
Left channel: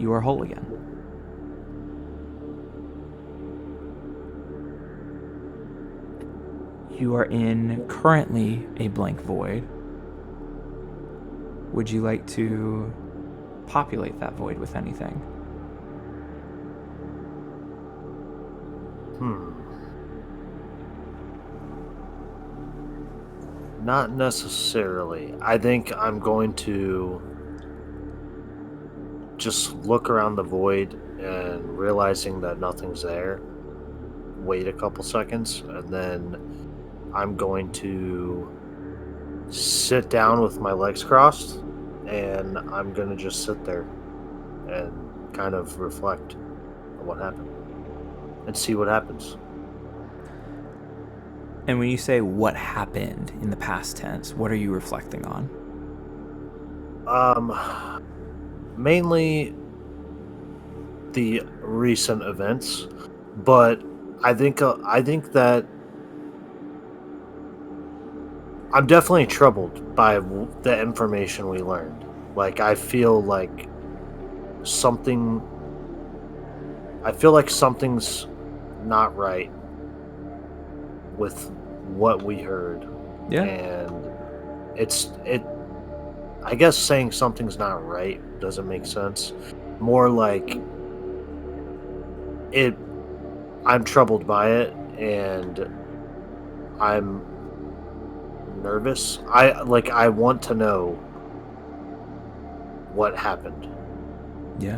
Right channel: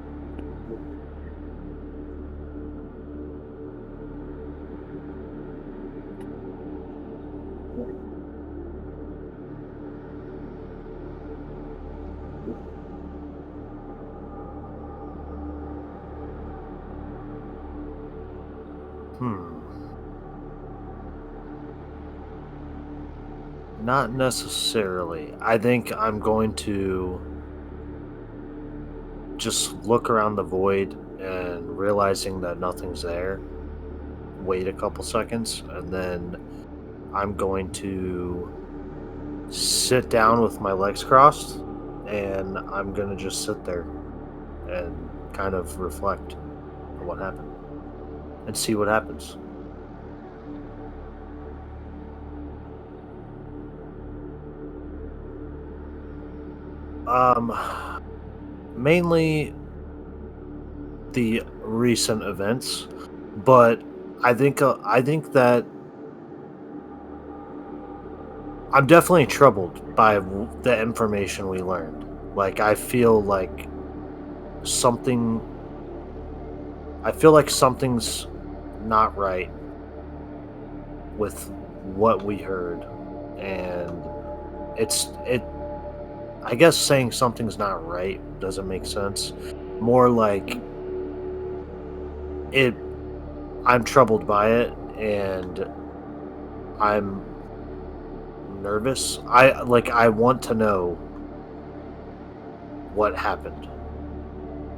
You are whole again. You are in currently a blank void. Would you like to populate that void with anything? Not necessarily. I think I'm going to just look around the void and realizing that nothing's there, wait a couple seconds, and then I'm going to sit down with my legs crossed, and I'm going to just sit there and kind of reflect on what happened and see what happens. And when you say what happened in the past tense, what are you reflecting on? Mainly the recent events, but I think that I'm definitely troubled by the information we learned. Like I feel like something's not right with what we heard. Yeah. And I guess saying something's not right doesn't make sense. More like I'm troubled by it, and I'm nervous. I want to know what happened. Yeah.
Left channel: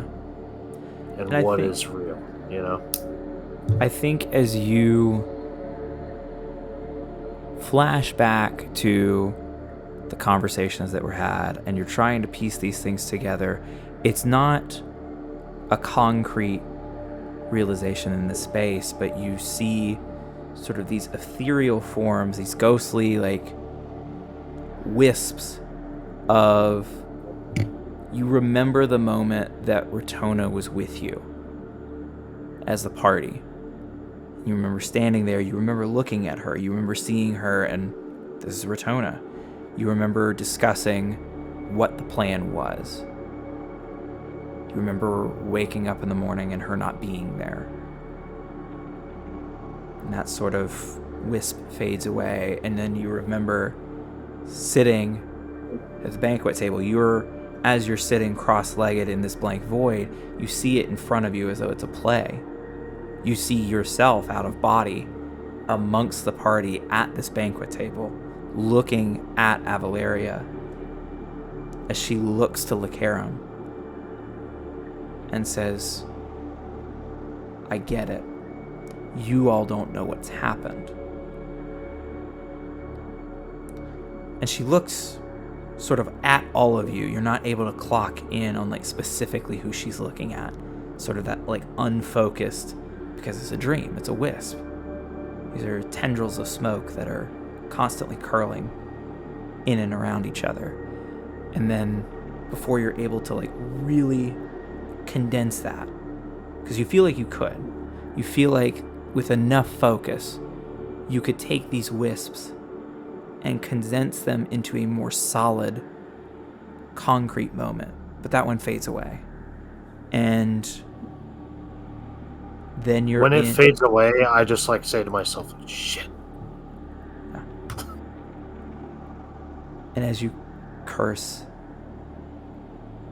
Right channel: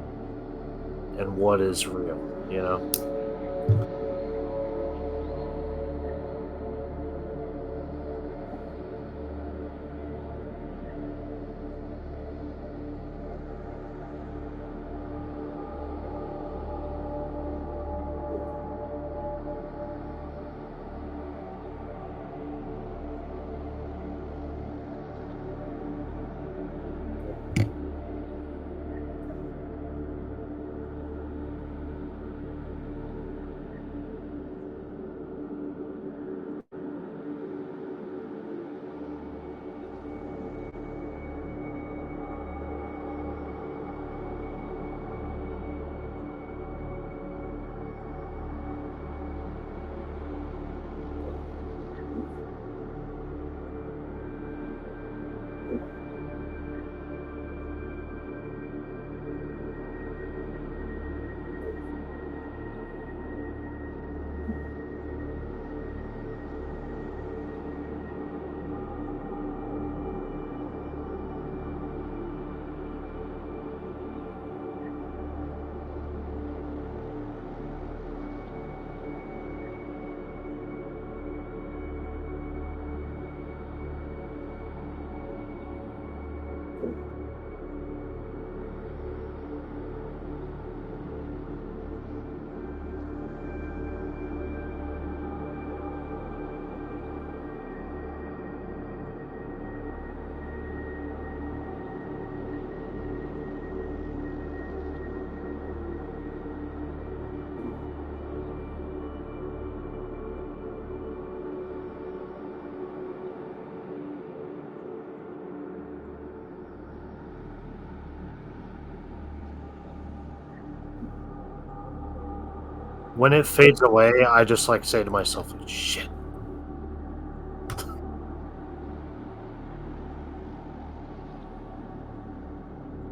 And I what think- is real, you know? I think as you flash back to the conversations that were had and you're trying to piece these things together, it's not a concrete realization in the space, but you see sort of these ethereal forms, these ghostly like wisps of, you remember the moment that Ratona was with you as the party. You remember standing there, you remember looking at her, you remember seeing her and This is Ratona. You remember discussing what the plan was. You remember waking up in the morning and her not being there. And that sort of wisp fades away, and then you remember sitting at the banquet table. As you're sitting cross-legged in this blank void, you see it in front of you as though it's a play. You see yourself out of body amongst the party at this banquet table, looking at Avaleria as she looks to Lacarum and says, I get it. You all don't know what's happened. And she looks sort of at all of you. You're not able to clock in on like specifically who she's looking at. Sort of that like unfocused, because it's a dream, it's a wisp. These are tendrils of smoke that are constantly curling in and around each other. And then before you're able to like really condense that, because you feel like you could. You feel like with enough focus, you could take these wisps and condense them into a more solid, concrete moment. But that one fades away. And then you're When it fades away, I just like say to myself, shit. And as you curse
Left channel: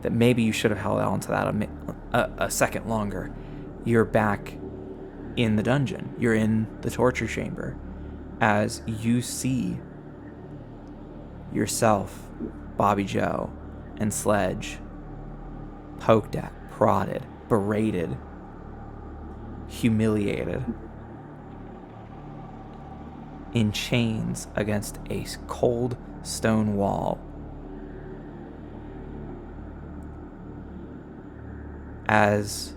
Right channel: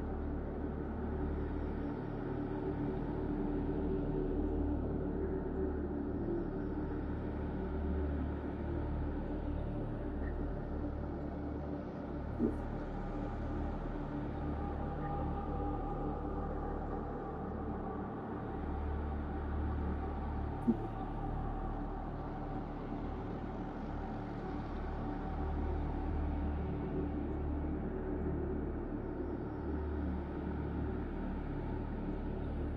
that maybe you should have held on to that a second longer, you're back in the dungeon. You're in the torture chamber as you see yourself, Bobby Joe, and Sledge poked at, prodded, berated, humiliated, in chains against a cold stone wall. As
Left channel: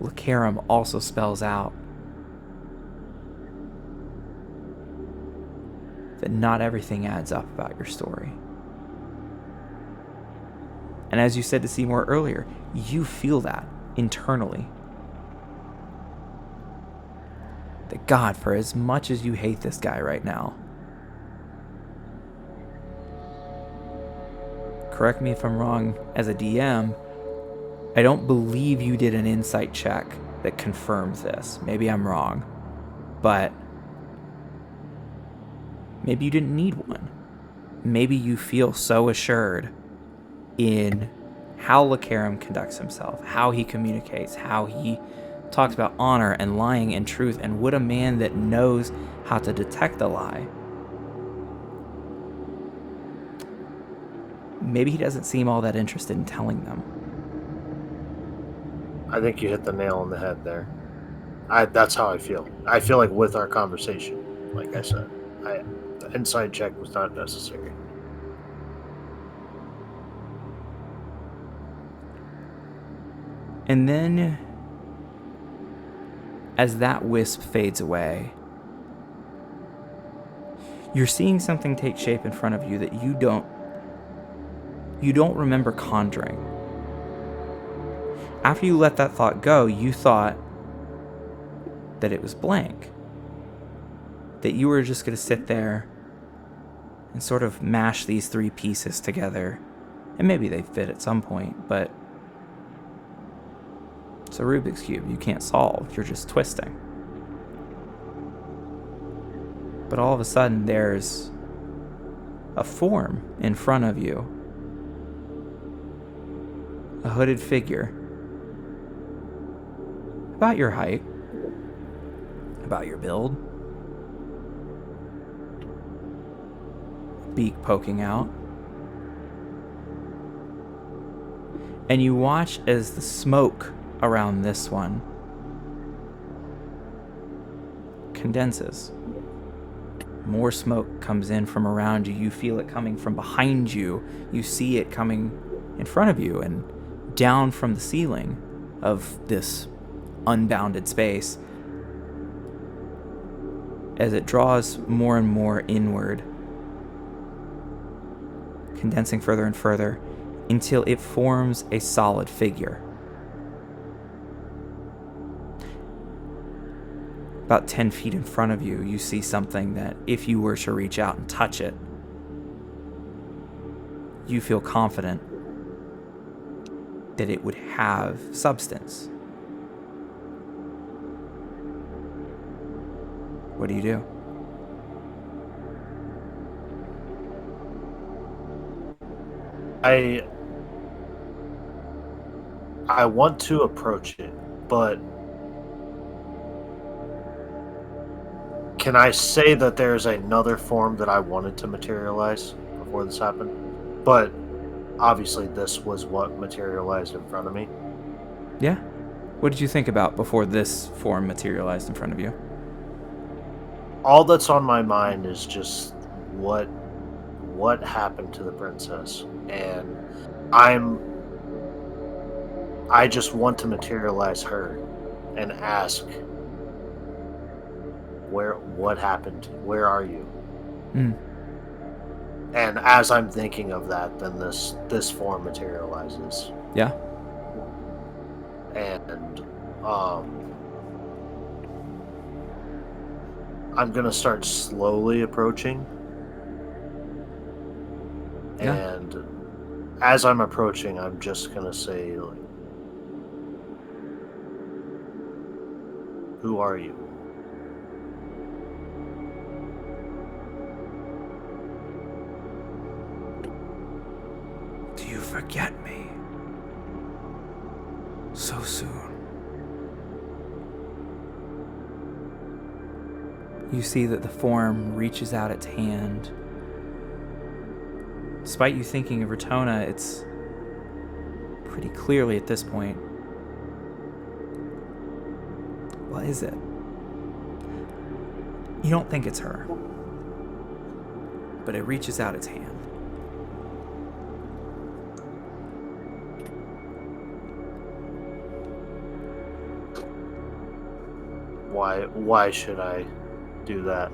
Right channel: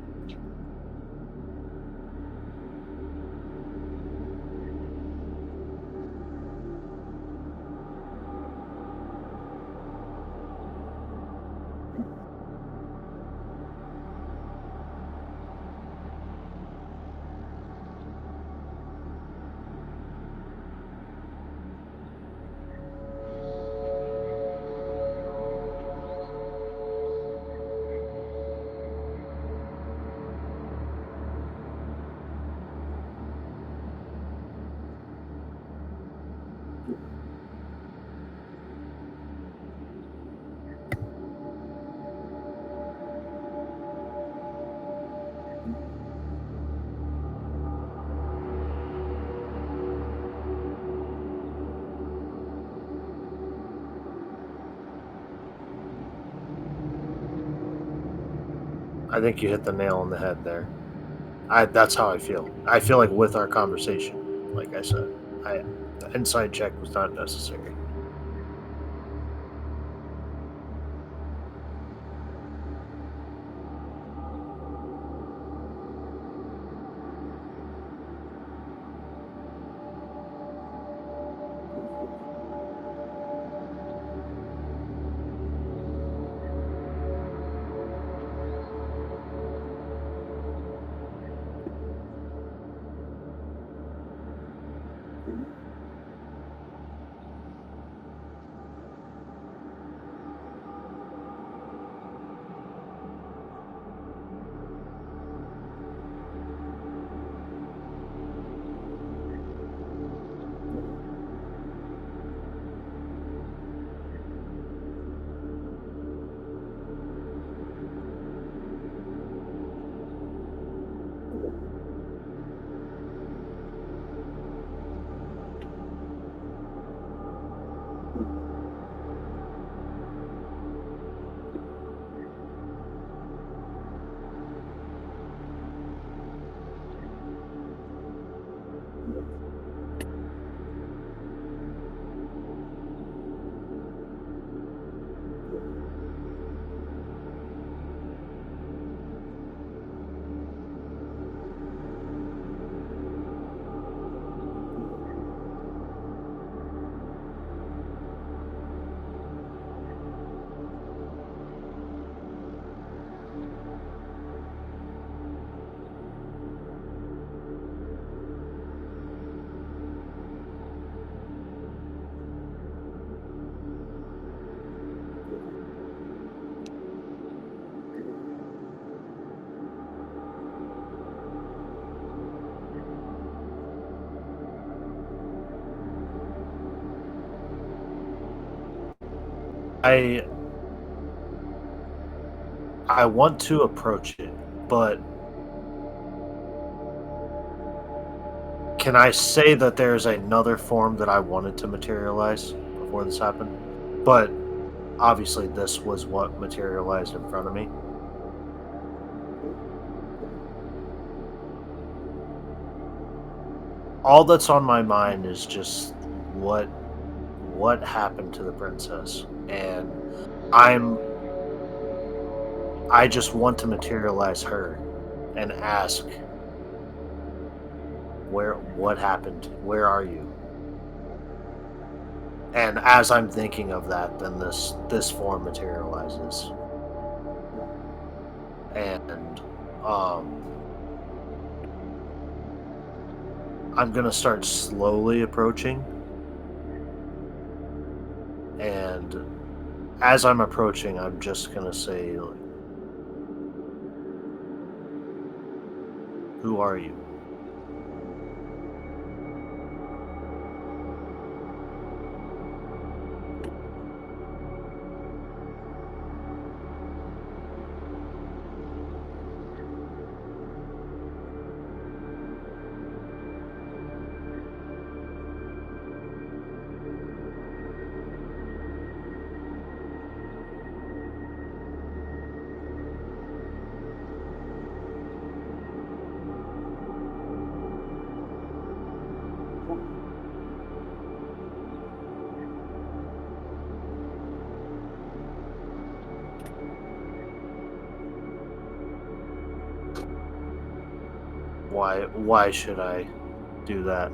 Lacarum also spells out that not everything adds up about your story. And as you said to Seymour earlier, you feel that internally. That God, for as much as you hate this guy right now, correct me if I'm wrong as a DM, I don't believe you did an insight check that confirms this. Maybe I'm wrong, but maybe you didn't need one. Maybe you feel so assured in how Lacarum conducts himself, how he communicates, how he talks about honor and lying and truth, and would a man that knows how to detect a lie, maybe he doesn't seem all that interested in telling them. I think you hit the nail on the head there. That's how I feel. I feel like with our conversation, like I said, the inside check was not necessary. And then, as that wisp fades away, you're seeing something take shape in front of you that you don't remember conjuring. After you let that thought go, you thought that it was blank. That you were just going to sit there and sort of mash these three pieces together. And maybe they fit at some point, but it's a Rubik's Cube you can't solve. You're just twisting. But all of a sudden, there's a form in front of you. A hooded figure. About your height. About your build. Beak poking out. And you watch as the smoke around this one condenses. More smoke comes in from around you. You feel it coming from behind you. You see it coming in front of you and down from the ceiling of this unbounded space as it draws more and more inward, condensing further and further until it forms a solid figure. About 10 feet in front of you, you see something that if you were to reach out and touch it, you feel confident that it would have substance. What do you do? I want to approach it, but can I say that there's another form that I wanted to materialize before this happened? But obviously this was what materialized in front of me. Yeah. What did you think about before this form materialized in front of you? All that's on my mind is just what happened to the princess, and I just want to materialize her and ask what happened? Where are you? Mm. And as I'm thinking of that, then this form materializes. Yeah. And I'm gonna start slowly approaching. Yeah. And as I'm approaching, I'm just gonna say, like, who are you? Do you forget me so soon? You see that the form reaches out its hand. Despite you thinking of Ratona, it's pretty clearly at this point. What is it? You don't think it's her, but it reaches out its hand. Why should I do that?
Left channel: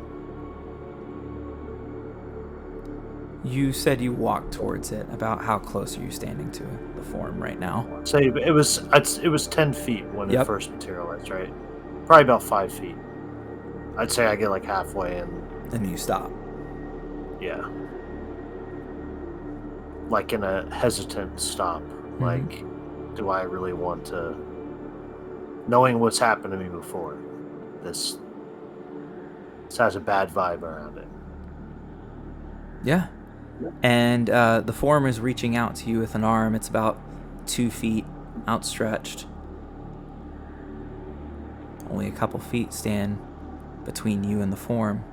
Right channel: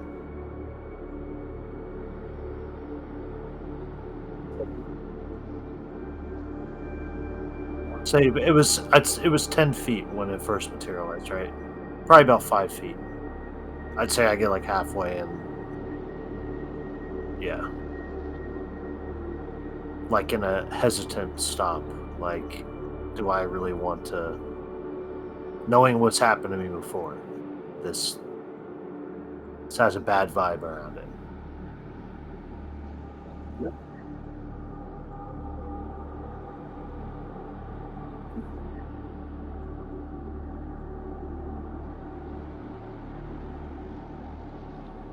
You said you walked towards it. About how close are you standing to the form right now? Say it was 10 feet when Yep. it first materialized, right? Probably about 5 feet. I'd say I get like halfway and And you stop. yeah. Like in a hesitant stop. Mm-hmm. Like, do I really want to, knowing what's happened to me before, this has a bad vibe around it. Yeah. And the form is reaching out to you with an arm. It's about 2 feet outstretched. Only a couple feet stand between you and the form.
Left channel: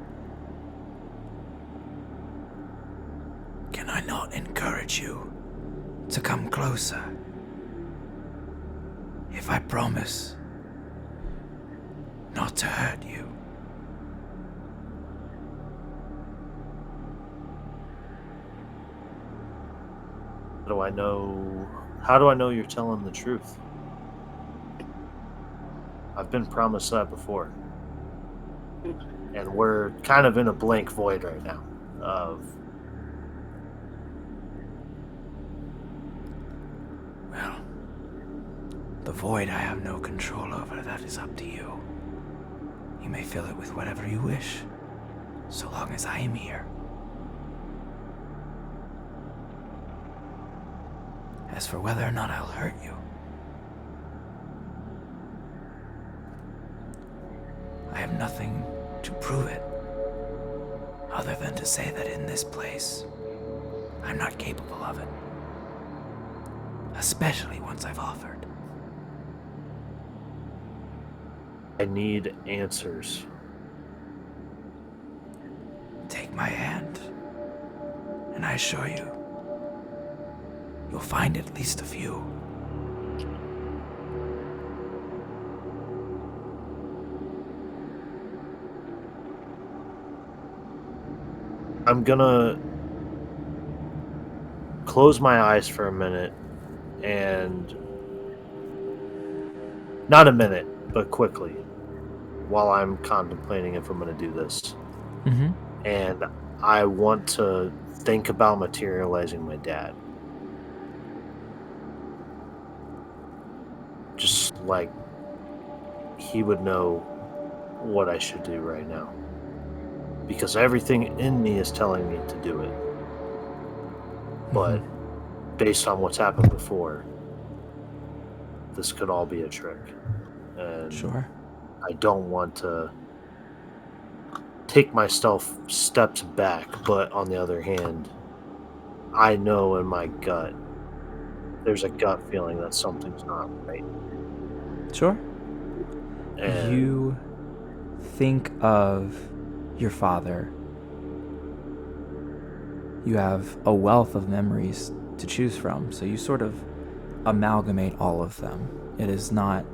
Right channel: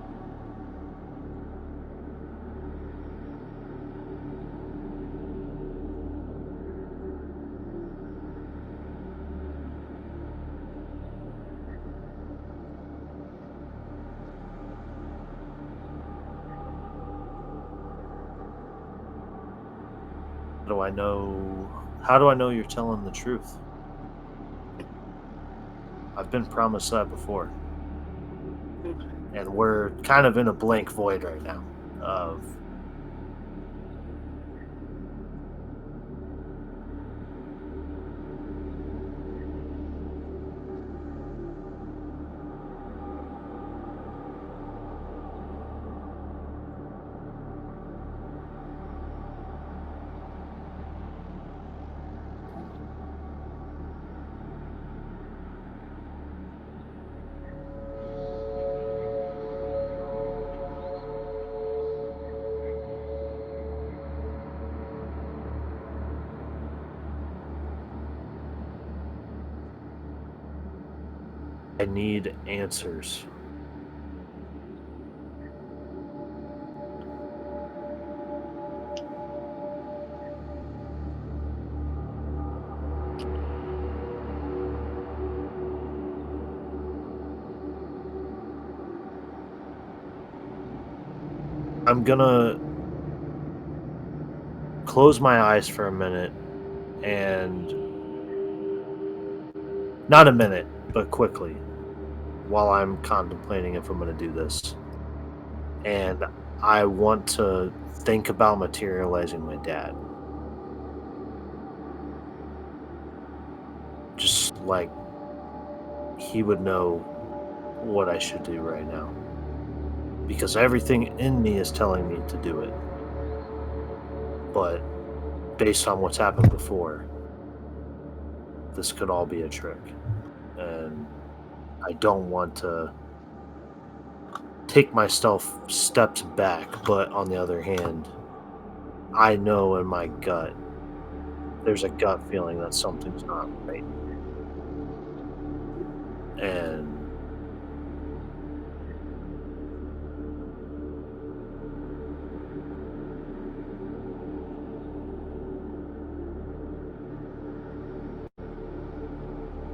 Can I not encourage you to come closer? If I promise not to hurt you. How do I know you're telling the truth? I've been promised that before. And we're kind of in a blank void right now of Well, the void I have no control over. That is up to you. You may fill it with whatever you wish, so long as I am here. As for whether or not I'll hurt you, I have nothing to prove it, other than to say that in this place, I'm not capable of it. Especially once I've offered. I need answers. Take my hand, and I assure you, you'll find at least a few. I'm gonna close my eyes for a minute and not a minute, but quickly, while I'm contemplating if I'm gonna do this. Mm-hmm. And I want to think about materializing my dad. Just like he would know what I should do right now. Because everything in me is telling me to do it. But based on what's happened before, this could all be a trick. And Sure. I don't want to take myself steps back, but on the other hand, I know in my gut, there's a gut feeling that something's not right. Sure. And You think of your father. You have a wealth of memories to choose from, so you sort of amalgamate all of them. It is not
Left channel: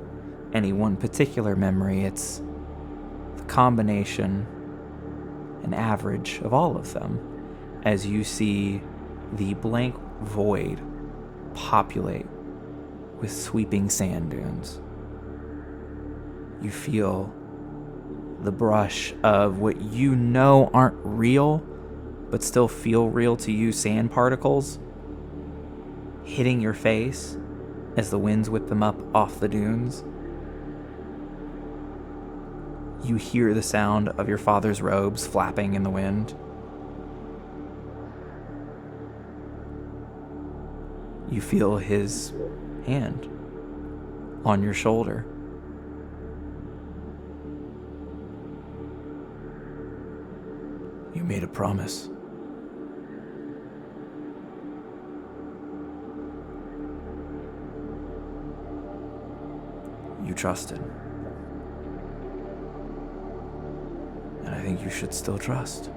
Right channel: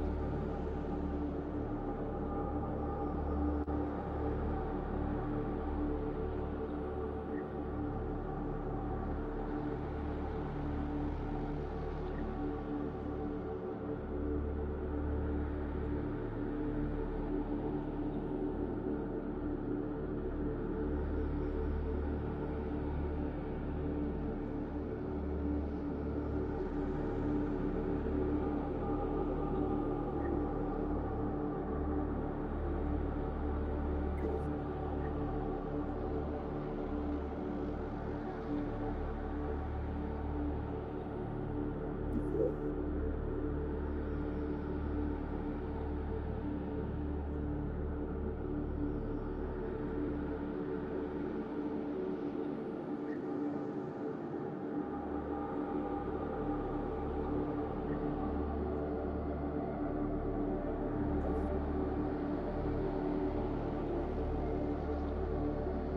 any one particular memory, it's the combination, an average of all of them, as you see the blank void populate with sweeping sand dunes. You feel the brush of what you know aren't real, but still feel real to you, sand particles hitting your face as the winds whip them up off the dunes. You hear the sound of your father's robes flapping in the wind. You feel his hand on your shoulder. You made a promise. You trusted. And I think you should still trust.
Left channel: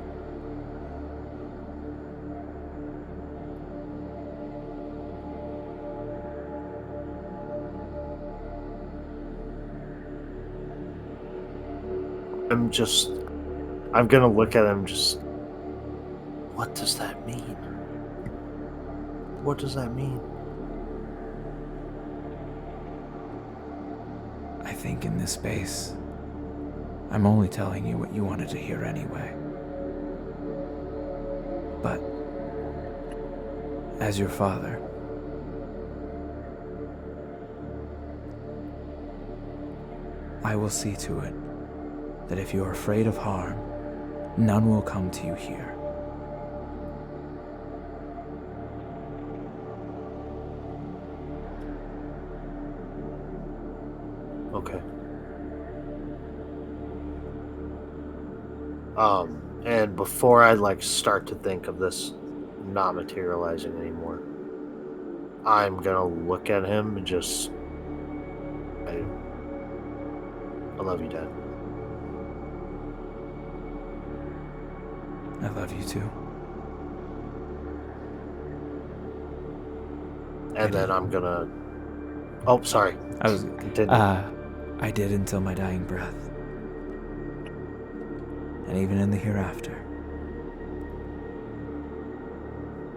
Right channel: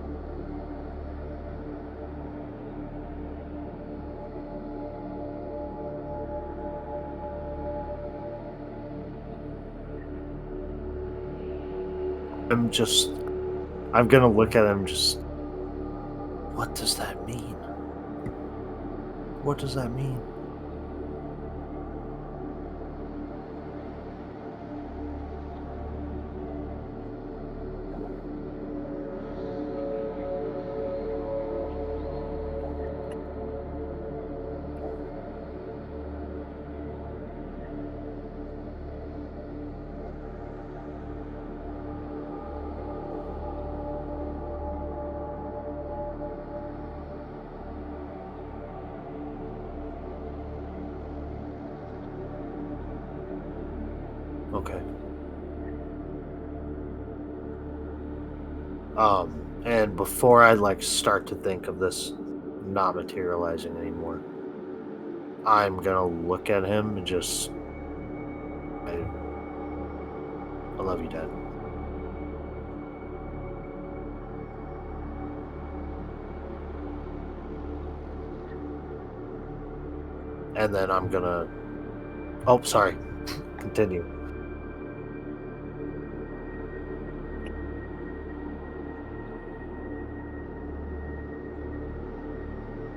I'm gonna look at him just, what does that mean? What does that mean? I think in this space, I'm only telling you what you wanted to hear anyway. But as your father, I will see to it that if you are afraid of harm, none will come to you here. Okay. And before I start to think of this not materializing anymore, I'm gonna look at him and just, I love you, Dad. I love you too. And then I'm gonna. Oh, sorry. I was Continue. I did until my dying breath. And even in the hereafter.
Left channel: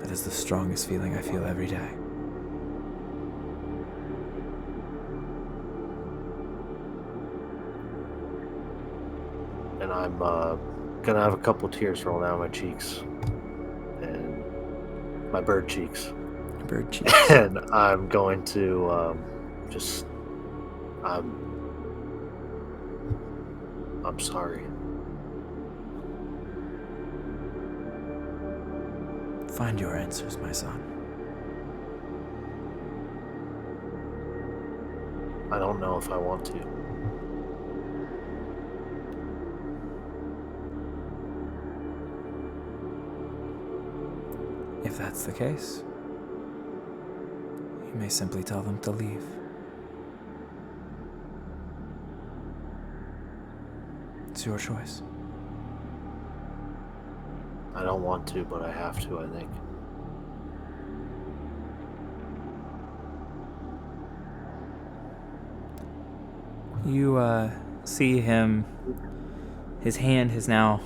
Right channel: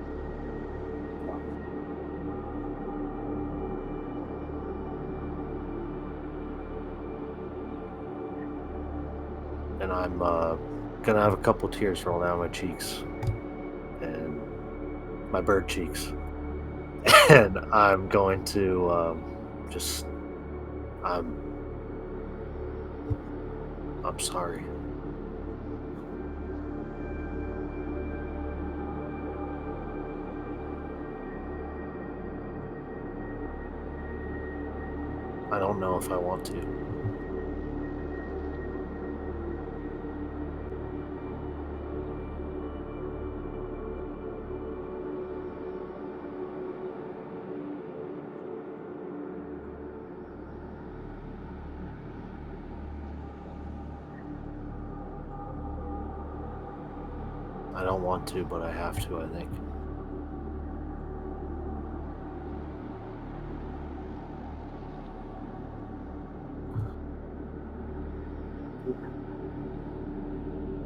That is the strongest feeling I feel every day. And I'm gonna have a couple tears roll down my cheeks. And my bird cheeks. Bird cheeks. And I'm going to I'm sorry. Find your answers, my son. I don't know if I want to. If that's the case, you may simply tell them to leave. It's your choice. I don't want to, but I have to, I think. You see him, his hand has now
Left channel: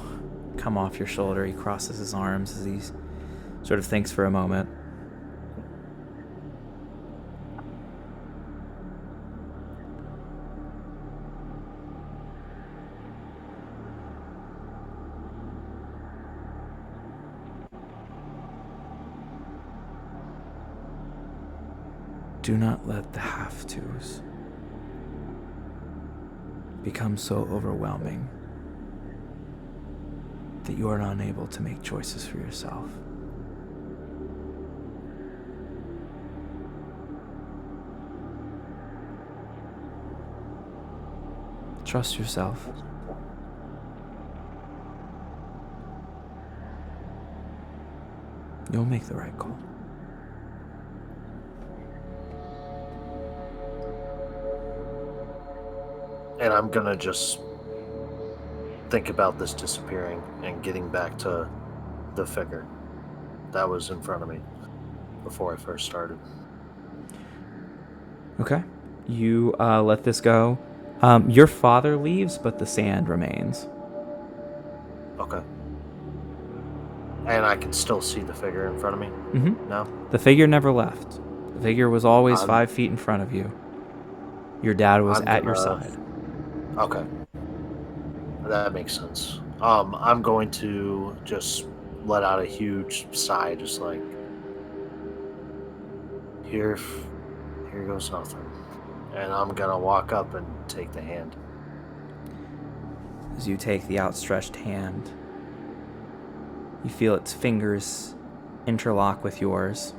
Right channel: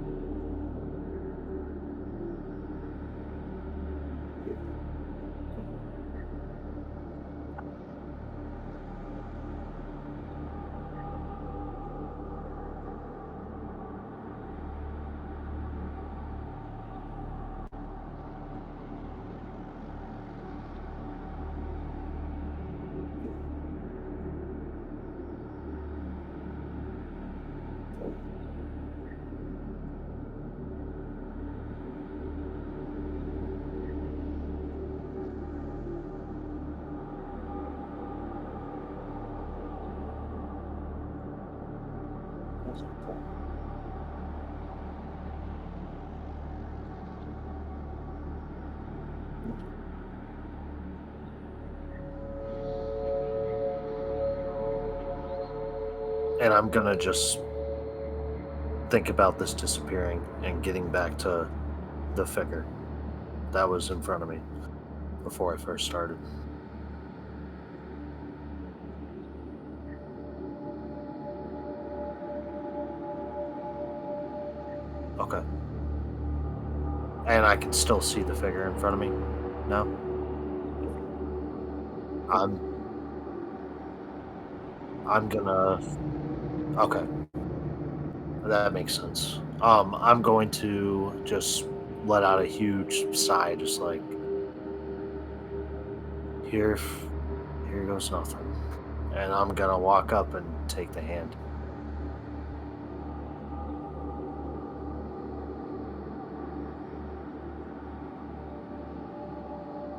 come off your shoulder. He crosses his arms as he sort of thinks for a moment. Do not let the have-tos become so overwhelming that you are unable to make choices for yourself. Trust yourself. You'll make the right call. And I'm gonna just think about this disappearing and getting back to the figure that was in front of me before I first started. Okay. You let this go. Your father leaves, but the sand remains. Okay. And I can still see the figure in front of me? Mm-hmm. No? The figure never left. The figure was always I'm- 5 feet in front of you. Your dad was I'm at your gonna- side. Okay. That makes sense. I'm going to just let out a huge sigh, just like, here goes nothing. And I'm gonna walk up and take the hand. As you take the outstretched hand, you feel its fingers interlock with yours.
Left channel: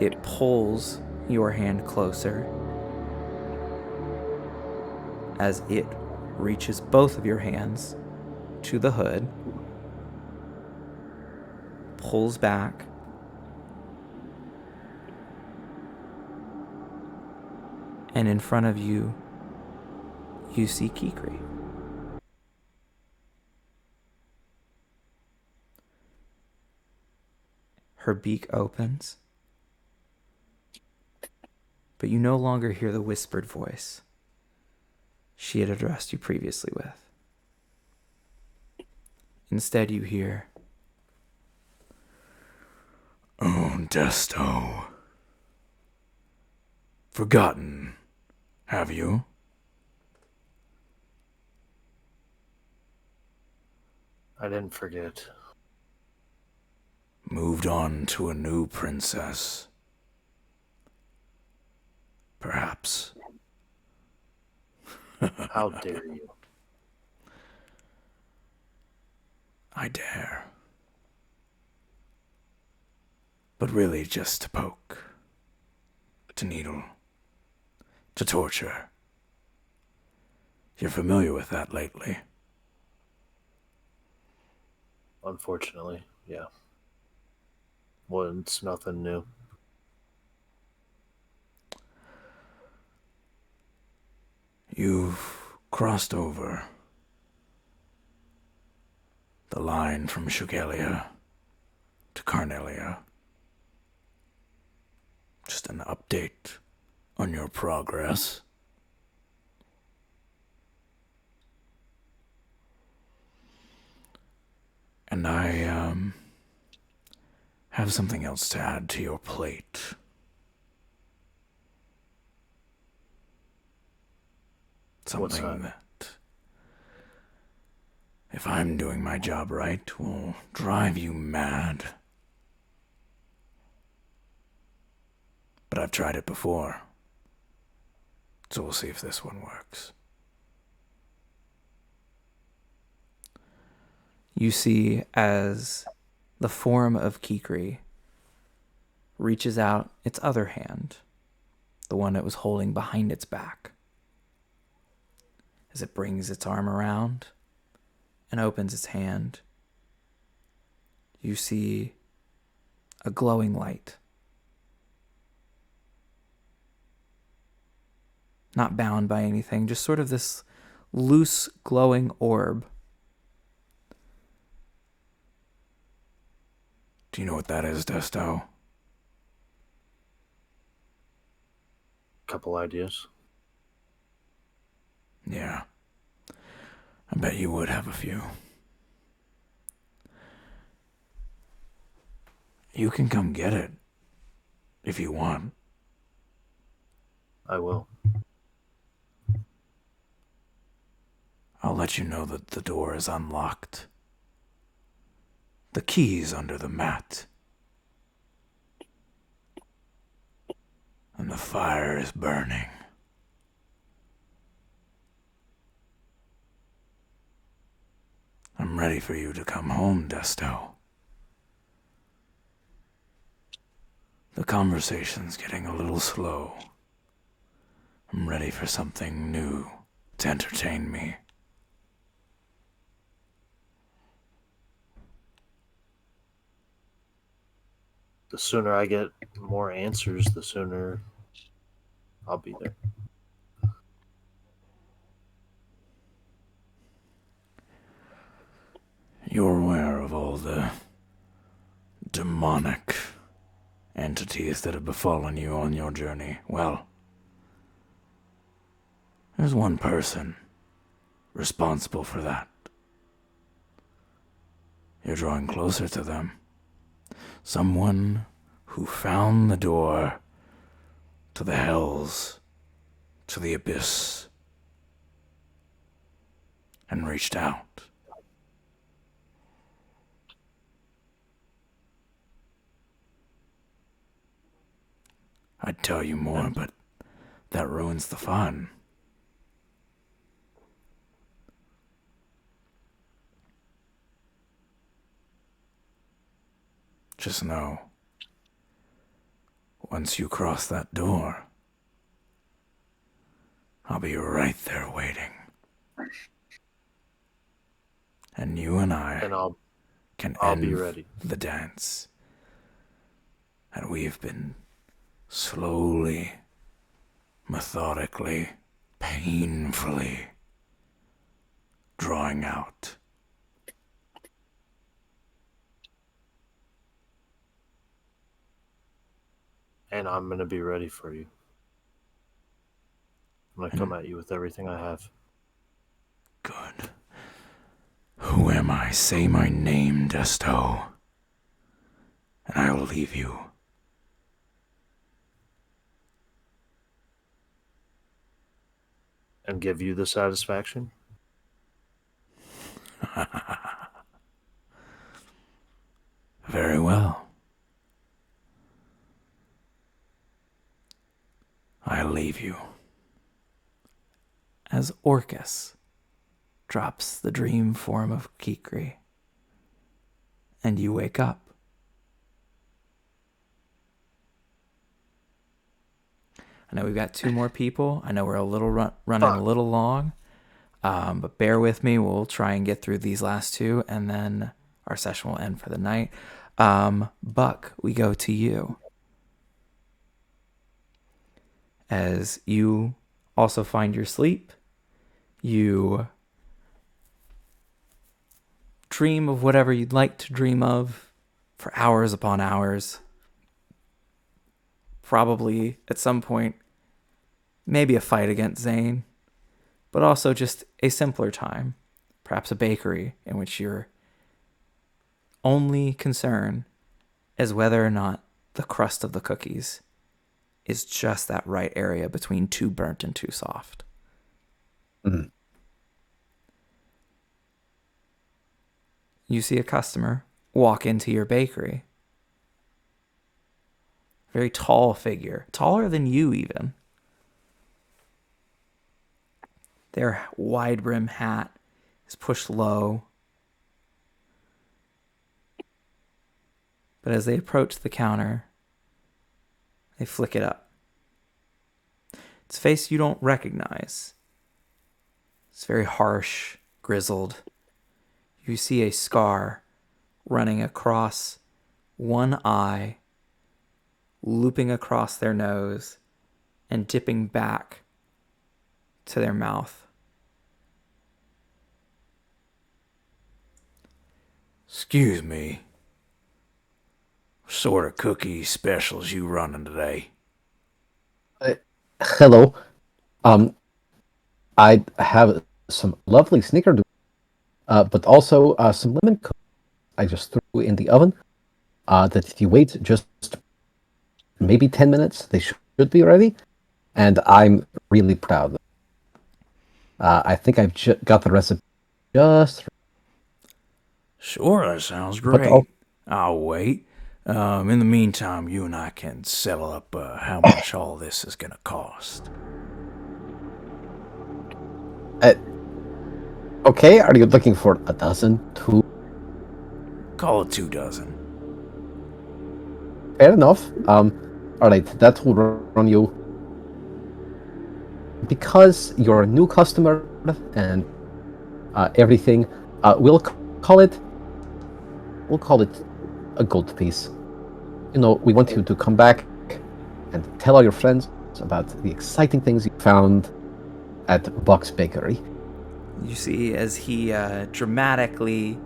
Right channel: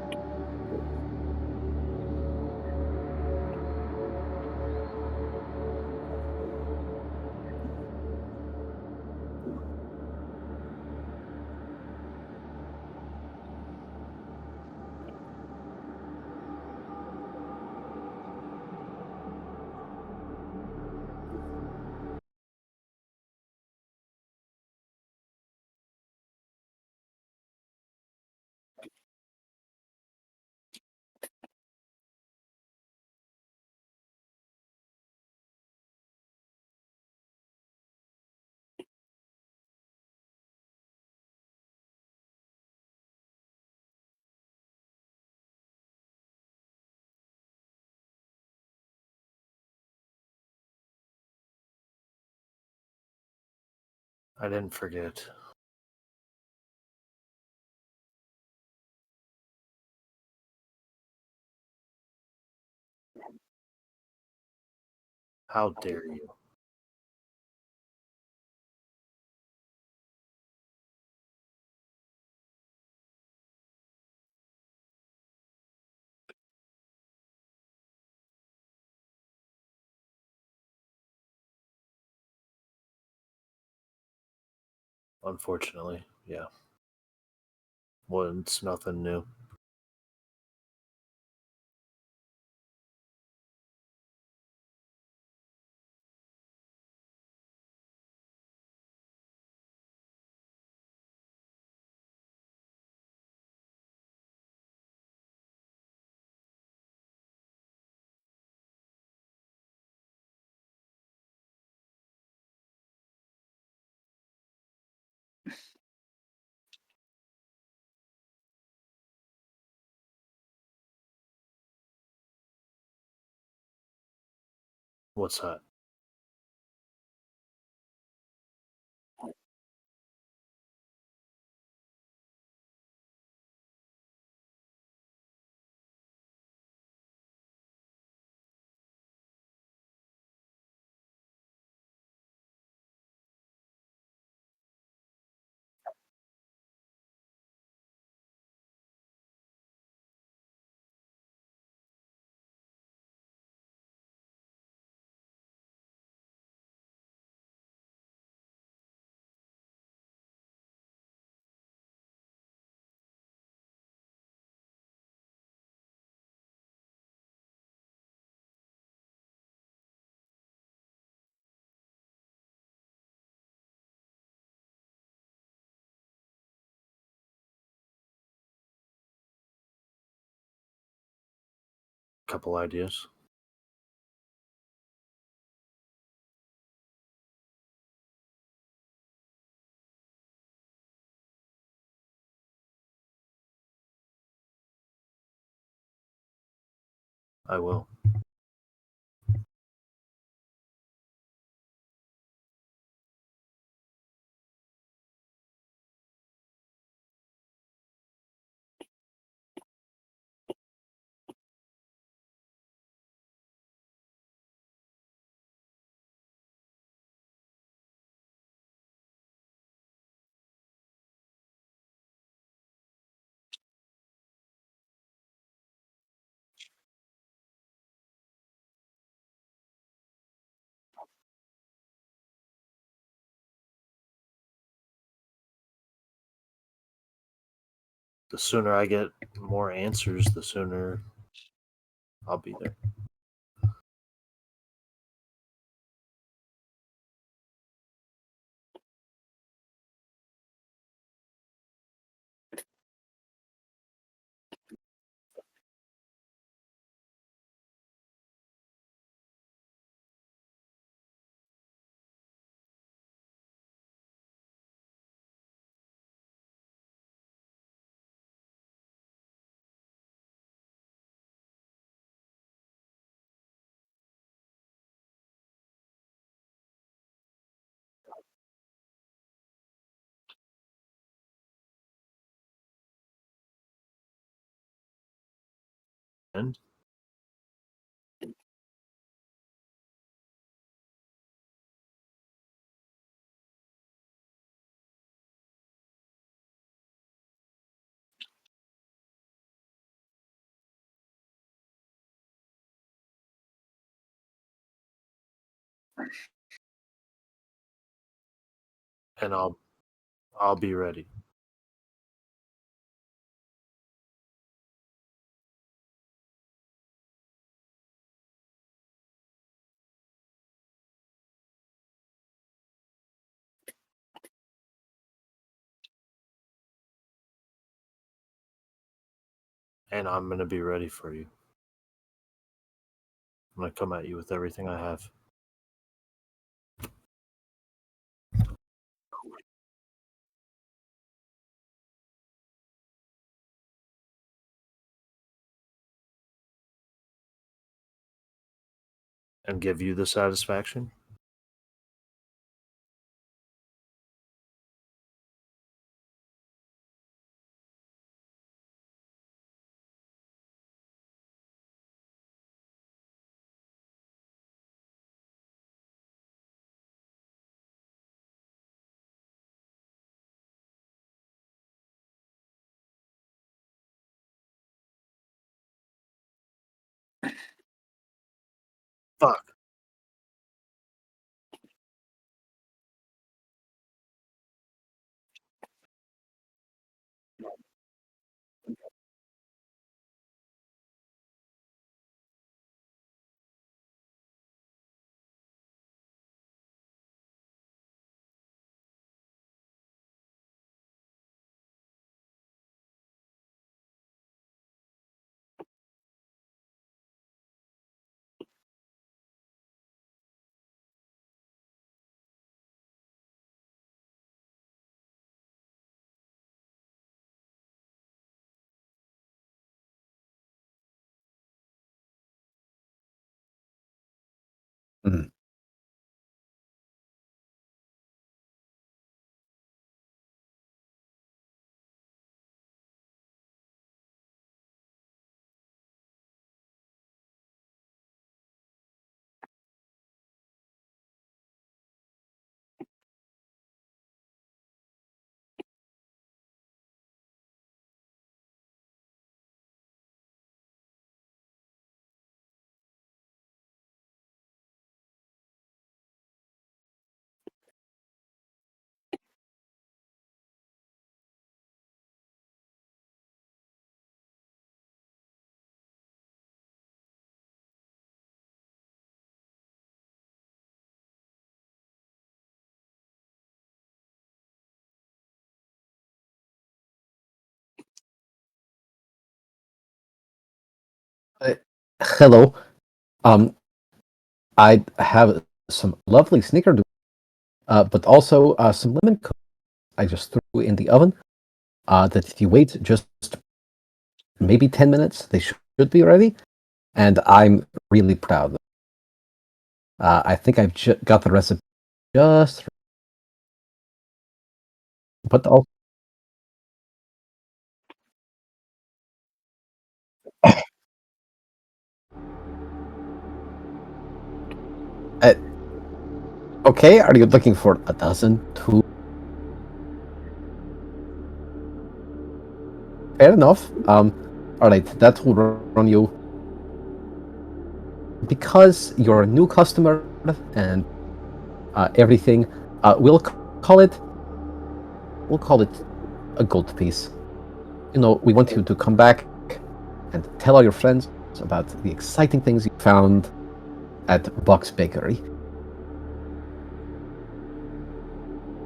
It pulls your hand closer as it reaches both of your hands to the hood, pulls back, and in front of you, you see Kikri. Her beak opens, but you no longer hear the whispered voice she had addressed you previously with. Instead, you hear, "Oh, Desto. Forgotten, have you?" I didn't forget. Moved on to a new princess. Perhaps. How dare you? I dare. But really just to poke, to needle, to torture. You're familiar with that lately. Unfortunately, yeah. Well, it's nothing new. You've crossed over the line from Shugelia to Carnelia. Just an update on your progress. And I have something else to add to your plate. What's Something that? that, if I'm doing my job right, will drive you mad. But I've tried it before. So we'll see if this one works. you see as the form of Kikri reaches out its other hand, the one it was holding behind its back. As it brings its arm around and opens its hand, you see a glowing light. Not bound by anything, just sort of this loose glowing orb. Do you know what that is, Desto? Couple ideas. Yeah. I bet you would have a few. You can come get it. If you want. I will. I'll let you know that the door is unlocked. The key's under the mat. And the fire is burning. I'm ready for you to come home, Desto. The conversation's getting a little slow. I'm ready for something new to entertain me. The sooner I get more answers, the sooner I'll be there. You're aware of all the demonic entities that have befallen you on your journey. Well, there's one person responsible for that. You're drawing closer to them. Someone who found the door to the hells, to the abyss, and reached out. I'd tell you more, but that ruins the fun. Just know, once you cross that door, I'll be right there waiting. And you and I And can I'll end be ready. the dance. And we've been slowly, methodically, painfully drawing out. And I'm going to be ready for you. I'm going to come at you with everything I have. Good. Who am I? Say my name, Desto, and I will leave you. And give you the satisfaction? Very well. I'll leave you. As Orcus drops the dream form of Kikri, and you wake up. I know we've got 2 more people. I know we're a little running a little long, but bear with me. We'll try and get through these last 2, and then our session will end for the night. Buck, we go to you. As you also find your sleep, you dream of whatever you'd like to dream of for hours upon hours. Probably at some point, maybe a fight against Zane, but also just a simpler time, perhaps a bakery in which your only concern is whether or not the crust of the cookies is just that right area between too burnt and too soft. Mhm. You see a customer walk into your bakery. Very tall figure, taller than you even. Their wide brim hat is pushed low. But as they approach the counter, they flick it up. It's a face you don't recognize. It's very harsh, grizzled. You see a scar running across one eye, looping across their nose, and dipping back to their mouth. Excuse me. What sort of cookie specials you running today? Hello. I have some lovely snickerdoodle, but also some lemon cookies I just threw in the oven. That if you wait just maybe 10 minutes, they should be ready. And I'm really proud of them. I think I've got the recipe just right. Sure, that sounds But great. I'll wait. In the meantime, you and I can settle up how much all this is going to cost. Okay, are you looking for a dozen? 2? Call it 2 dozen. Fair enough. All right, that will run you because you're a new customer and everything, we'll call it a gold piece. We want you to come back and tell all your friends about the exciting things you found at Buck's Bakery. You see, as he dramatically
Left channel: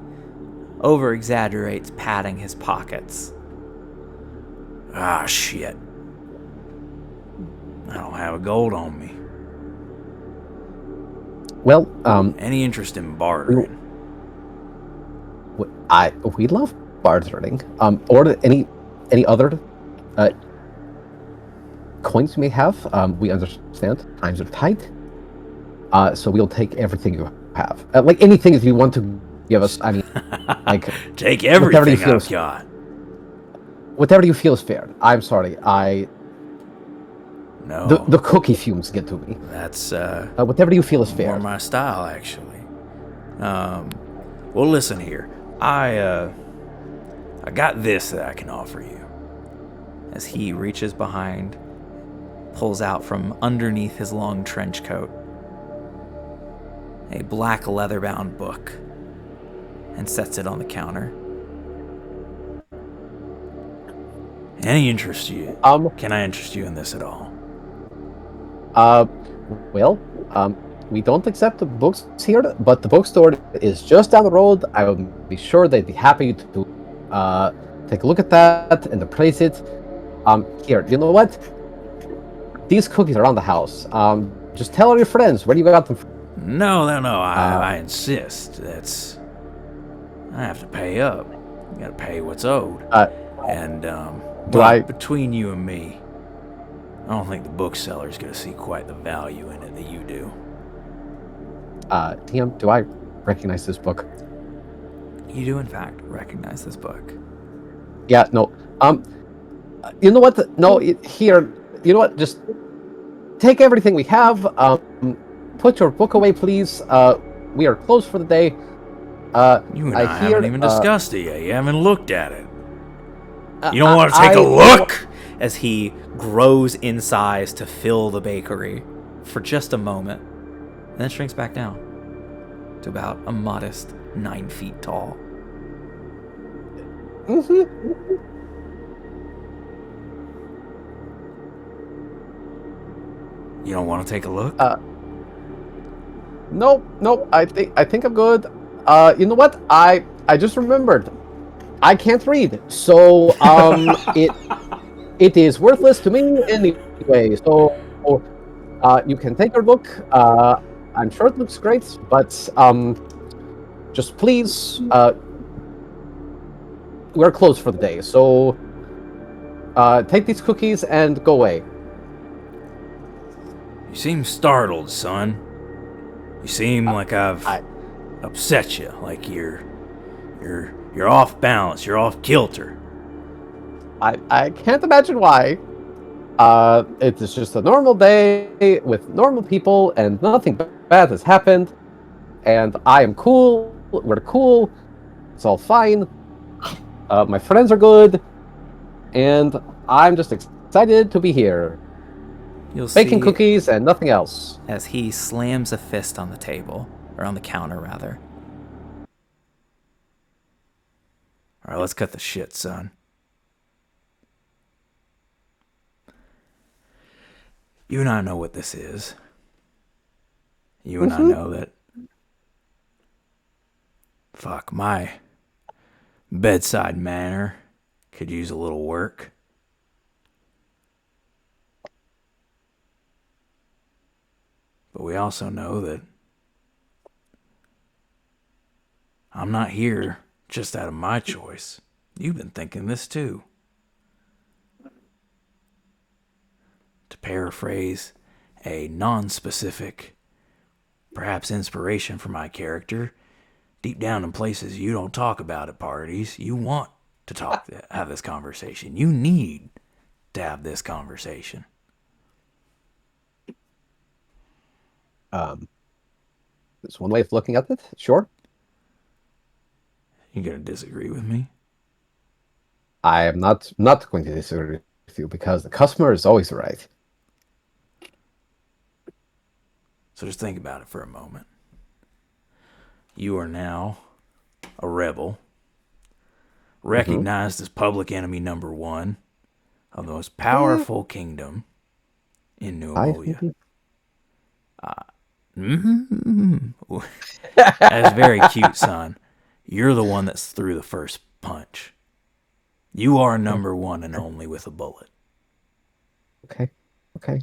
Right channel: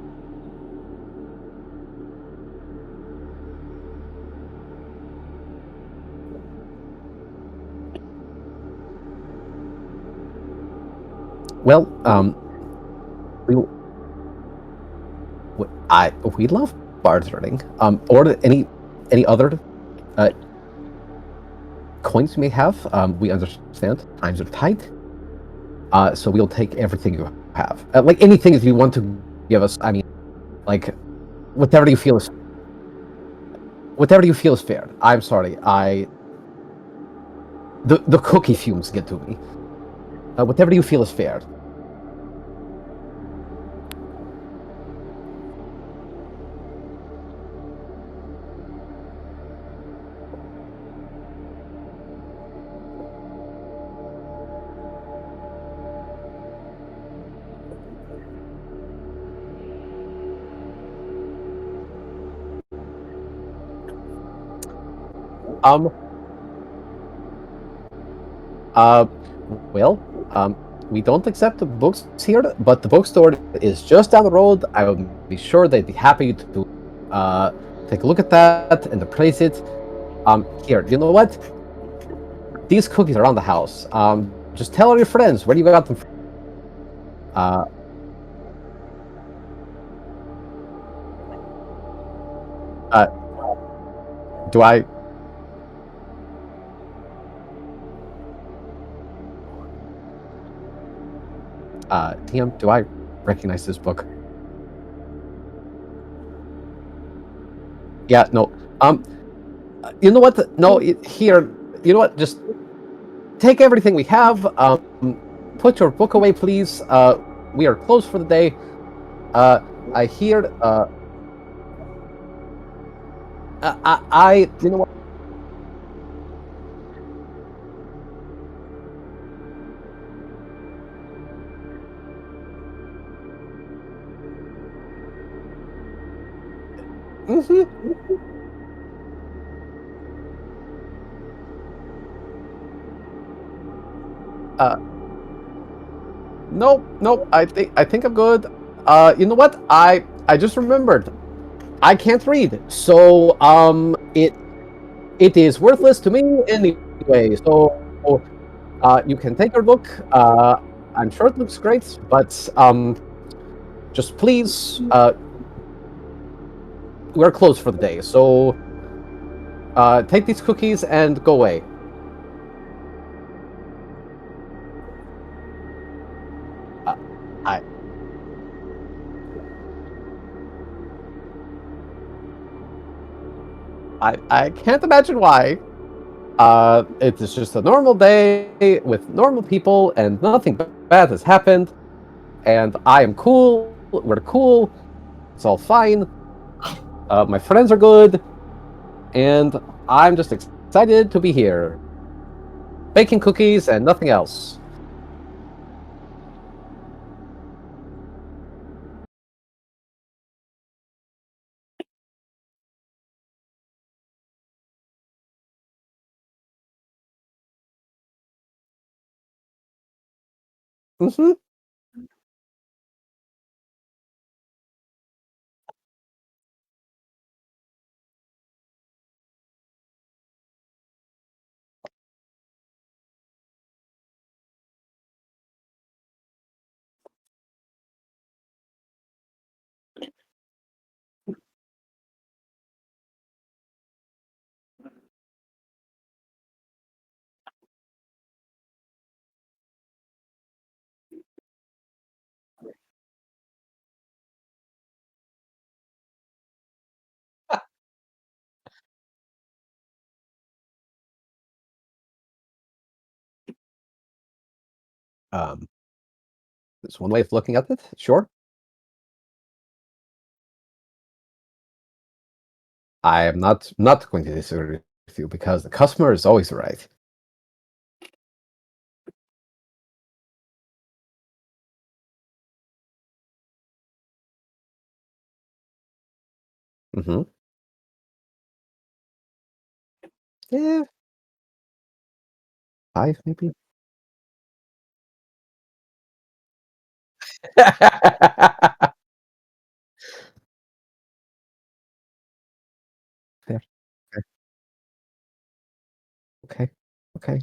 over-exaggerates, patting his pockets. Ah, shit. I don't have a gold on me. Well, Any interest in bartering? we love bartering. Or any other coins you may have. We understand times are tight, so we'll take everything you have. Like anything that you want to give us. I mean, like Take whatever you everything feel I've is got. whatever you feel is fair. I'm sorry. No, The cookie fumes get to me. that's Whatever you feel is fair. more my style, actually. Well, listen here. I got this that I can offer you. As he reaches behind, pulls out from underneath his long trench coat a black leather-bound book and sets it on the counter. Any interest you? Can I interest you in this at all? Well, we don't accept the books here, but the bookstore is just down the road. I will be sure they'd be happy to take a look at that and appraise it. Here, you know what? These cookies are on the house. Just tell all your friends where you got them from. No. I insist. I have to pay up. You gotta pay what's owed. And between you and me, I don't think the bookseller's gonna see quite the value in it that you do. TM, do I recognize this book? You do, in fact, recognize this book. Yeah, no. You know what? Here. You know what? Just take everything we have. Put your book away, please. We are closed for the day. You and I haven't even discussed it yet. You haven't looked at it. You don't want to take a look? As he grows in size to fill the bakery for just a moment, and then shrinks back down to about a modest 9 feet tall. You don't want to take a look? Nope. I think I'm good. You know what? I just remembered. I can't read, so it is worthless to me anyway. So you can take your book. I'm sure it looks great, but just please, we're closed for the day. So take these cookies and go away. You seem startled, son. You seem like I've upset you, like you're off balance, you're off kilter. I can't imagine why. It is just a normal day with normal people, and nothing bad has happened. And I am cool. We're cool. It's all fine. My friends are good, and I'm just excited to be here. You'll Baking see cookies and nothing else. as he slams a fist on the table, or on the counter, rather. All right, let's cut the shit, son. You and I know what this is. You and I know that. Fuck, my bedside manner could use a little work. But we also know that I'm not here just out of my choice. You've been thinking this too. To paraphrase a non-specific, perhaps inspiration for my character, deep down in places you don't talk about at parties, you want to have this conversation. You need to have this conversation. There's one way of looking at it. Sure. You gonna disagree with me? I am not going to disagree with you because the customer is always right. So just think about it for a moment. You are now a rebel, recognized as public enemy number 1 of the most powerful kingdom in New Ammolia. That is very cute, son. You're the one that threw the first punch. You are number 1 and only with a bullet. Okay,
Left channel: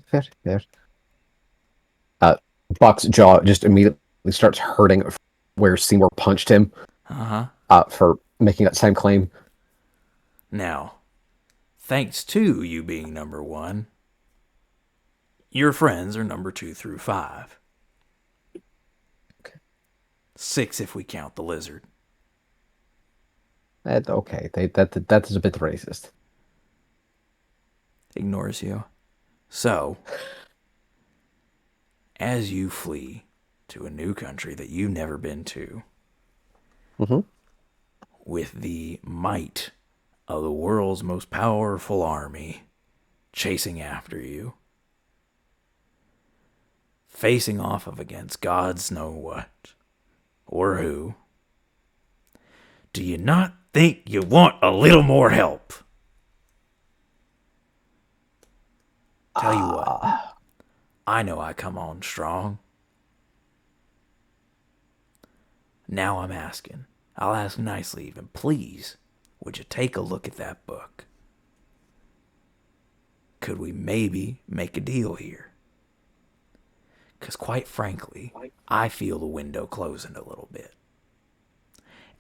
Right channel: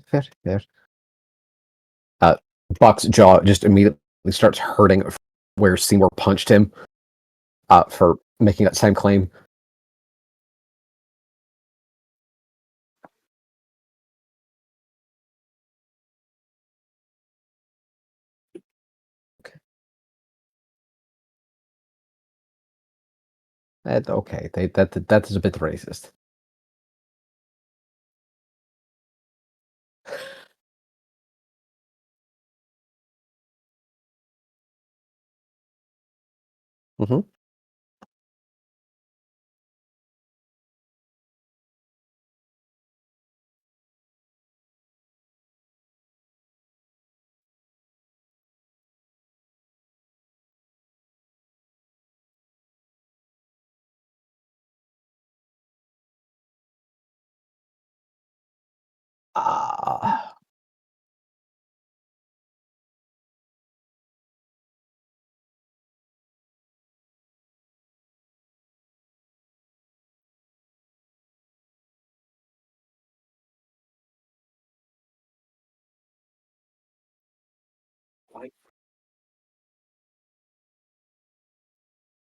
fair. Buck's jaw just immediately starts hurting where Seymour punched him for making that same claim. Now, thanks to you being number 1, your friends are number 2 through 5. Okay. 6 if we count the lizard. Okay, that is a bit racist. Ignores you. So, as you flee to a new country that you've never been to, with the might of the world's most powerful army chasing after you, facing off against gods know what or who, do you not think you want a little more help? Tell you what, I know I come on strong. Now I'm asking. I'll ask nicely even. Please, would you take a look at that book? Could we maybe make a deal here? Because quite frankly, I feel the window closing a little bit.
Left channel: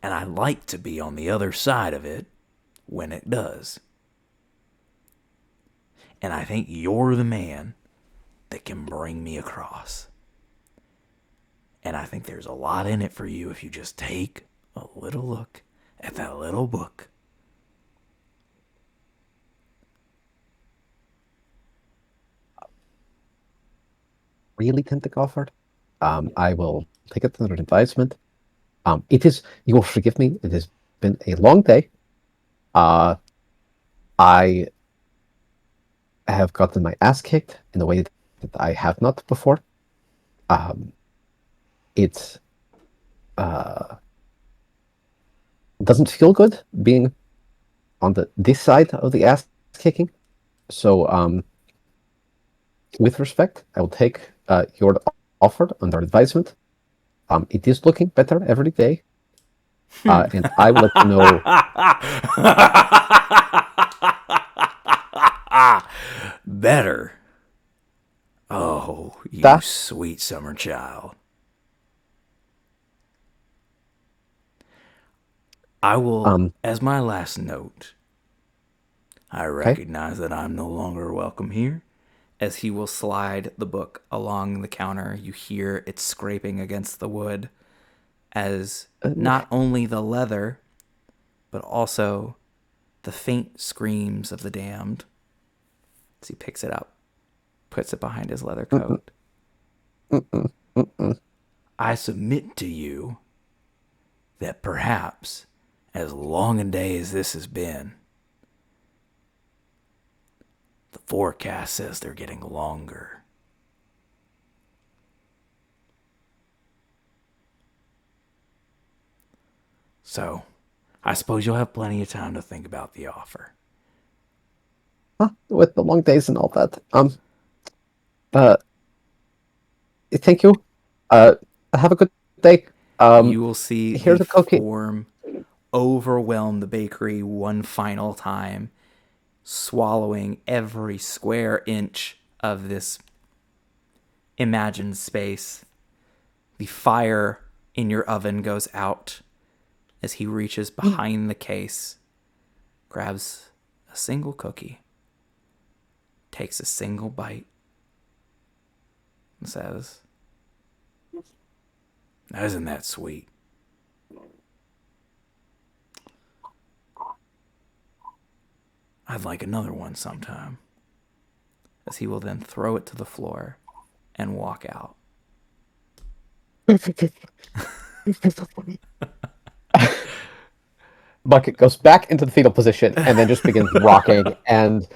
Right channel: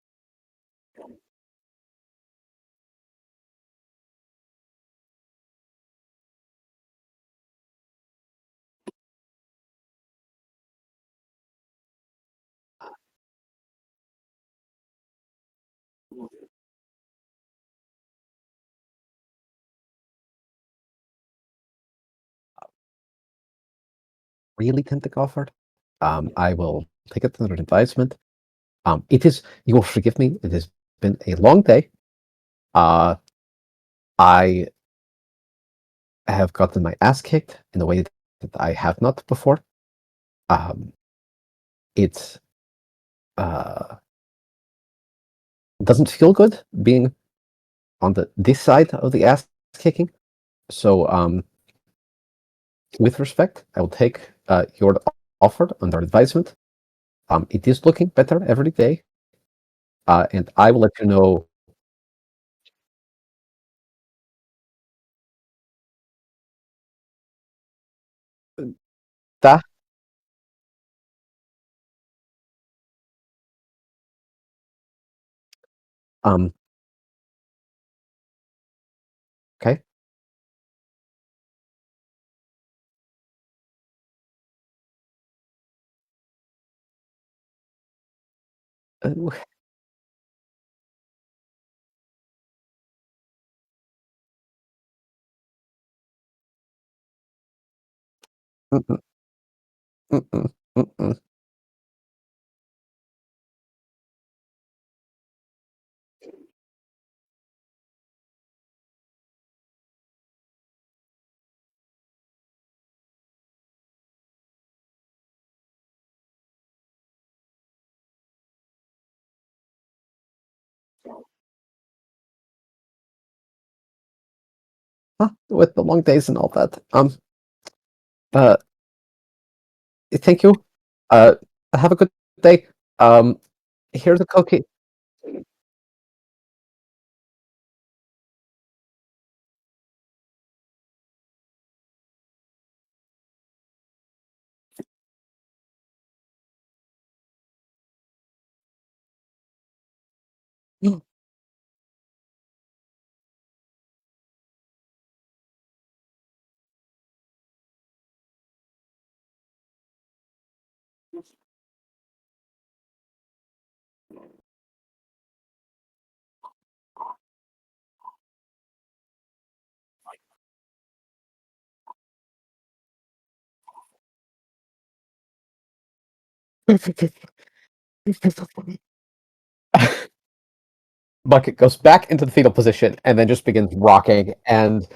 And I like to be on the other side of it when it does. And I think you're the man that can bring me across. And I think there's a lot in it for you if you just take a little look at that little book. Really can't take offered. I will take it under advisement. It is, you will forgive me, it has been a long day. I have gotten my ass kicked in a way that I have not before. It doesn't feel good being on this side of the ass kicking. So, with respect, I will take your offer under advisement. It is looking better every day. And I will let you know. Better. Oh, you sweet summer child. I will, as my last note, I recognize that I'm no longer welcome here. As he will slide the book along the counter, you hear it scraping against the wood as not only the leather, but also the faint screams of the damned. As he picks it up, puts it behind his leather coat. I submit to you that perhaps, as long a day as this has been, the forecast says they're getting longer. So, I suppose you'll have plenty of time to think about the offer. With the long days and all that. Thank you. Have a good day. You will see here's the a cookie. form overwhelm the bakery one final time, swallowing every square inch of this imagined space. The fire in your oven goes out as he reaches behind the case, grabs a single cookie, takes a single bite, and says, "Isn't that sweet? I'd like another one sometime." As he will then throw it to the floor and walk out. Bucket goes back into the fetal position and then just begins rocking. And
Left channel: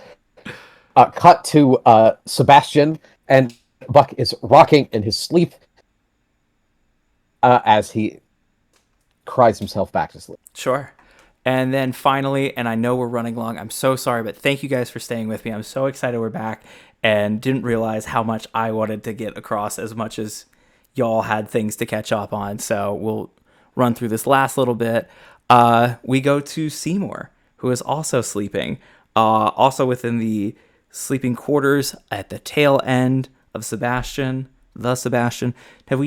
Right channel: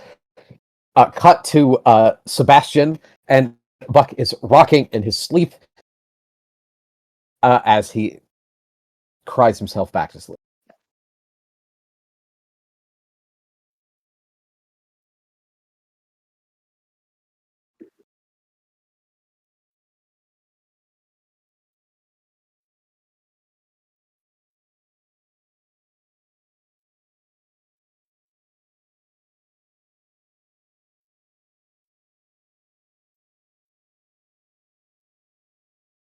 cut to Sebastian and Buck is rocking in his sleep as he cries himself back to sleep. Sure. And then finally, and I know we're running long, I'm so sorry, but thank you guys for staying with me. I'm so excited we're back and didn't realize how much I wanted to get across as much as y'all had things to catch up on. So we'll run through this last little bit. We go to Seymour, who is also sleeping, also within the sleeping quarters at the tail end of Sebastian. The Sebastian. Are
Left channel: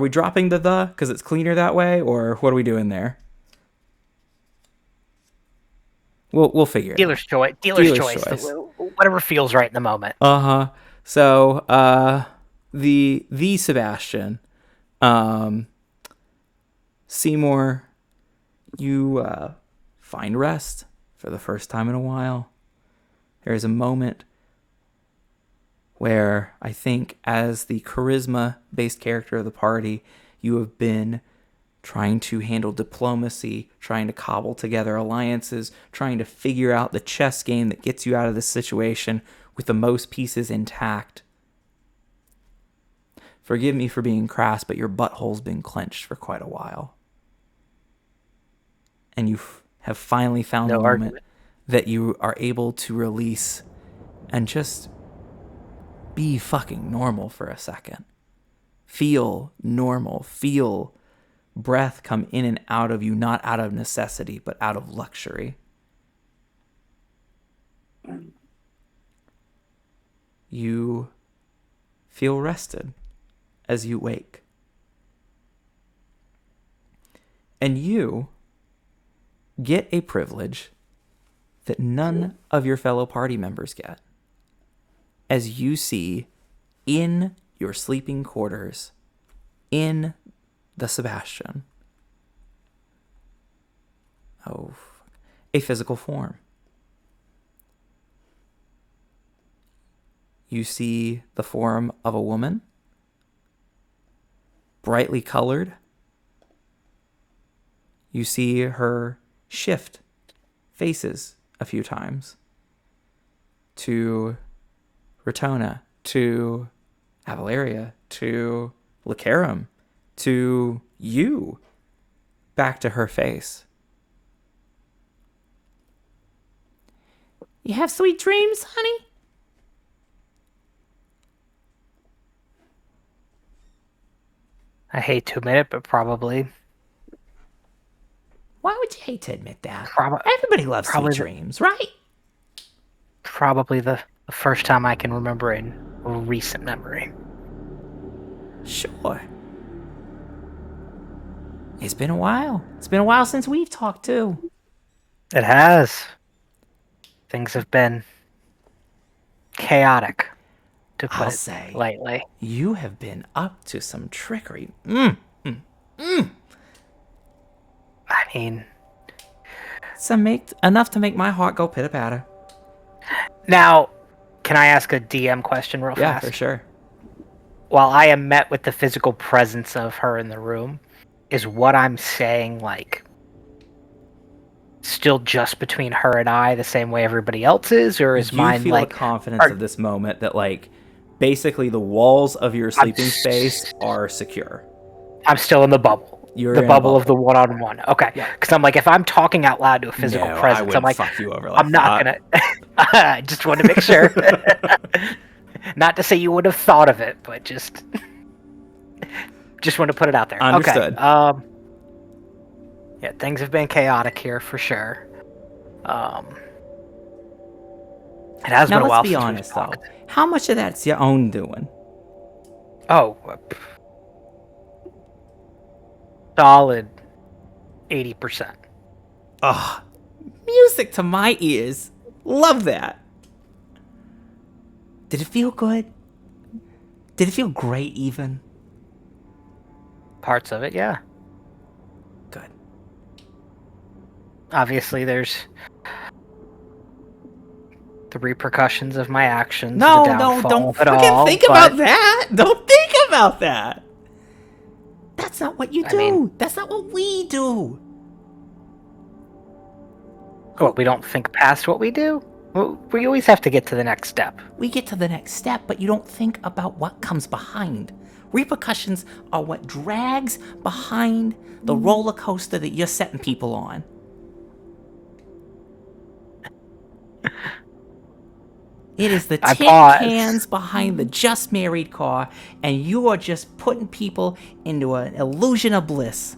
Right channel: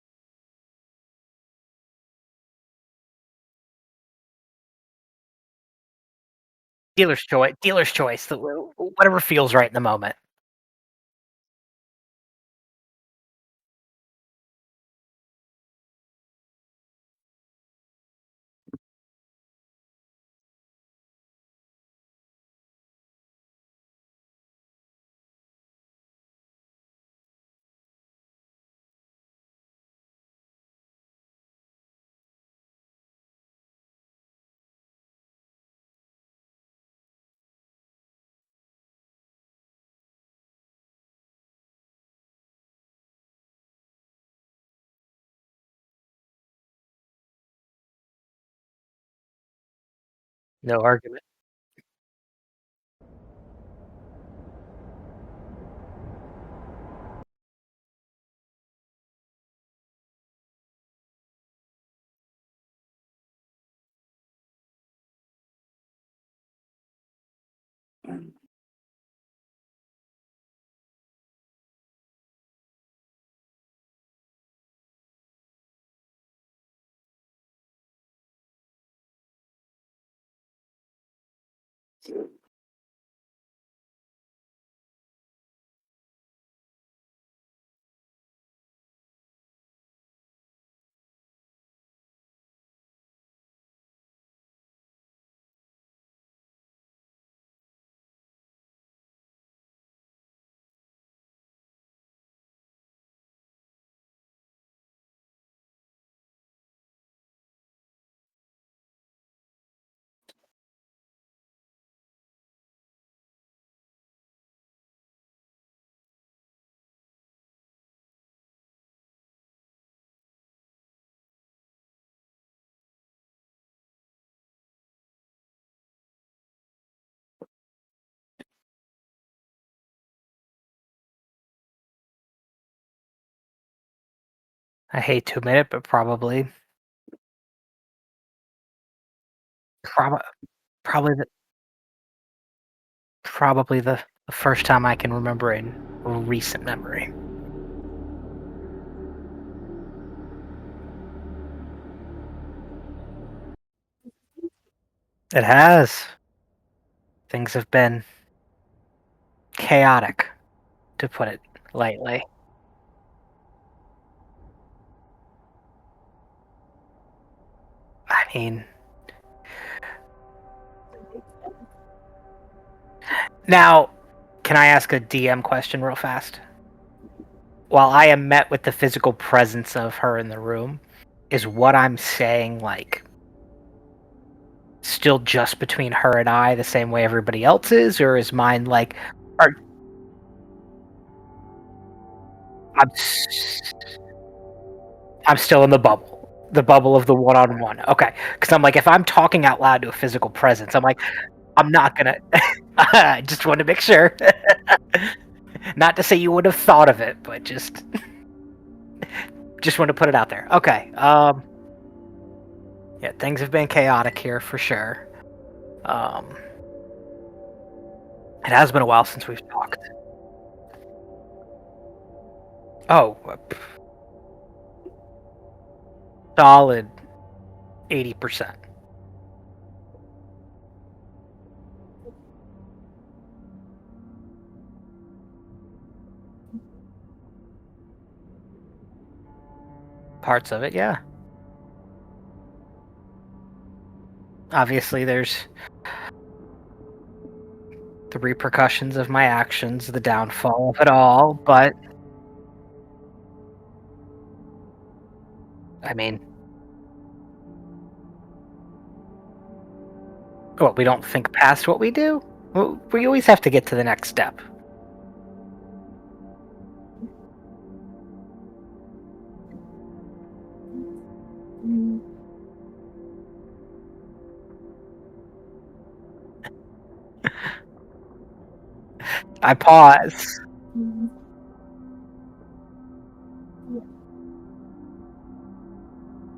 we dropping the because it's cleaner that way, or what are we doing there? We'll figure it out. Dealer's choice. Whatever feels right in the moment. So the Sebastian, Seymour, you find rest for the first time in a while. There is a moment where I think, as the charisma-based character of the party, you have been trying to handle diplomacy, trying to cobble together alliances, trying to figure out the chess game that gets you out of this situation with the most pieces intact. Forgive me for being crass, but your butthole's been clenched for quite a while. And you have finally found the moment that you are able to release and just be fucking normal for a second. Feel normal. Feel breath come in and out of you, not out of necessity, but out of luxury. You feel rested as you wake. And you get a privilege that none of your fellow party members get, as you see in your sleeping quarters in the Sebastian a physical form. You see the form of a woman, brightly colored. You see her shift faces a few times to Rotona, to Avalaria, to Lacarum, to you, back to her face. You have sweet dreams, honey? I hate to admit it, but probably. Why would you hate to admit that? Everybody loves sweet dreams, right? Probably the first time I can remember in recent memory. Sure. It's been a while. It's been a while since we've talked, too. It has. Things have been chaotic, to put it lightly. You have been up to some trickery. I mean, enough to make my heart go pitter-patter. Now, can I ask a DM question real fast? Yeah, for sure. While I am met with the physical presence of her in the room, is what I'm saying, like, still just between her and I, the same way everybody else is, or is mine like confidence of this moment that, like, basically the walls of your sleeping space are secure? I'm still in the bubble. You're the in bubble of the one-on-one. Okay, because I'm like, if I'm talking out loud to a physical presence, I'm like, I'm not gonna. I just want to make sure. Not to say you would have thought of it, but just want to put it out there. Understood. Okay. Yeah, things have been chaotic here for sure. It has been a while since we've talked. How much of that's your own doing? Oh, solid 80%. Oh, music to my ears. Love that. Did it feel good? Did it feel great even? Parts of it, yeah. Good. Obviously, there's the repercussions of my actions, the downfall of it all. Don't think about that. Don't think about that. That's not what you do. I mean, that's not what we do. What, we don't think past what we do? Well, we always have to get to the next step. We get to the next step, but you don't think about what comes behind. Repercussions are what drags behind the roller coaster that you're setting people on. It is the I tin pause. cans behind the just married car, and you are just putting people into an illusion of bliss.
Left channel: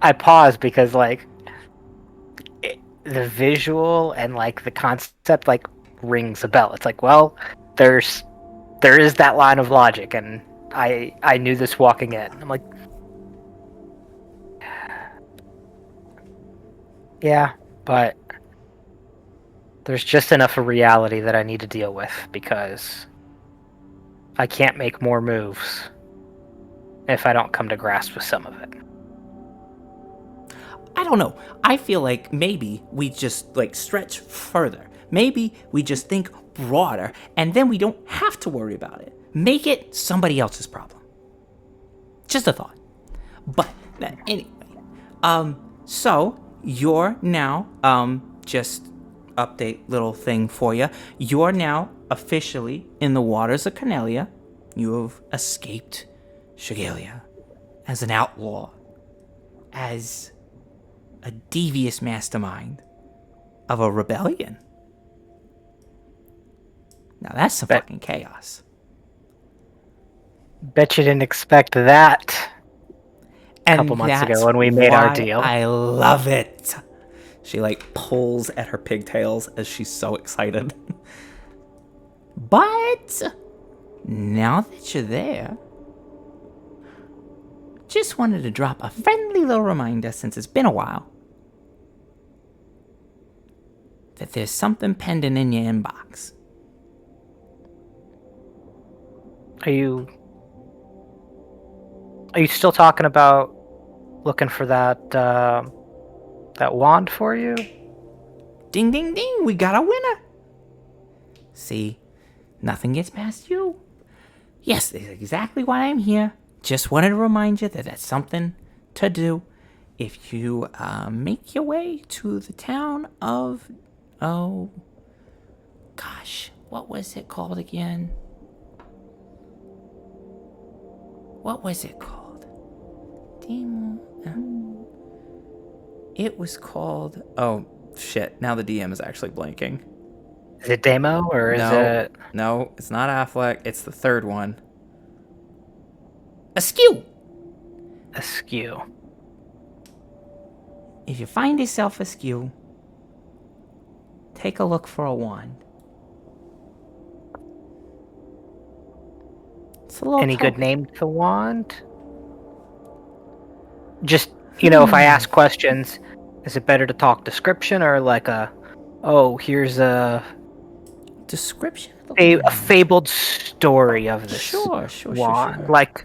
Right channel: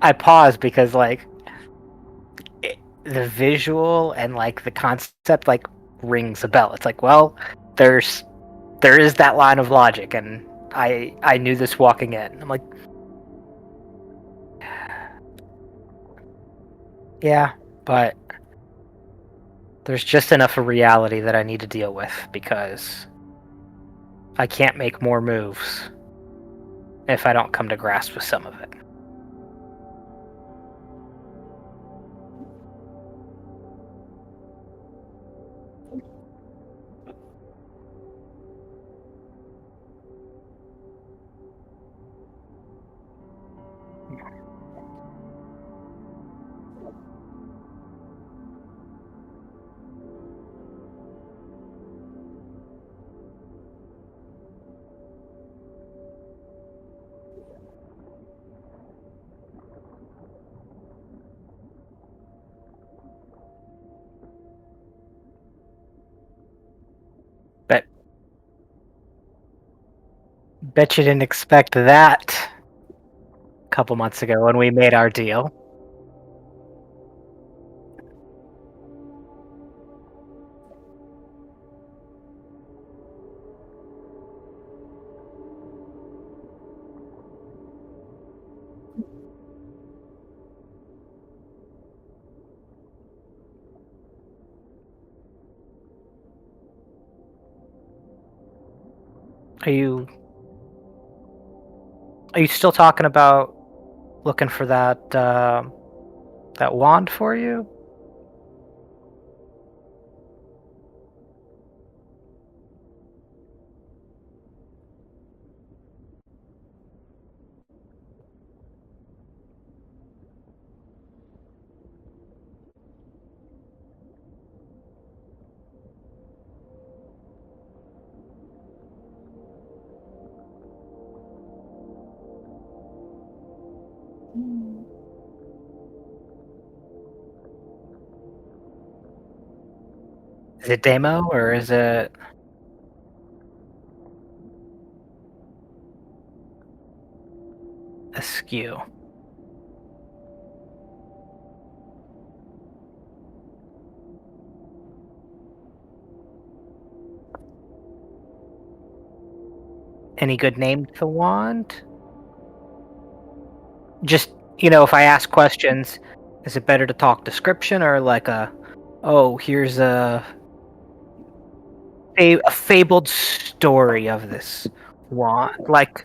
I pause because like the visual and like the concept like rings a bell. It's like, well, there is that line of logic, and I knew this walking in. I'm like, yeah, but there's just enough of reality that I need to deal with because I can't make more moves if I don't come to grasp with some of it. I don't know. I feel like maybe we just like stretch further. Maybe we just think broader, and then we don't have to worry about it. Make it somebody else's problem. Just a thought. But anyway, so you're now just update little thing for you. You're now officially in the waters of Cornelia. You have escaped Shigalia as an outlaw, as a devious mastermind of a rebellion. Now that's some fucking chaos. Bet you didn't expect that a And couple months ago that's when we made our why deal. I love it. She like pulls at her pigtails as she's so excited. But now that you're there, just wanted to drop a friendly little reminder since it's been a while that there's something pending in your inbox. Are you still talking about looking for that that wand for you? Ding, ding, ding, we got a winner. See, nothing gets past you. Yes, that's exactly why I'm here. Just wanted to remind you that that's something to do. If you make your way to the town of, oh, gosh, what was it called again? What was it called? It was called, oh, shit, now the DM is actually blanking. Is it Demo or is it? No, it's not Affleck. It's the third one. Askew. Askew. If you find yourself askew, take a look for a wand. It's a little Any good token. name to the wand? Just, if I ask questions, is it better to talk description or like here's a Description of the wand. fabled story of this Sure. wand? Like,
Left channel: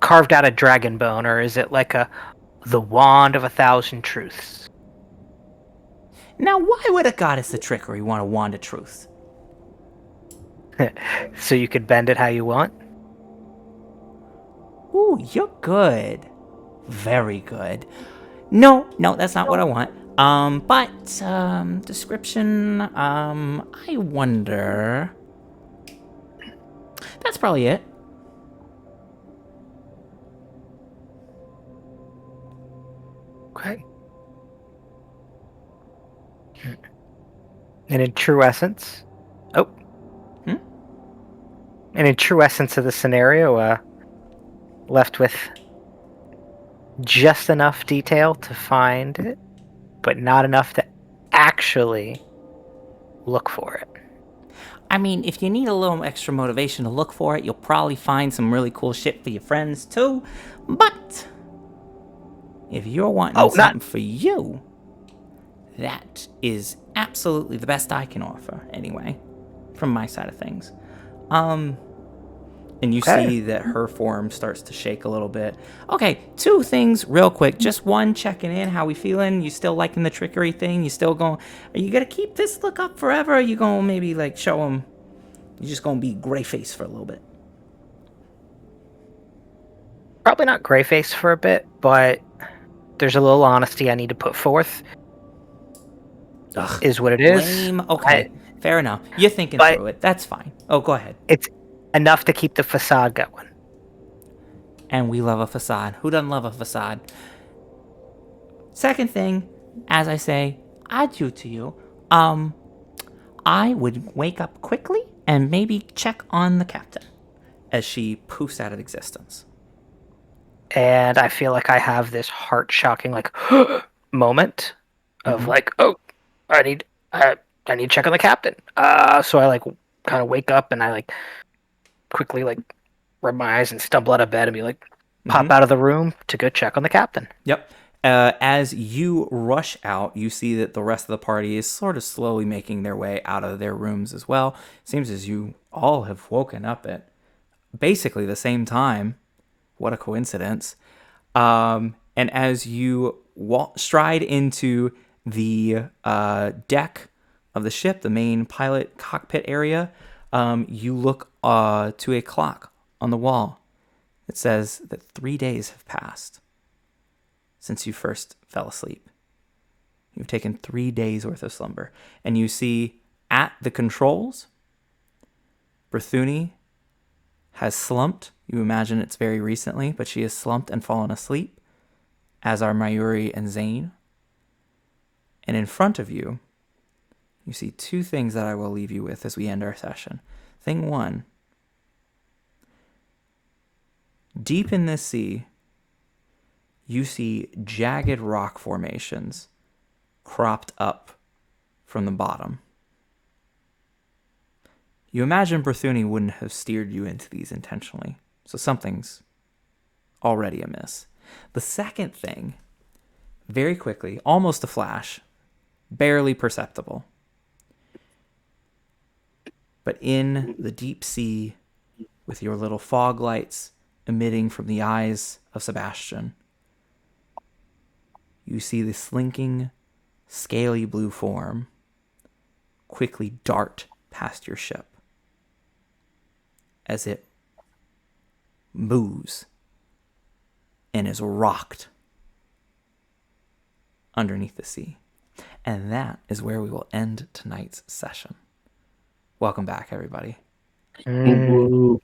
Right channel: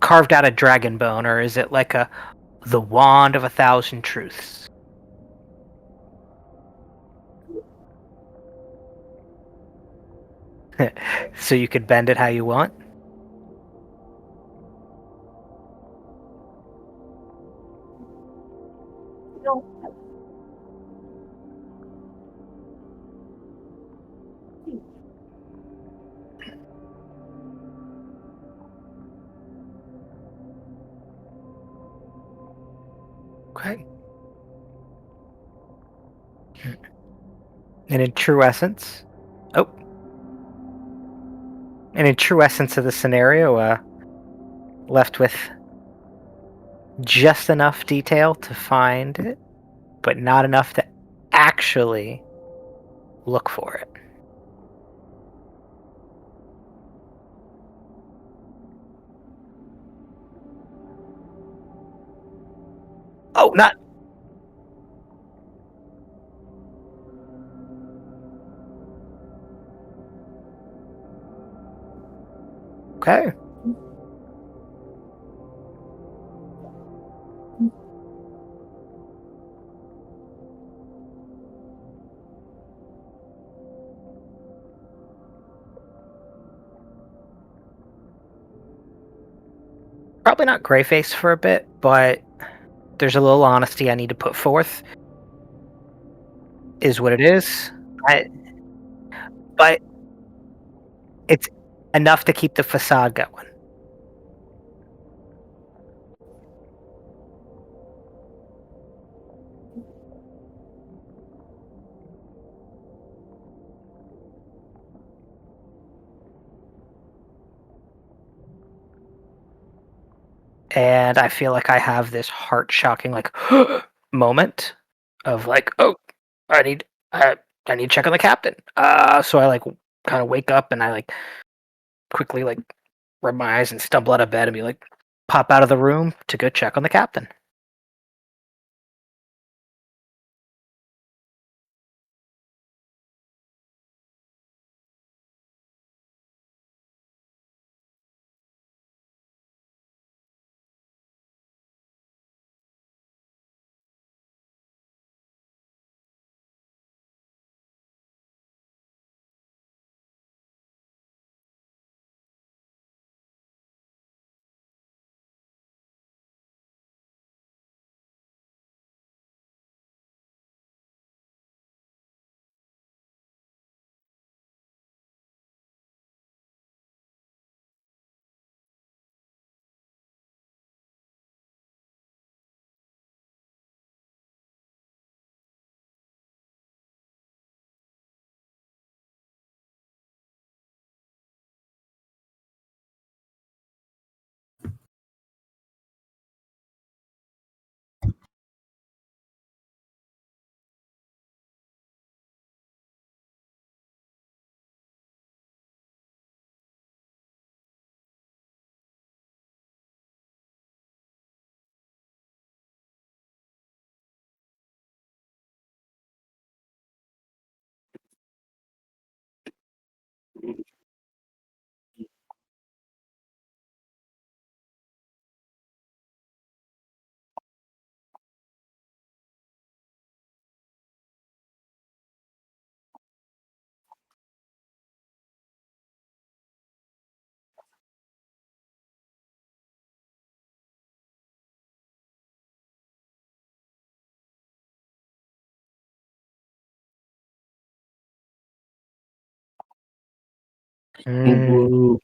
carved out of dragon bone, or is it like the wand of 1,000 truths? Now, why would a goddess of trickery want a wand of truth? So you could bend it how you want? Ooh, you're good. Very good. No, that's not what I want. But description, I wonder. That's probably it. Okay. And in true essence, and in true essence of the scenario, left with just enough detail to find it, but not enough to actually look for it. I mean, if you need a little extra motivation to look for it, you'll probably find some really cool shit for your friends too. But if you're wanting something for you, that is absolutely the best I can offer, anyway, from my side of things. And you see that her form starts to shake a little bit. Okay, two things real quick. Just one, checking in. How we feeling? You still liking the trickery thing? You still going? Are you gonna keep this look up forever? Or are you gonna maybe like show them? You're just gonna be gray face for a little bit. Probably not gray face for a bit, but there's a little honesty I need to put forth. is what it is. Lame. Okay, fair enough. You're thinking but- through it. That's fine. Oh, go ahead. It's enough to keep the facade going. And we love a facade. Who doesn't love a facade? Second thing, as I say, adieu to you. I would wake up quickly and maybe check on the captain as she poofs out of existence. And I feel like I have this heart-shocking like moment of like, oh, I need to check on the captain. So I like kind of wake up and I like quickly like rub my eyes and stumble out of bed and be like, pop out of the room to go check on the captain. Yep. As you rush out, you see that the rest of the party is sort of slowly making their way out of their rooms as well. Seems as you all have woken up at basically the same time. What a coincidence. And as you stride into the deck of the ship, the main pilot cockpit area, you look to a clock on the wall. It says that 3 days have passed since you first fell asleep. You've taken 3 days worth of slumber. And you see at the controls, Berthuni has slumped. You imagine it's very recently, but she has slumped and fallen asleep, as are Mayuri and Zane. And in front of you, you see two things that I will leave you with as we end our session. Thing one, deep in this sea, you see jagged rock formations cropped up from the bottom. You imagine Berthuni wouldn't have steered you into these intentionally, so something's already amiss. The second thing, very quickly, almost a flash, barely perceptible, but in the deep sea, with your little fog lights emitting from the eyes of Sebastian, you see the slinking, scaly blue form quickly dart past your ship as it moves and is rocked underneath the sea. And that is where we will end tonight's session. Welcome back, everybody. Mm.